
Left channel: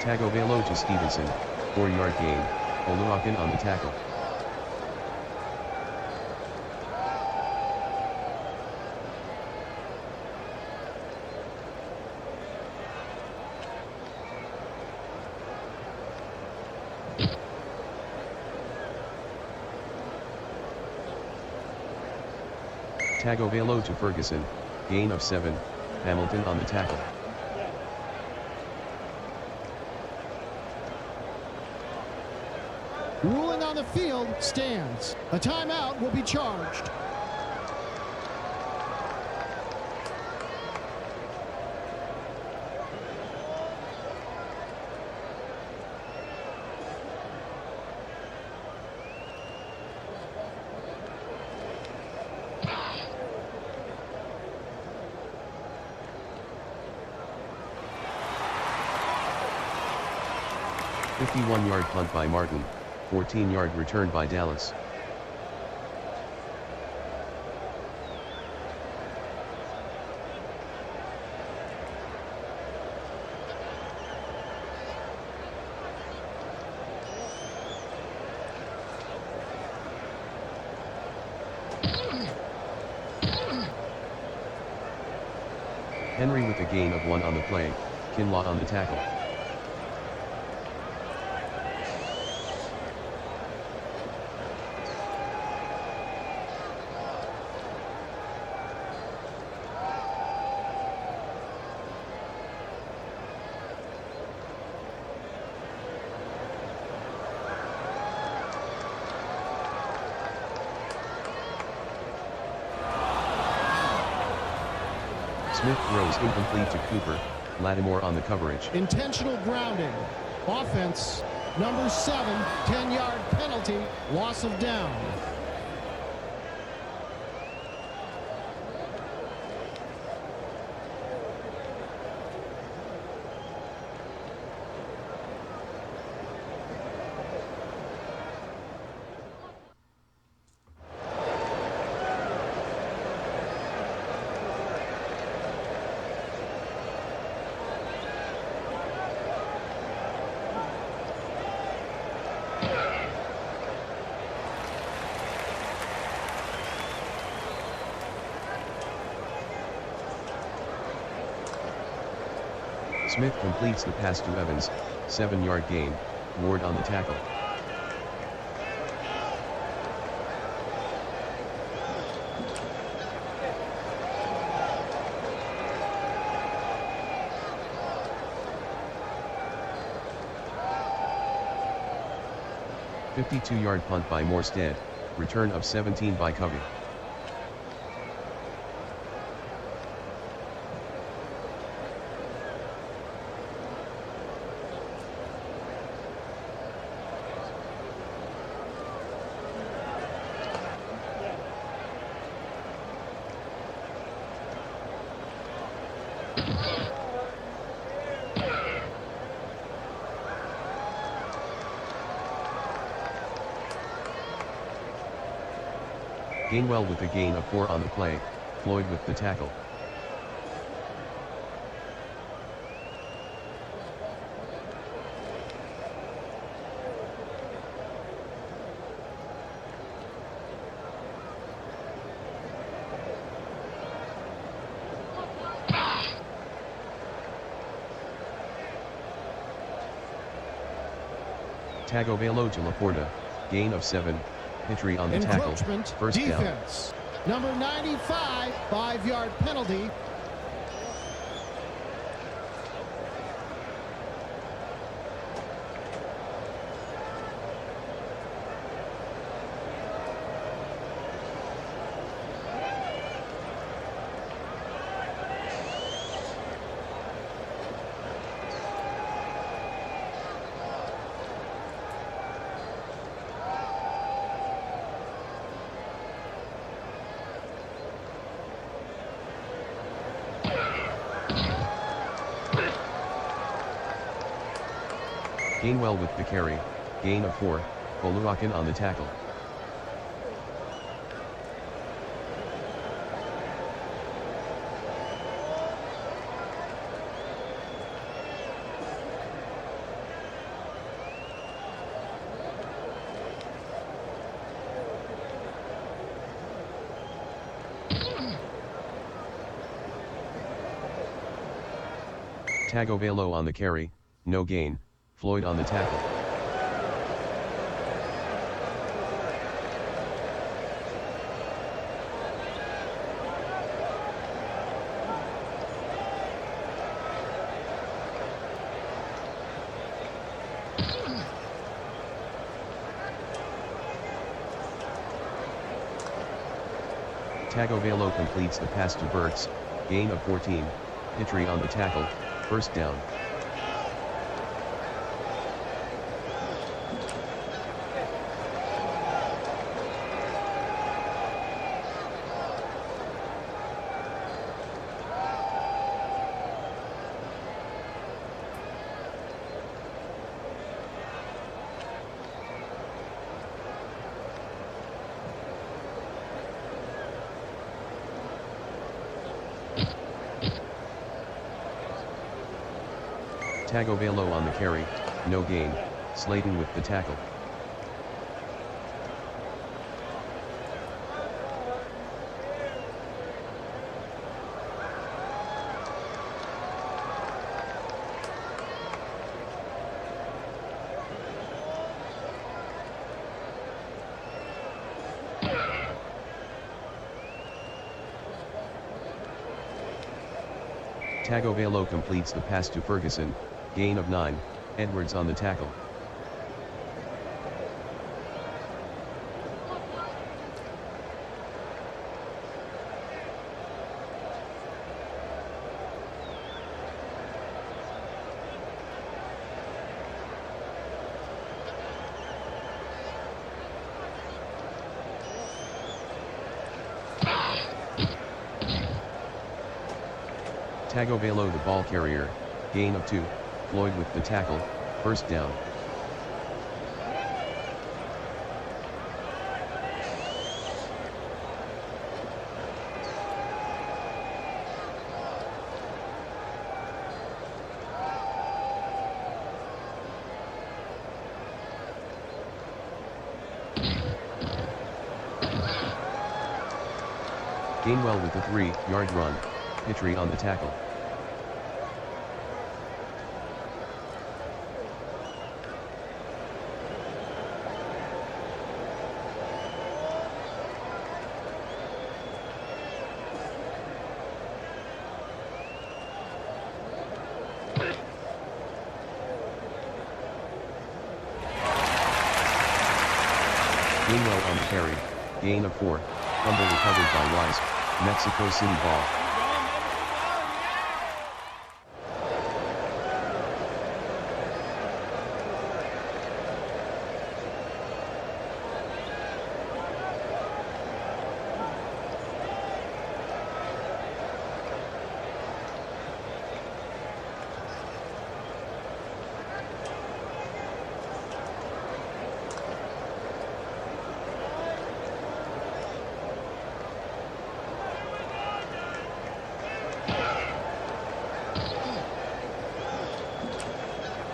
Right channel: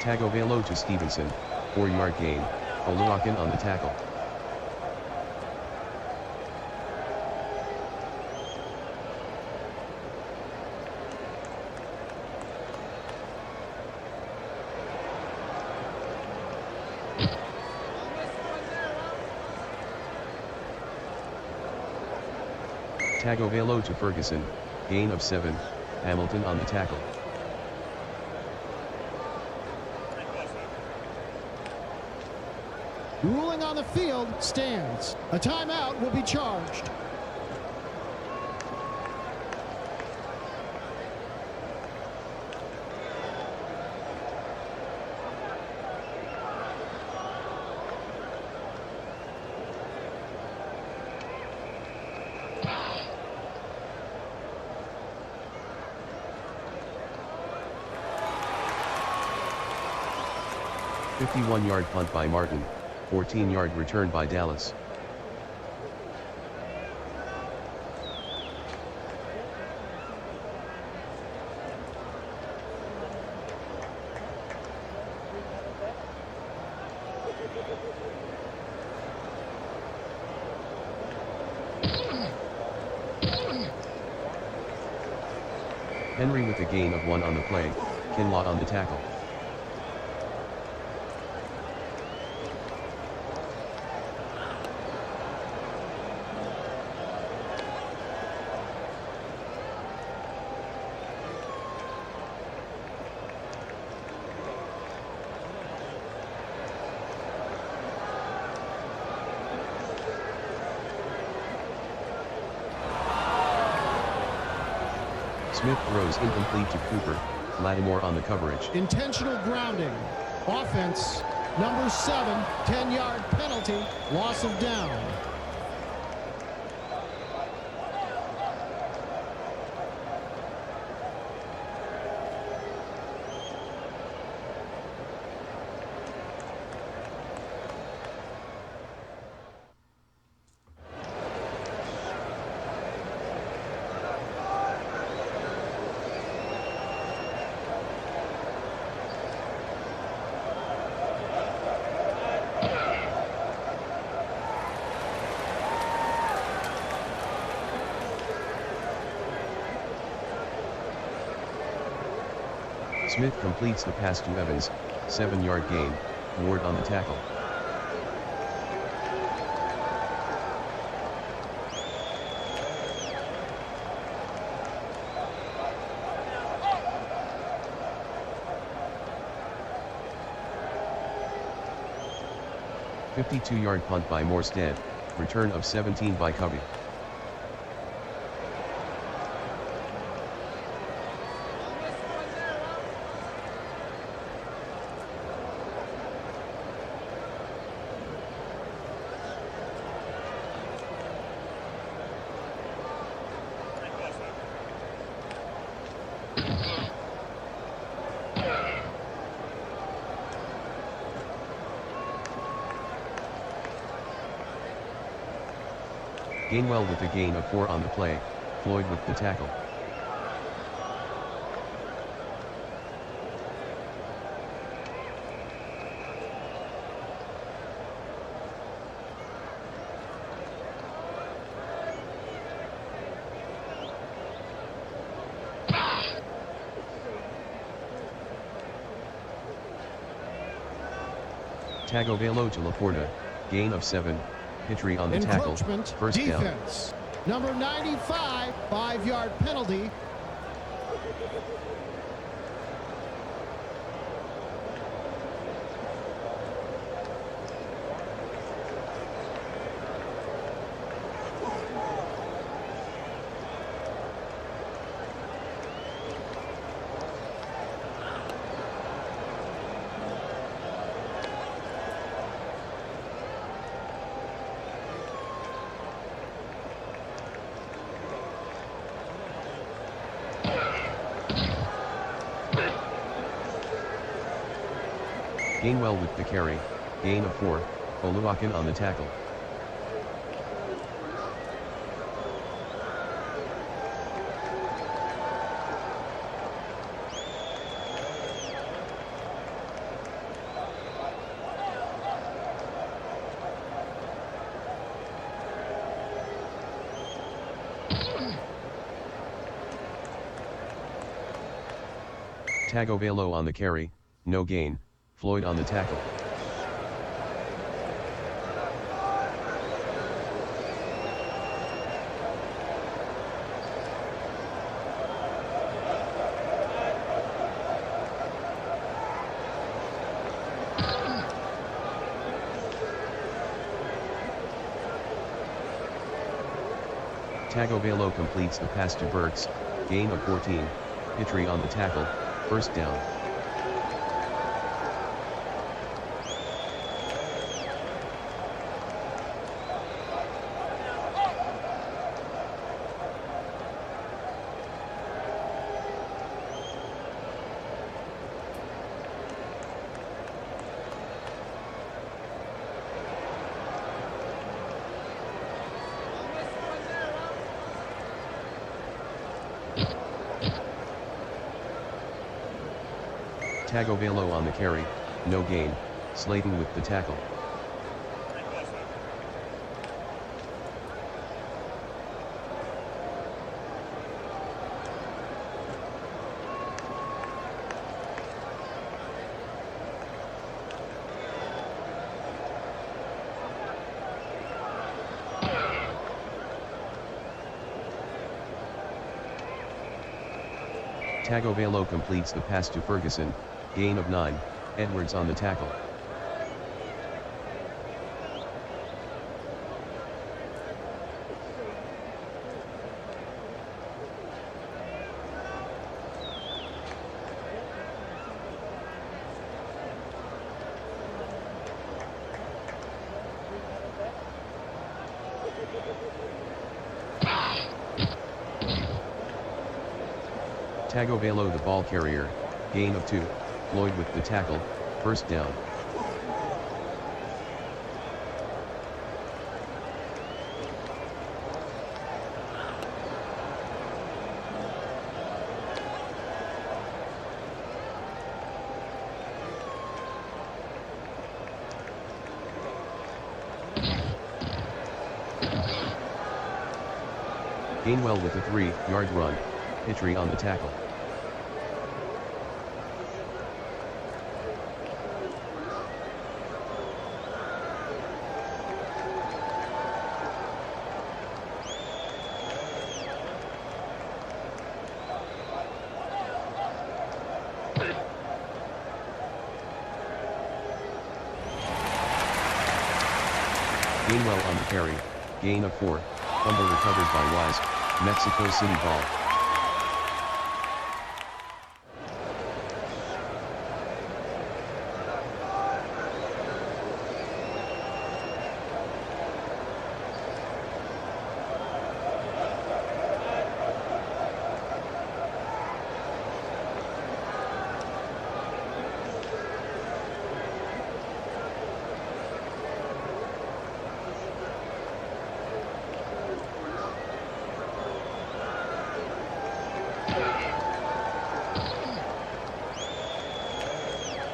Tagovailoa to Stevenson, 4-yard gain, Oluwakin on the tackle. Tagovailoa to Ferguson, gain of 7, Hamilton on the tackle. Ruling on the field stands. A timeout will be charged. A 51-yard punt by Martin. 14-yard return by Dallas. Henry with a gain of 1 on the play, Kinlaw on the tackle. Smith throws incomplete to Cooper, Lattimore on the coverage. Intentional grounding. Offense, number 7, 10-yard penalty, loss of down. Smith completes the pass to Evans, 7-yard gain, Ward on the tackle. "52-yard punt by Morstead, return of 17 by Covey. Gainwell with a gain of 4 on the play, Floyd with the tackle. Tagovailoa to Laporta, gain of 7, Pitry on the tackle, Encroachment, first down. defense. Number 95, 5-yard penalty. Gainwell with the carry, gain of 4, Oluwakin on the tackle. Tagovailoa on the carry, no gain, Floyd on the tackle. Tagovailoa completes the pass to Burks, gain of 14, Pitry on the tackle, first down. Tagovailoa on the carry, no gain, Slayton with the tackle. Tagovailoa completes the pass to Ferguson, gain of 9, Edwards on the tackle. Tagovailoa the ball carrier, gain of 2, Floyd with the tackle, first down. Gainwell with a 3-yard run, Pitry on the tackle. Gainwell on the carry, gain of 4, fumble recovered by Wise, Mexico City ball.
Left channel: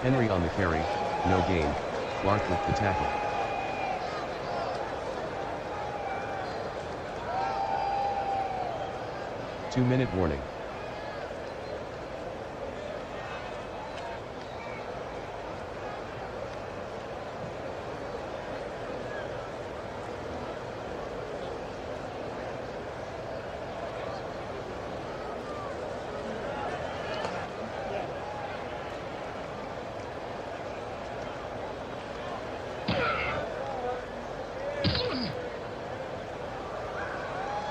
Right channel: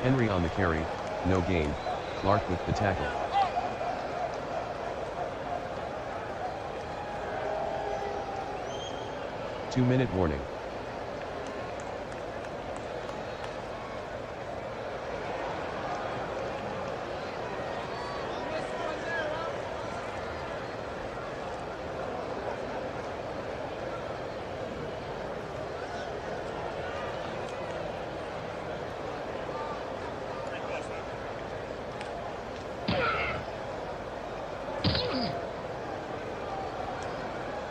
Henry on the carry, no gain, Clark with the tackle. Two-minute warning.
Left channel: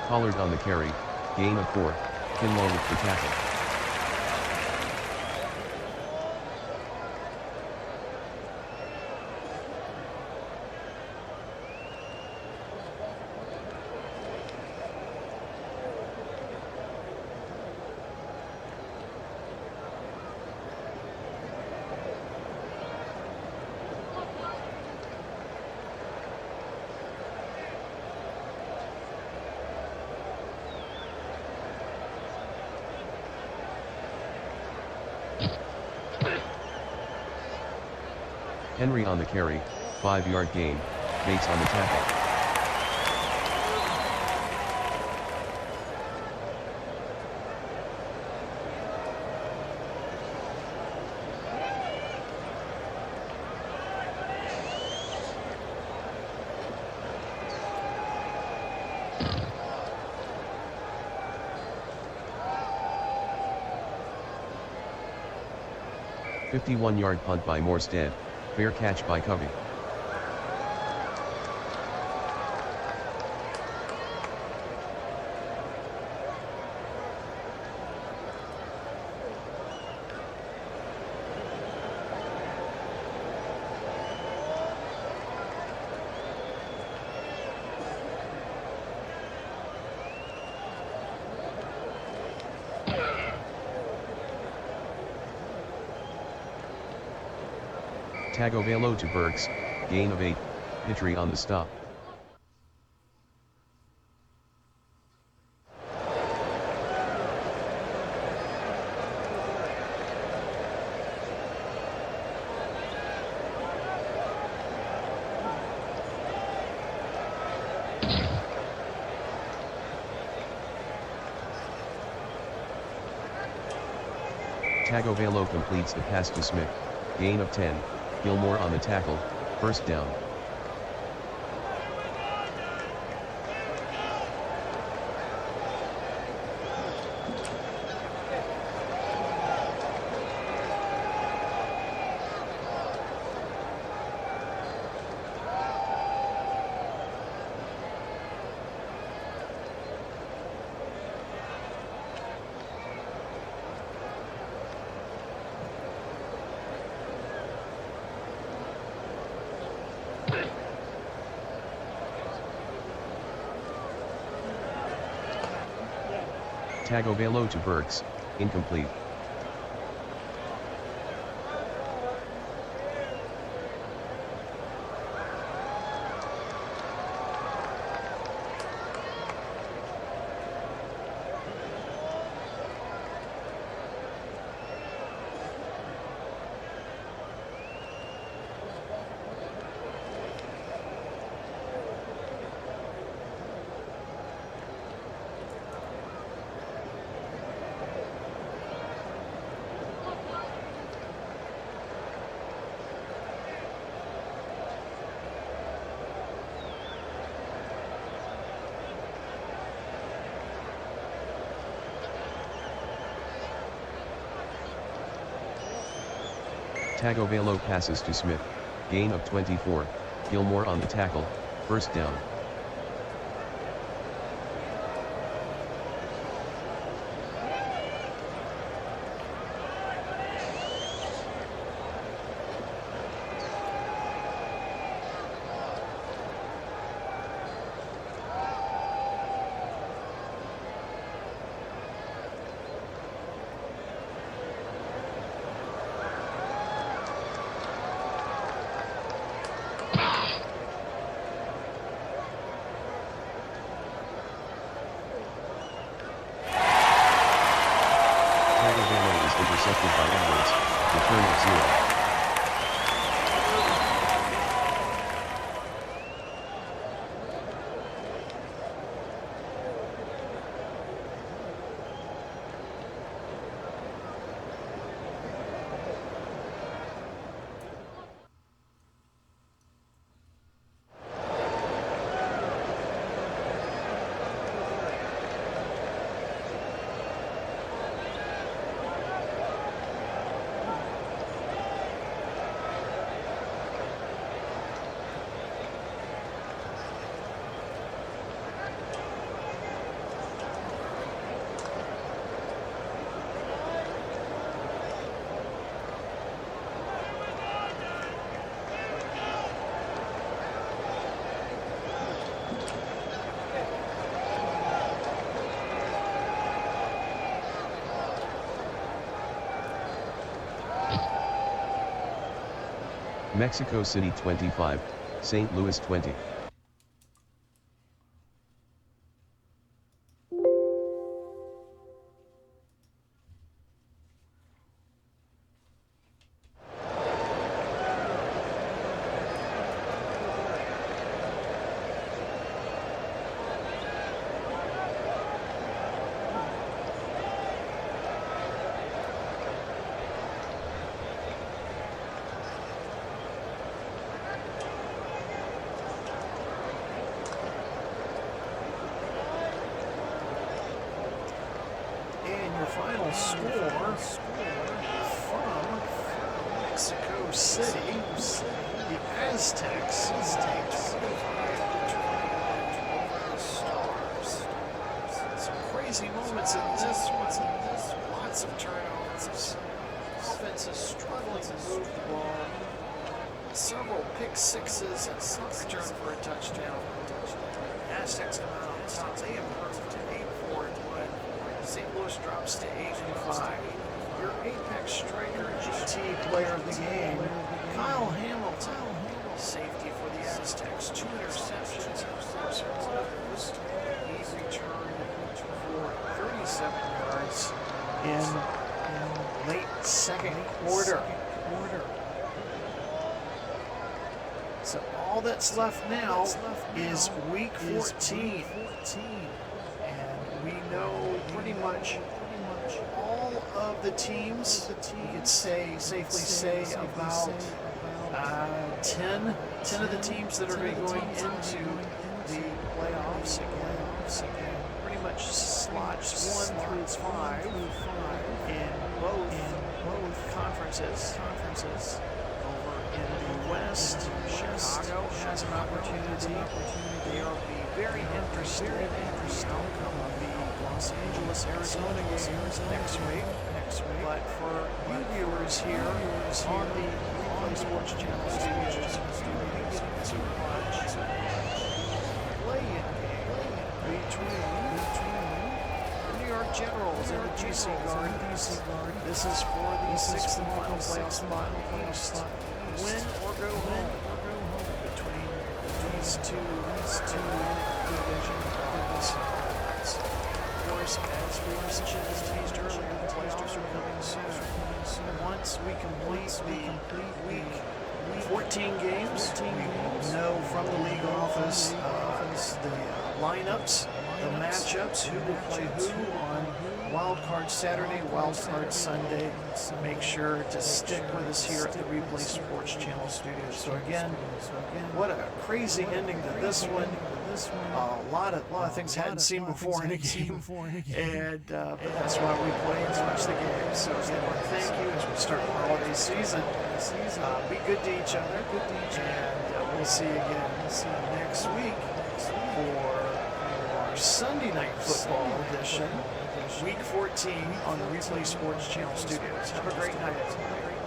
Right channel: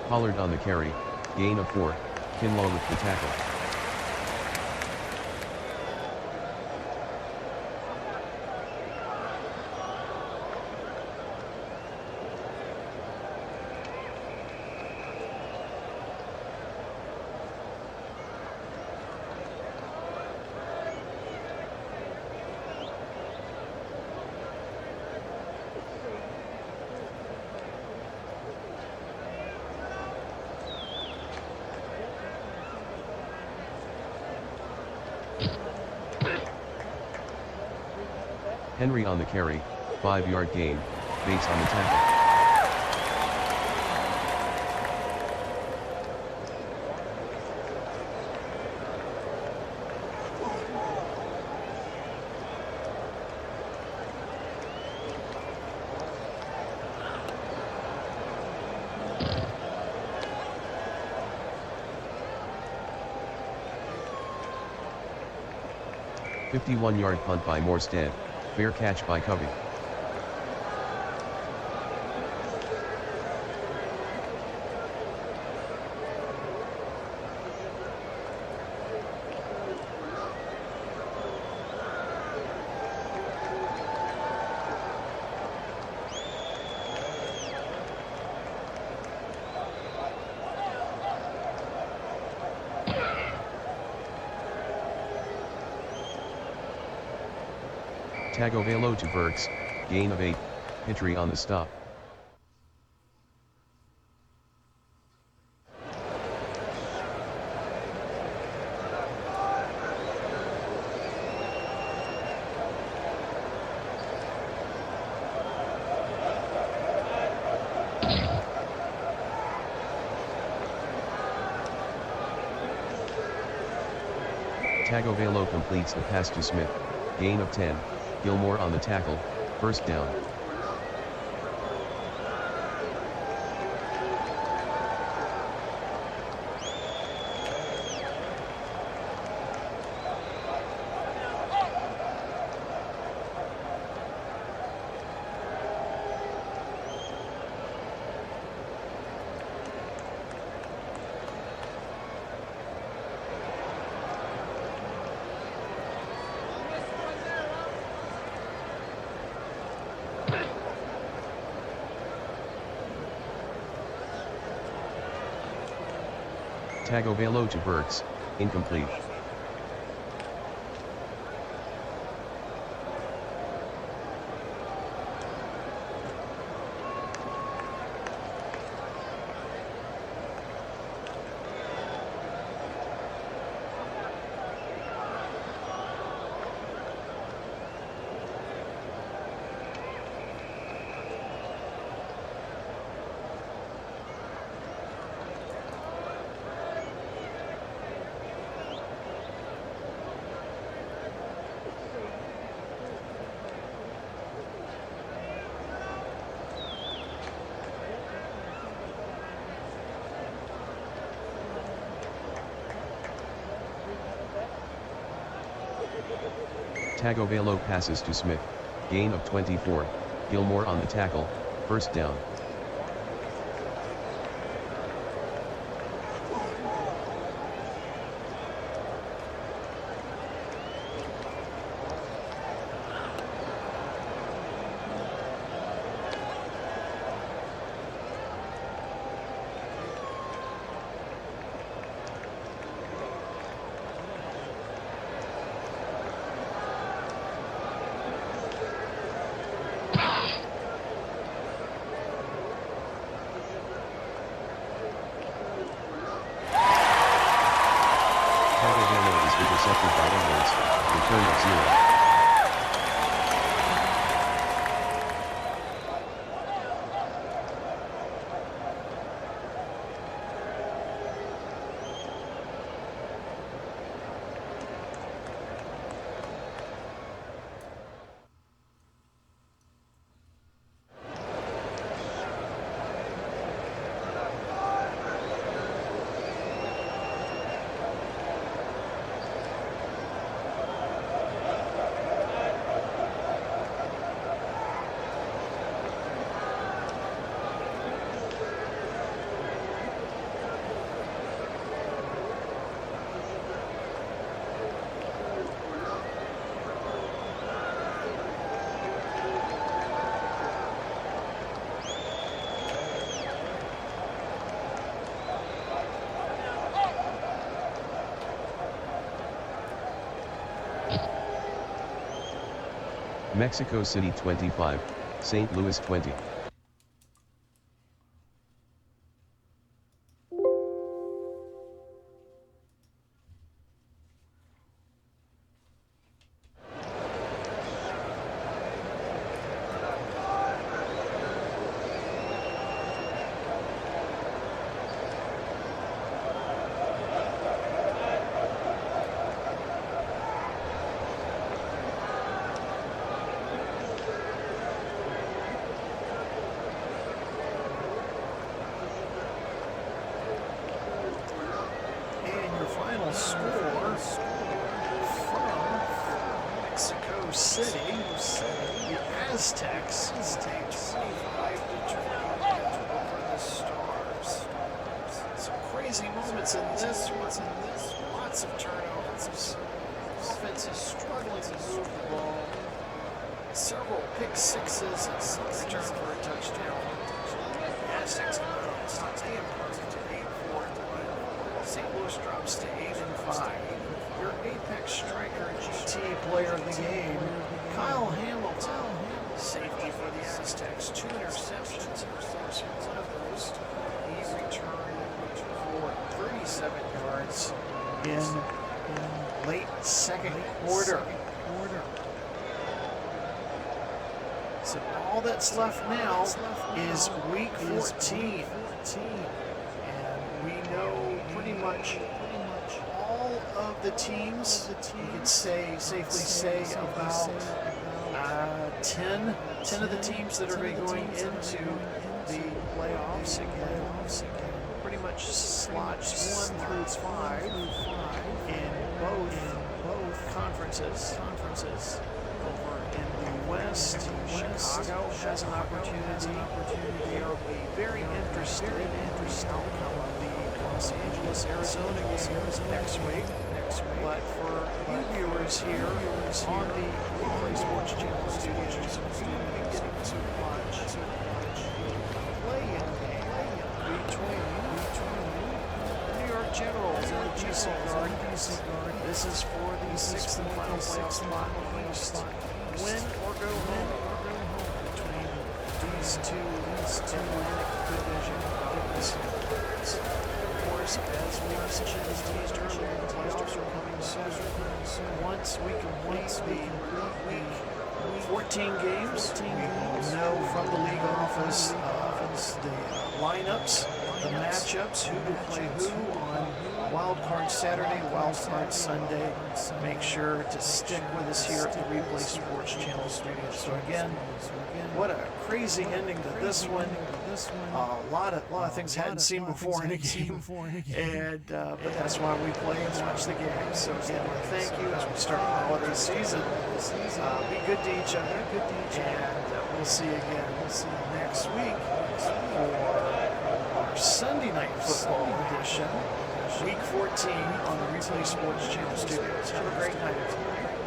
Pollard on the carry, gain of 4, Kinlaw with the tackle. Henry on the carry, 5-yard gain, Bates on the tackle. "51-yard punt by Morstead, fair catch by Covey. Tagovailoa to Burks, gain of 8, Pitry on the stop. Tagovailoa completes the pass to Smith, gain of 10, Gilmore on the tackle, first down. Tagovailoa to Burks, incomplete. Tagovailoa passes to Smith, gain of 24, Gilmore on the tackle, first down. Tagovailoa is intercepted by Edwards, return of 0. Mexico City 25, St. Louis 20. And your final score from Mexico City, the Aztecs take 25-20 win over the Stars. Some crazy moments in this one. Lots of turnovers. Offense is struggling to move the ball. Several pick sixes and a punt return for a touchdown. The Aztecs come out on top. They improved to 8-4-1. St. Louis drops to 8-5. Your apex striker, GT player of the game, Kyle Hamilton, safety for the Aztecs. 2 interceptions, and of course, one of those he returned for 37 yards in late second quarter. So all that's left now is week 14. And we know pretty much all of the teams. We could safely say about 10 of the teams that are going into the playoffs again. Pretty much slots 1 through 5 in both conferences. Over in the West, Chicago has an opportunity. They'll be very interested in the outcome of the Los Angeles-Arizona game next week. But for you viewers here on the Replay Sports Channel studios, you will be getting to watch the play-in game between the New York Generals in the DC Garden. This is for the 6th and final playoff spot in the East. Win or go home between these two Atlantic Division clubs. Of course, as we mentioned and teased earlier, the playoffs are coming soon. Once we complete the week 14 games, we will know from the league office the lineups, the matchups, who will play who on Wild Card Saturday, Wild Card Sunday. Make sure to stick with us here at the Replay Sports Channel studios. So again, what a crazy ending to this one. A lot of things hadn't seen before in a game, and but that's why we play and watch the game. So again, I thank you as we start the holiday season. Be good to each other, and we'll see you again next week for our Sunday night football edition, Week 14 on the Replay Sports Channel studios. Have a great night, everybody.